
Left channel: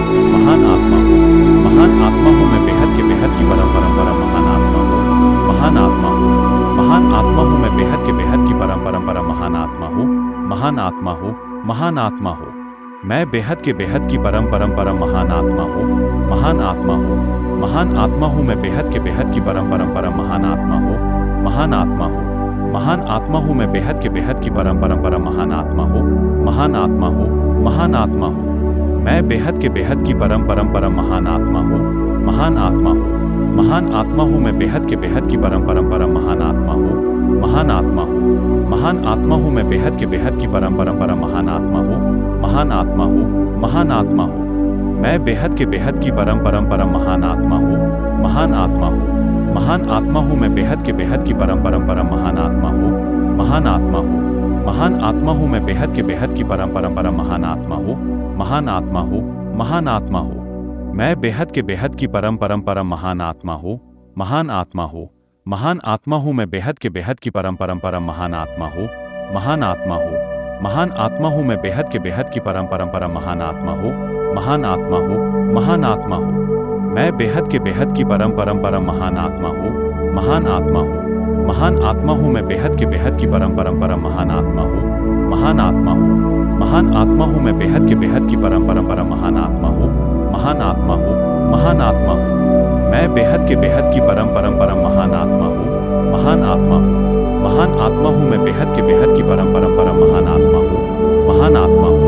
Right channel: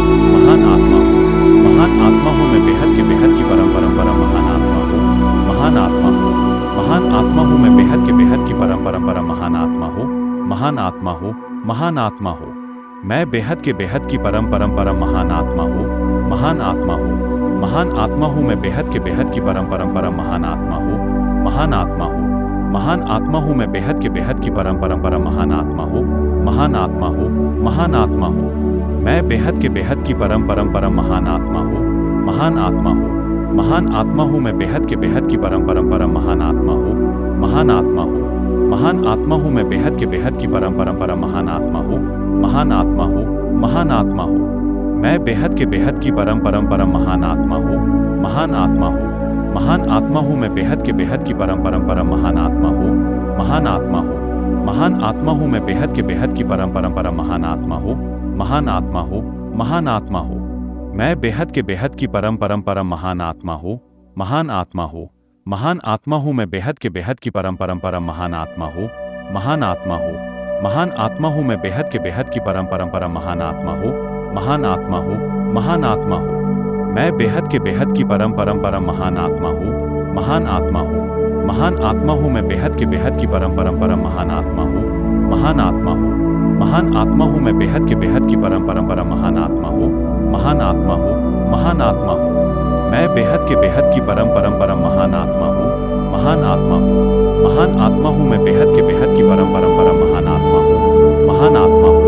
महान आत्मा हूँ, महान आत्मा हूँ मैं बेहद के बेहद की परम परम परम महान आत्मा हूँ। महान आत्मा हूँ, महान आत्मा हूँ मैं बेहद के बेहद की परम परम परम महान आत्मा हूँ। महान आत्मा हूँ, महान आत्मा हूँ मैं बेहद के बेहद की परम परम परम महान आत्मा हूँ। महान आत्मा हूँ, महान आत्मा हूँ मैं बेहद के बेहद की परम परम परम महान आत्मा हूँ। महान आत्मा हूँ, महान आत्मा हूँ मैं बेहद के बेहद की परम परम परम महान आत्मा हूँ। महान आत्मा हूँ, महान आत्मा हूँ मैं बेहद के बेहद की परम परम परम महान आत्मा हूँ। महान आत्मा हूँ, महान आत्मा हूँ मैं बेहद के बेहद की परम परम परम महान आत्मा हूँ। महान आत्मा हूँ, महान आत्मा हूँ मैं बेहद के बेहद की परम परम परम महान आत्मा हूँ। महान आत्मा हूँ, महान आत्मा हूँ मैं बेहद के बेहद की परम परम परम महान आत्मा हूँ। महान आत्मा हूँ, महान आत्मा हूँ मैं बेहद के बेहद की परम परम परम महान आत्मा हूँ। महान आत्मा हूँ, महान आत्मा हूँ मैं बेहद के बेहद की परम परम परम महान आत्मा हूँ, महान आत्मा हूँ, महान आत्मा हूँ। मैं बेहद के बेहद की परम परम परम महान आत्मा हूँ, महान आत्मा हूँ, महान आत्मा हूँ। मैं बेहद के बेहद की परम परम परम महान आत्मा हूँ, महान आत्मा हूँ, महान आत्मा हूँ। मैं बेहद के बेहद की परम परम परम महान आत्मा हूँ, महान आत्मा हूँ, महान आत्मा हूँ। मैं बेहद के बेहद की परम परम परम महान आत्मा हूँ, महान आत्मा हूँ, महान आत्मा हूँ। मैं बेहद के बेहद की परम परम परम महान आत्मा हूँ, महान आत्मा हूँ, महान आत्मा हूँ। मैं बेहद के बेहद की परम परम परम महान आत्मा हूँ, महान आत्मा हूँ, महान आत्मा हूँ। मैं बेहद के बेहद की परम परम परम महान आत्मा हूँ, महान आत्मा हूँ,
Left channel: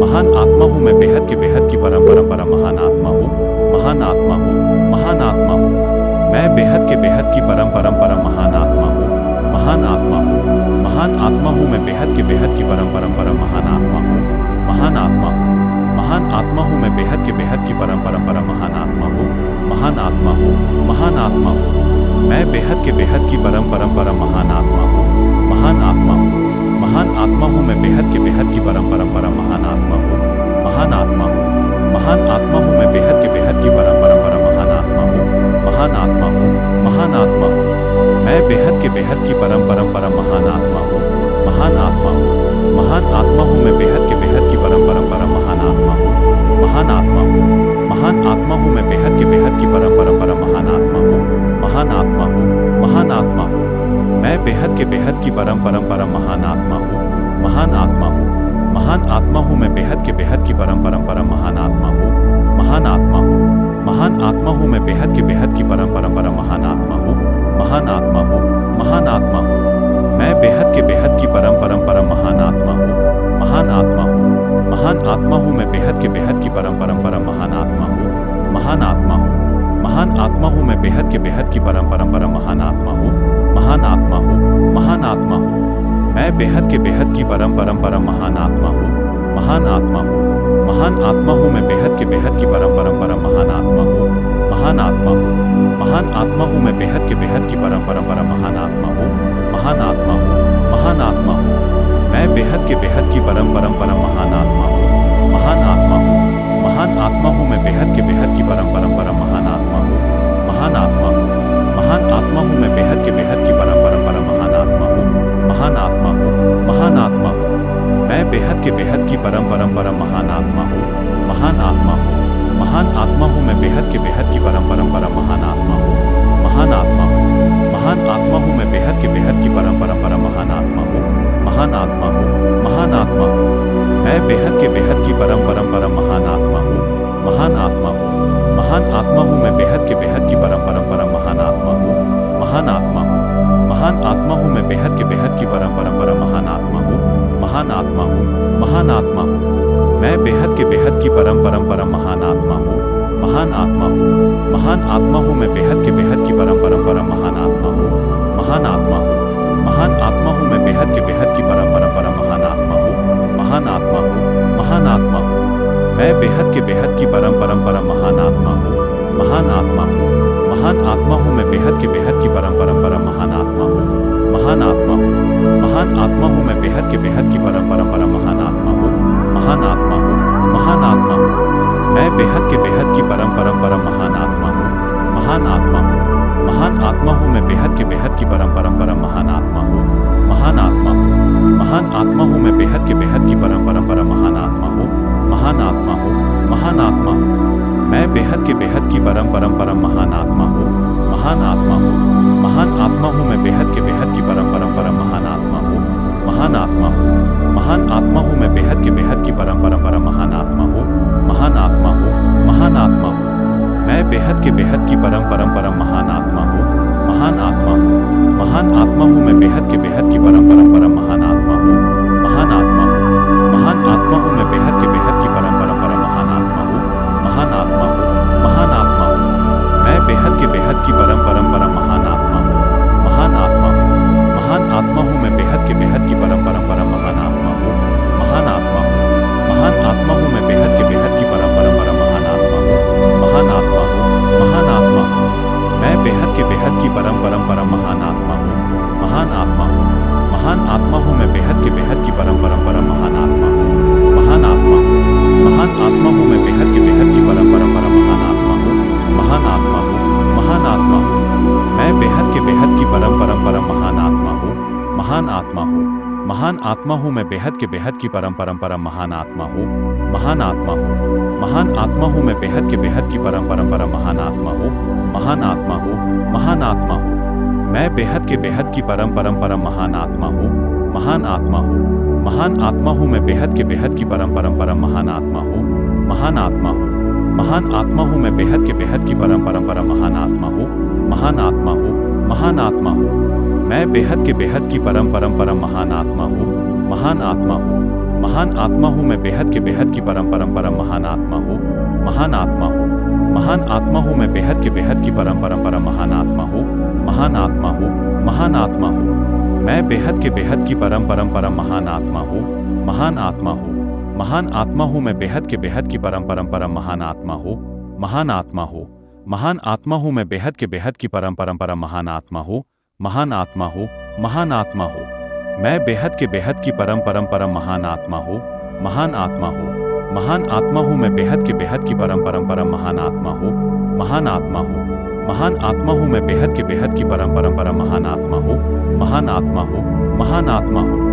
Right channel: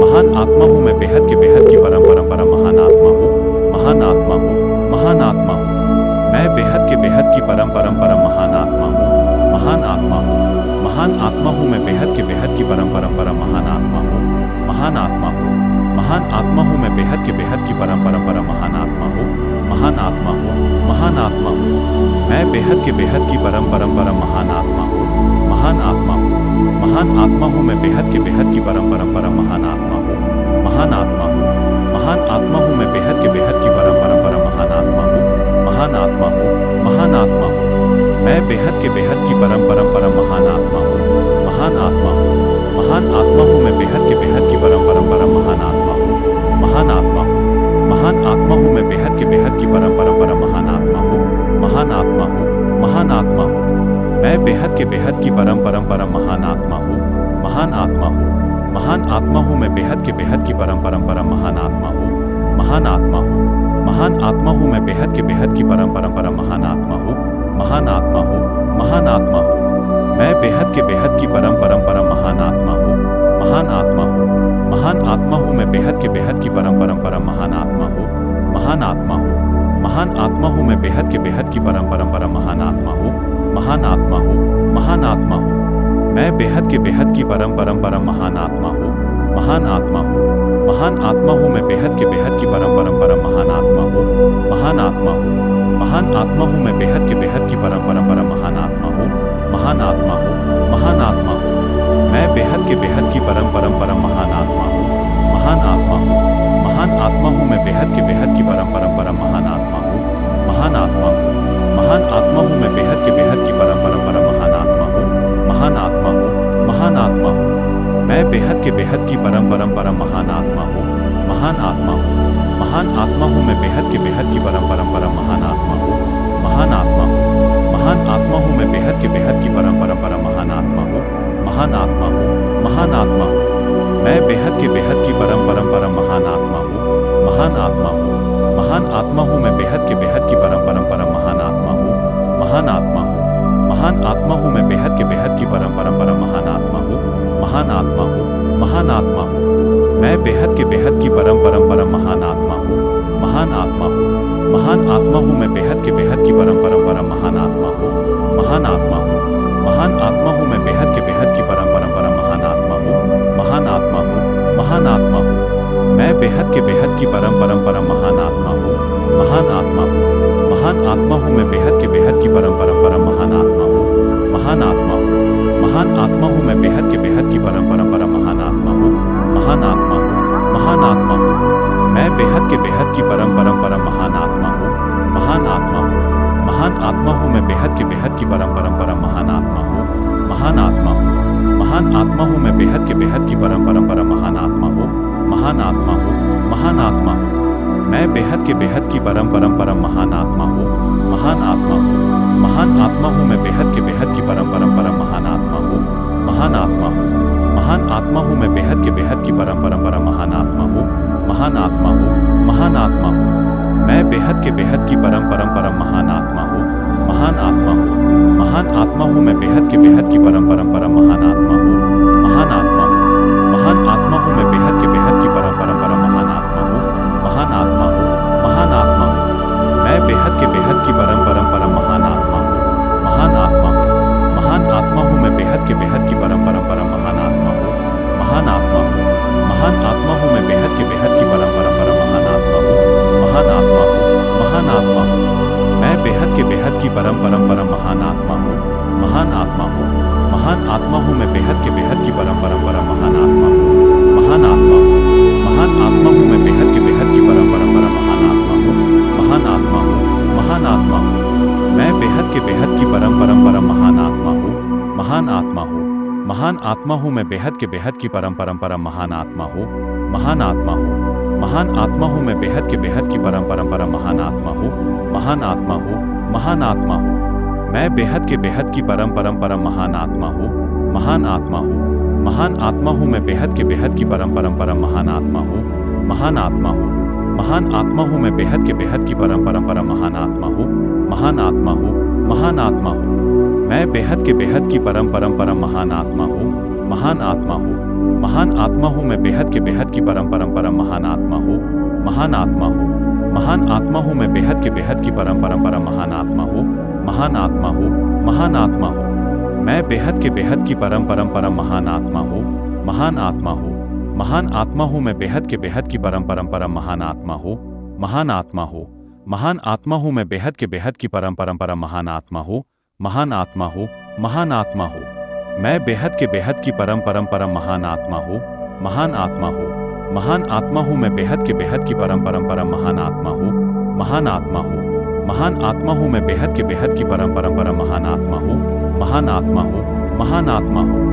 महान आत्मा हूँ। मैं बेहद के बेहद की परम परम परम महान आत्मा हूँ, महान आत्मा हूँ, महान आत्मा हूँ। मैं बेहद के बेहद की परम परम परम महान आत्मा हूँ, महान आत्मा हूँ, महान आत्मा हूँ। मैं बेहद के बेहद की परम परम परम महान आत्मा हूँ, महान आत्मा हूँ, महान आत्मा हूँ। मैं बेहद के बेहद की परम परम परम महान आत्मा हूँ, महान आत्मा हूँ, महान आत्मा हूँ। मैं बेहद के बेहद की परम परम परम महान आत्मा हूँ, महान आत्मा हूँ, महान आत्मा हूँ। मैं बेहद के बेहद की परम परम परम महान आत्मा हूँ, महान आत्मा हूँ, महान आत्मा हूँ। मैं बेहद के बेहद की परम परम परम महान आत्मा हूँ, महान आत्मा हूँ, महान आत्मा हूँ। मैं बेहद के बेहद की परम परम परम महान आत्मा हूँ, महान आत्मा हूँ, महान आत्मा हूँ। मैं बेहद के बेहद की परम परम परम महान आत्मा हूँ, महान आत्मा हूँ, महान आत्मा हूँ। मैं बेहद के बेहद की परम परम परम महान आत्मा हूँ, महान आत्मा हूँ, महान आत्मा हूँ। मैं बेहद के बेहद की परम परम परम महान आत्मा हूँ, महान आत्मा हूँ, महान आत्मा हूँ। मैं बेहद के बेहद की परम परम परम महान आत्मा हूँ, महान आत्मा हूँ, महान आत्मा हूँ। मैं बेहद के बेहद की परम परम परम महान आत्मा हूँ, महान आत्मा हूँ, महान आत्मा हूँ। मैं बेहद के बेहद की परम परम परम महान आत्मा हूँ, महान आत्मा हूँ, महान आत्मा हूँ। मैं बेहद के बेहद की परम परम परम महान आत्मा हूँ, महान आत्मा हूँ, महान आत्मा हूँ। मैं बेहद के बेहद की परम परम परम महान आत्मा हूँ, महान आत्मा हूँ, महान आत्मा हूँ। मैं बेहद के बेहद की परम परम परम महान आत्मा हूँ, महान आत्मा हूँ, महान आत्मा हूँ। मैं बेहद के बेहद की परम परम परम महान आत्मा हूँ, महान आत्मा हूँ, महान आत्मा हूँ। मैं बेहद के बेहद की परम परम परम महान आत्मा हूँ, महान आत्मा हूँ, महान आत्मा हूँ। मैं बेहद के बेहद की परम परम परम महान आत्मा हूँ, महान आत्मा हूँ, महान आत्मा हूँ। मैं बेहद के बेहद की परम परम परम महान आत्मा हूँ, महान आत्मा हूँ, महान आत्मा हूँ। मैं बेहद के बेहद की परम परम परम महान आत्मा हूँ, महान आत्मा हूँ, महान आत्मा हूँ। मैं बेहद के बेहद की परम परम परम महान आत्मा हूँ, महान आत्मा हूँ, महान आत्मा हूँ। मैं बेहद के बेहद की परम परम परम महान आत्मा हूँ, महान आत्मा हूँ, महान आत्मा हूँ। मैं बेहद के बेहद की परम परम परम महान आत्मा हूँ, महान आत्मा हूँ, महान आत्मा हूँ। मैं बेहद के बेहद की परम परम परम महान आत्मा हूँ, महान आत्मा हूँ, महान आत्मा हूँ। मैं बेहद के बेहद की परम परम परम महान आत्मा हूँ, महान आत्मा हूँ, महान आत्मा हूँ। मैं बेहद के बेहद की परम परम परम महान आत्मा हूँ, महान आत्मा हूँ, महान आत्मा हूँ। मैं बेहद के बेहद की परम परम परम महान आत्मा हूँ, महान आत्मा हूँ, महान आत्मा हूँ। मैं बेहद के बेहद की परम परम परम महान आत्मा हूँ, महान आत्मा हूँ, महान आत्मा हूँ। मैं बेहद के बेहद की परम परम परम महान आत्मा हूँ, महान आत्मा हूँ, महान आत्मा हूँ। मैं बेहद के बेहद की परम परम परम महान आत्मा हूँ, महान आत्मा हूँ, महान आत्मा हूँ। मैं बेहद के बेहद की परम परम परम महान आत्मा हूँ, महान आत्मा हूँ, महान आत्मा हूँ। मैं बेहद के बेहद की परम परम परम महान आत्मा हूँ, महान आत्मा हूँ, महान आत्मा हूँ। मैं बेहद के बेहद की परम परम परम महान आत्मा हूँ, महान आत्मा हूँ, महान आत्मा हूँ। मैं बेहद के बेहद की परम परम परम महान आत्मा हूँ, महान आत्मा हूँ, महान आत्मा हूँ। मैं बेहद के बेहद की परम परम परम महान आत्मा हूँ, महान आत्मा हूँ, महान आत्मा हूँ। मैं बेहद के बेहद की परम परम परम महान आत्मा हूँ, महान आत्मा हूँ, महान आत्मा हूँ। मैं बेहद के बेहद की परम परम परम महान आत्मा हूँ, महान आत्मा हूँ, महान आत्मा हूँ। मैं बेहद के बेहद की परम परम परम महान आत्मा हूँ, महान आत्मा हूँ, महान आत्मा हूँ। मैं बेहद के बेहद की परम परम परम महान आत्मा हूँ, महान आत्मा हूँ, महान आत्मा हूँ। मैं बेहद के बेहद की परम परम परम महान आत्मा हूँ, महान आत्मा हूँ, महान आत्मा हूँ। मैं बेहद के बेहद की परम परम परम महान आत्मा हूँ, महान आत्मा हूँ, महान आत्मा हूँ। मैं बेहद के बेहद की परम परम परम महान आत्मा हूँ, महान आत्मा हूँ, महान आत्मा हूँ। मैं बेहद के बेहद की परम परम परम महान आत्मा हूँ, महान आत्मा हूँ, महान आत्मा हूँ। मैं बेहद के बेहद की परम परम परम महान आत्मा हूँ, महान आत्मा हूँ, महान आत्मा हूँ। मैं बेहद के बेहद की परम परम परम महान आत्मा हूँ, महान आत्मा हूँ, महान आत्मा हूँ। मैं बेहद के बेहद की परम परम परम महान आत्मा हूँ, महान आत्मा हूँ, महान आत्मा हूँ। मैं बेहद के बेहद की परम परम परम महान आत्मा महान आत्मा हूँ, महान आत्मा हूँ। मैं बेहद के बेहद की परम परम परम महान आत्मा हूँ, महान आत्मा हूँ। महान आत्मा हूँ मैं बेहद के बेहद की परम परम परम महान आत्मा हूँ, महान आत्मा हूँ। महान आत्मा हूँ मैं बेहद के बेहद की परम परम परम महान आत्मा हूँ, महान आत्मा हूँ, महान आत्मा हूँ। मैं बेहद के बेहद की परम परम परम महान आत्मा हूँ, महान आत्मा हूँ। महान आत्मा हूँ मैं बेहद के बेहद की परम परम परम महान आत्मा हूँ, महान आत्मा हूँ। महान आत्मा हूँ मैं बेहद के बेहद की परम परम परम महान आत्मा हूँ, महान आत्मा हूँ, महान आत्मा हूँ। मैं बेहद के बेहद की परम परम परम महान आत्मा हूँ, महान आत्मा हूँ। महान आत्मा हूँ मैं बेहद के बेहद की परम परम परम महान आत्मा हूँ, महान आत्मा हूँ। महान आत्मा हूँ मैं बेहद के बेहद की परम परम परम महान आत्मा हूँ, महान आत्मा हूँ, महान आत्मा हूँ। मैं बेहद के बेहद की परम परम परम महान आत्मा हूँ, महान आत्मा हूँ। महान आत्मा हूँ मैं बेहद के बेहद की परम परम परम महान आत्मा हूँ, महान आत्मा हूँ। महान आत्मा हूँ मैं बेहद के बेहद की परम परम परम महान आत्मा हूँ, महान आत्मा हूँ, महान आत्मा हूँ। मैं बेहद के बेहद की परम परम परम महान आत्मा हूँ, महान आत्मा हूँ। महान आत्मा हूँ मैं बेहद के बेहद की परम परम परम महान आत्मा हूँ, महान आत्मा हूँ। महान आत्मा हूँ मैं बेहद के बेहद की परम परम परम महान आत्मा हूँ, महान आत्मा हूँ, महान आत्मा हूँ।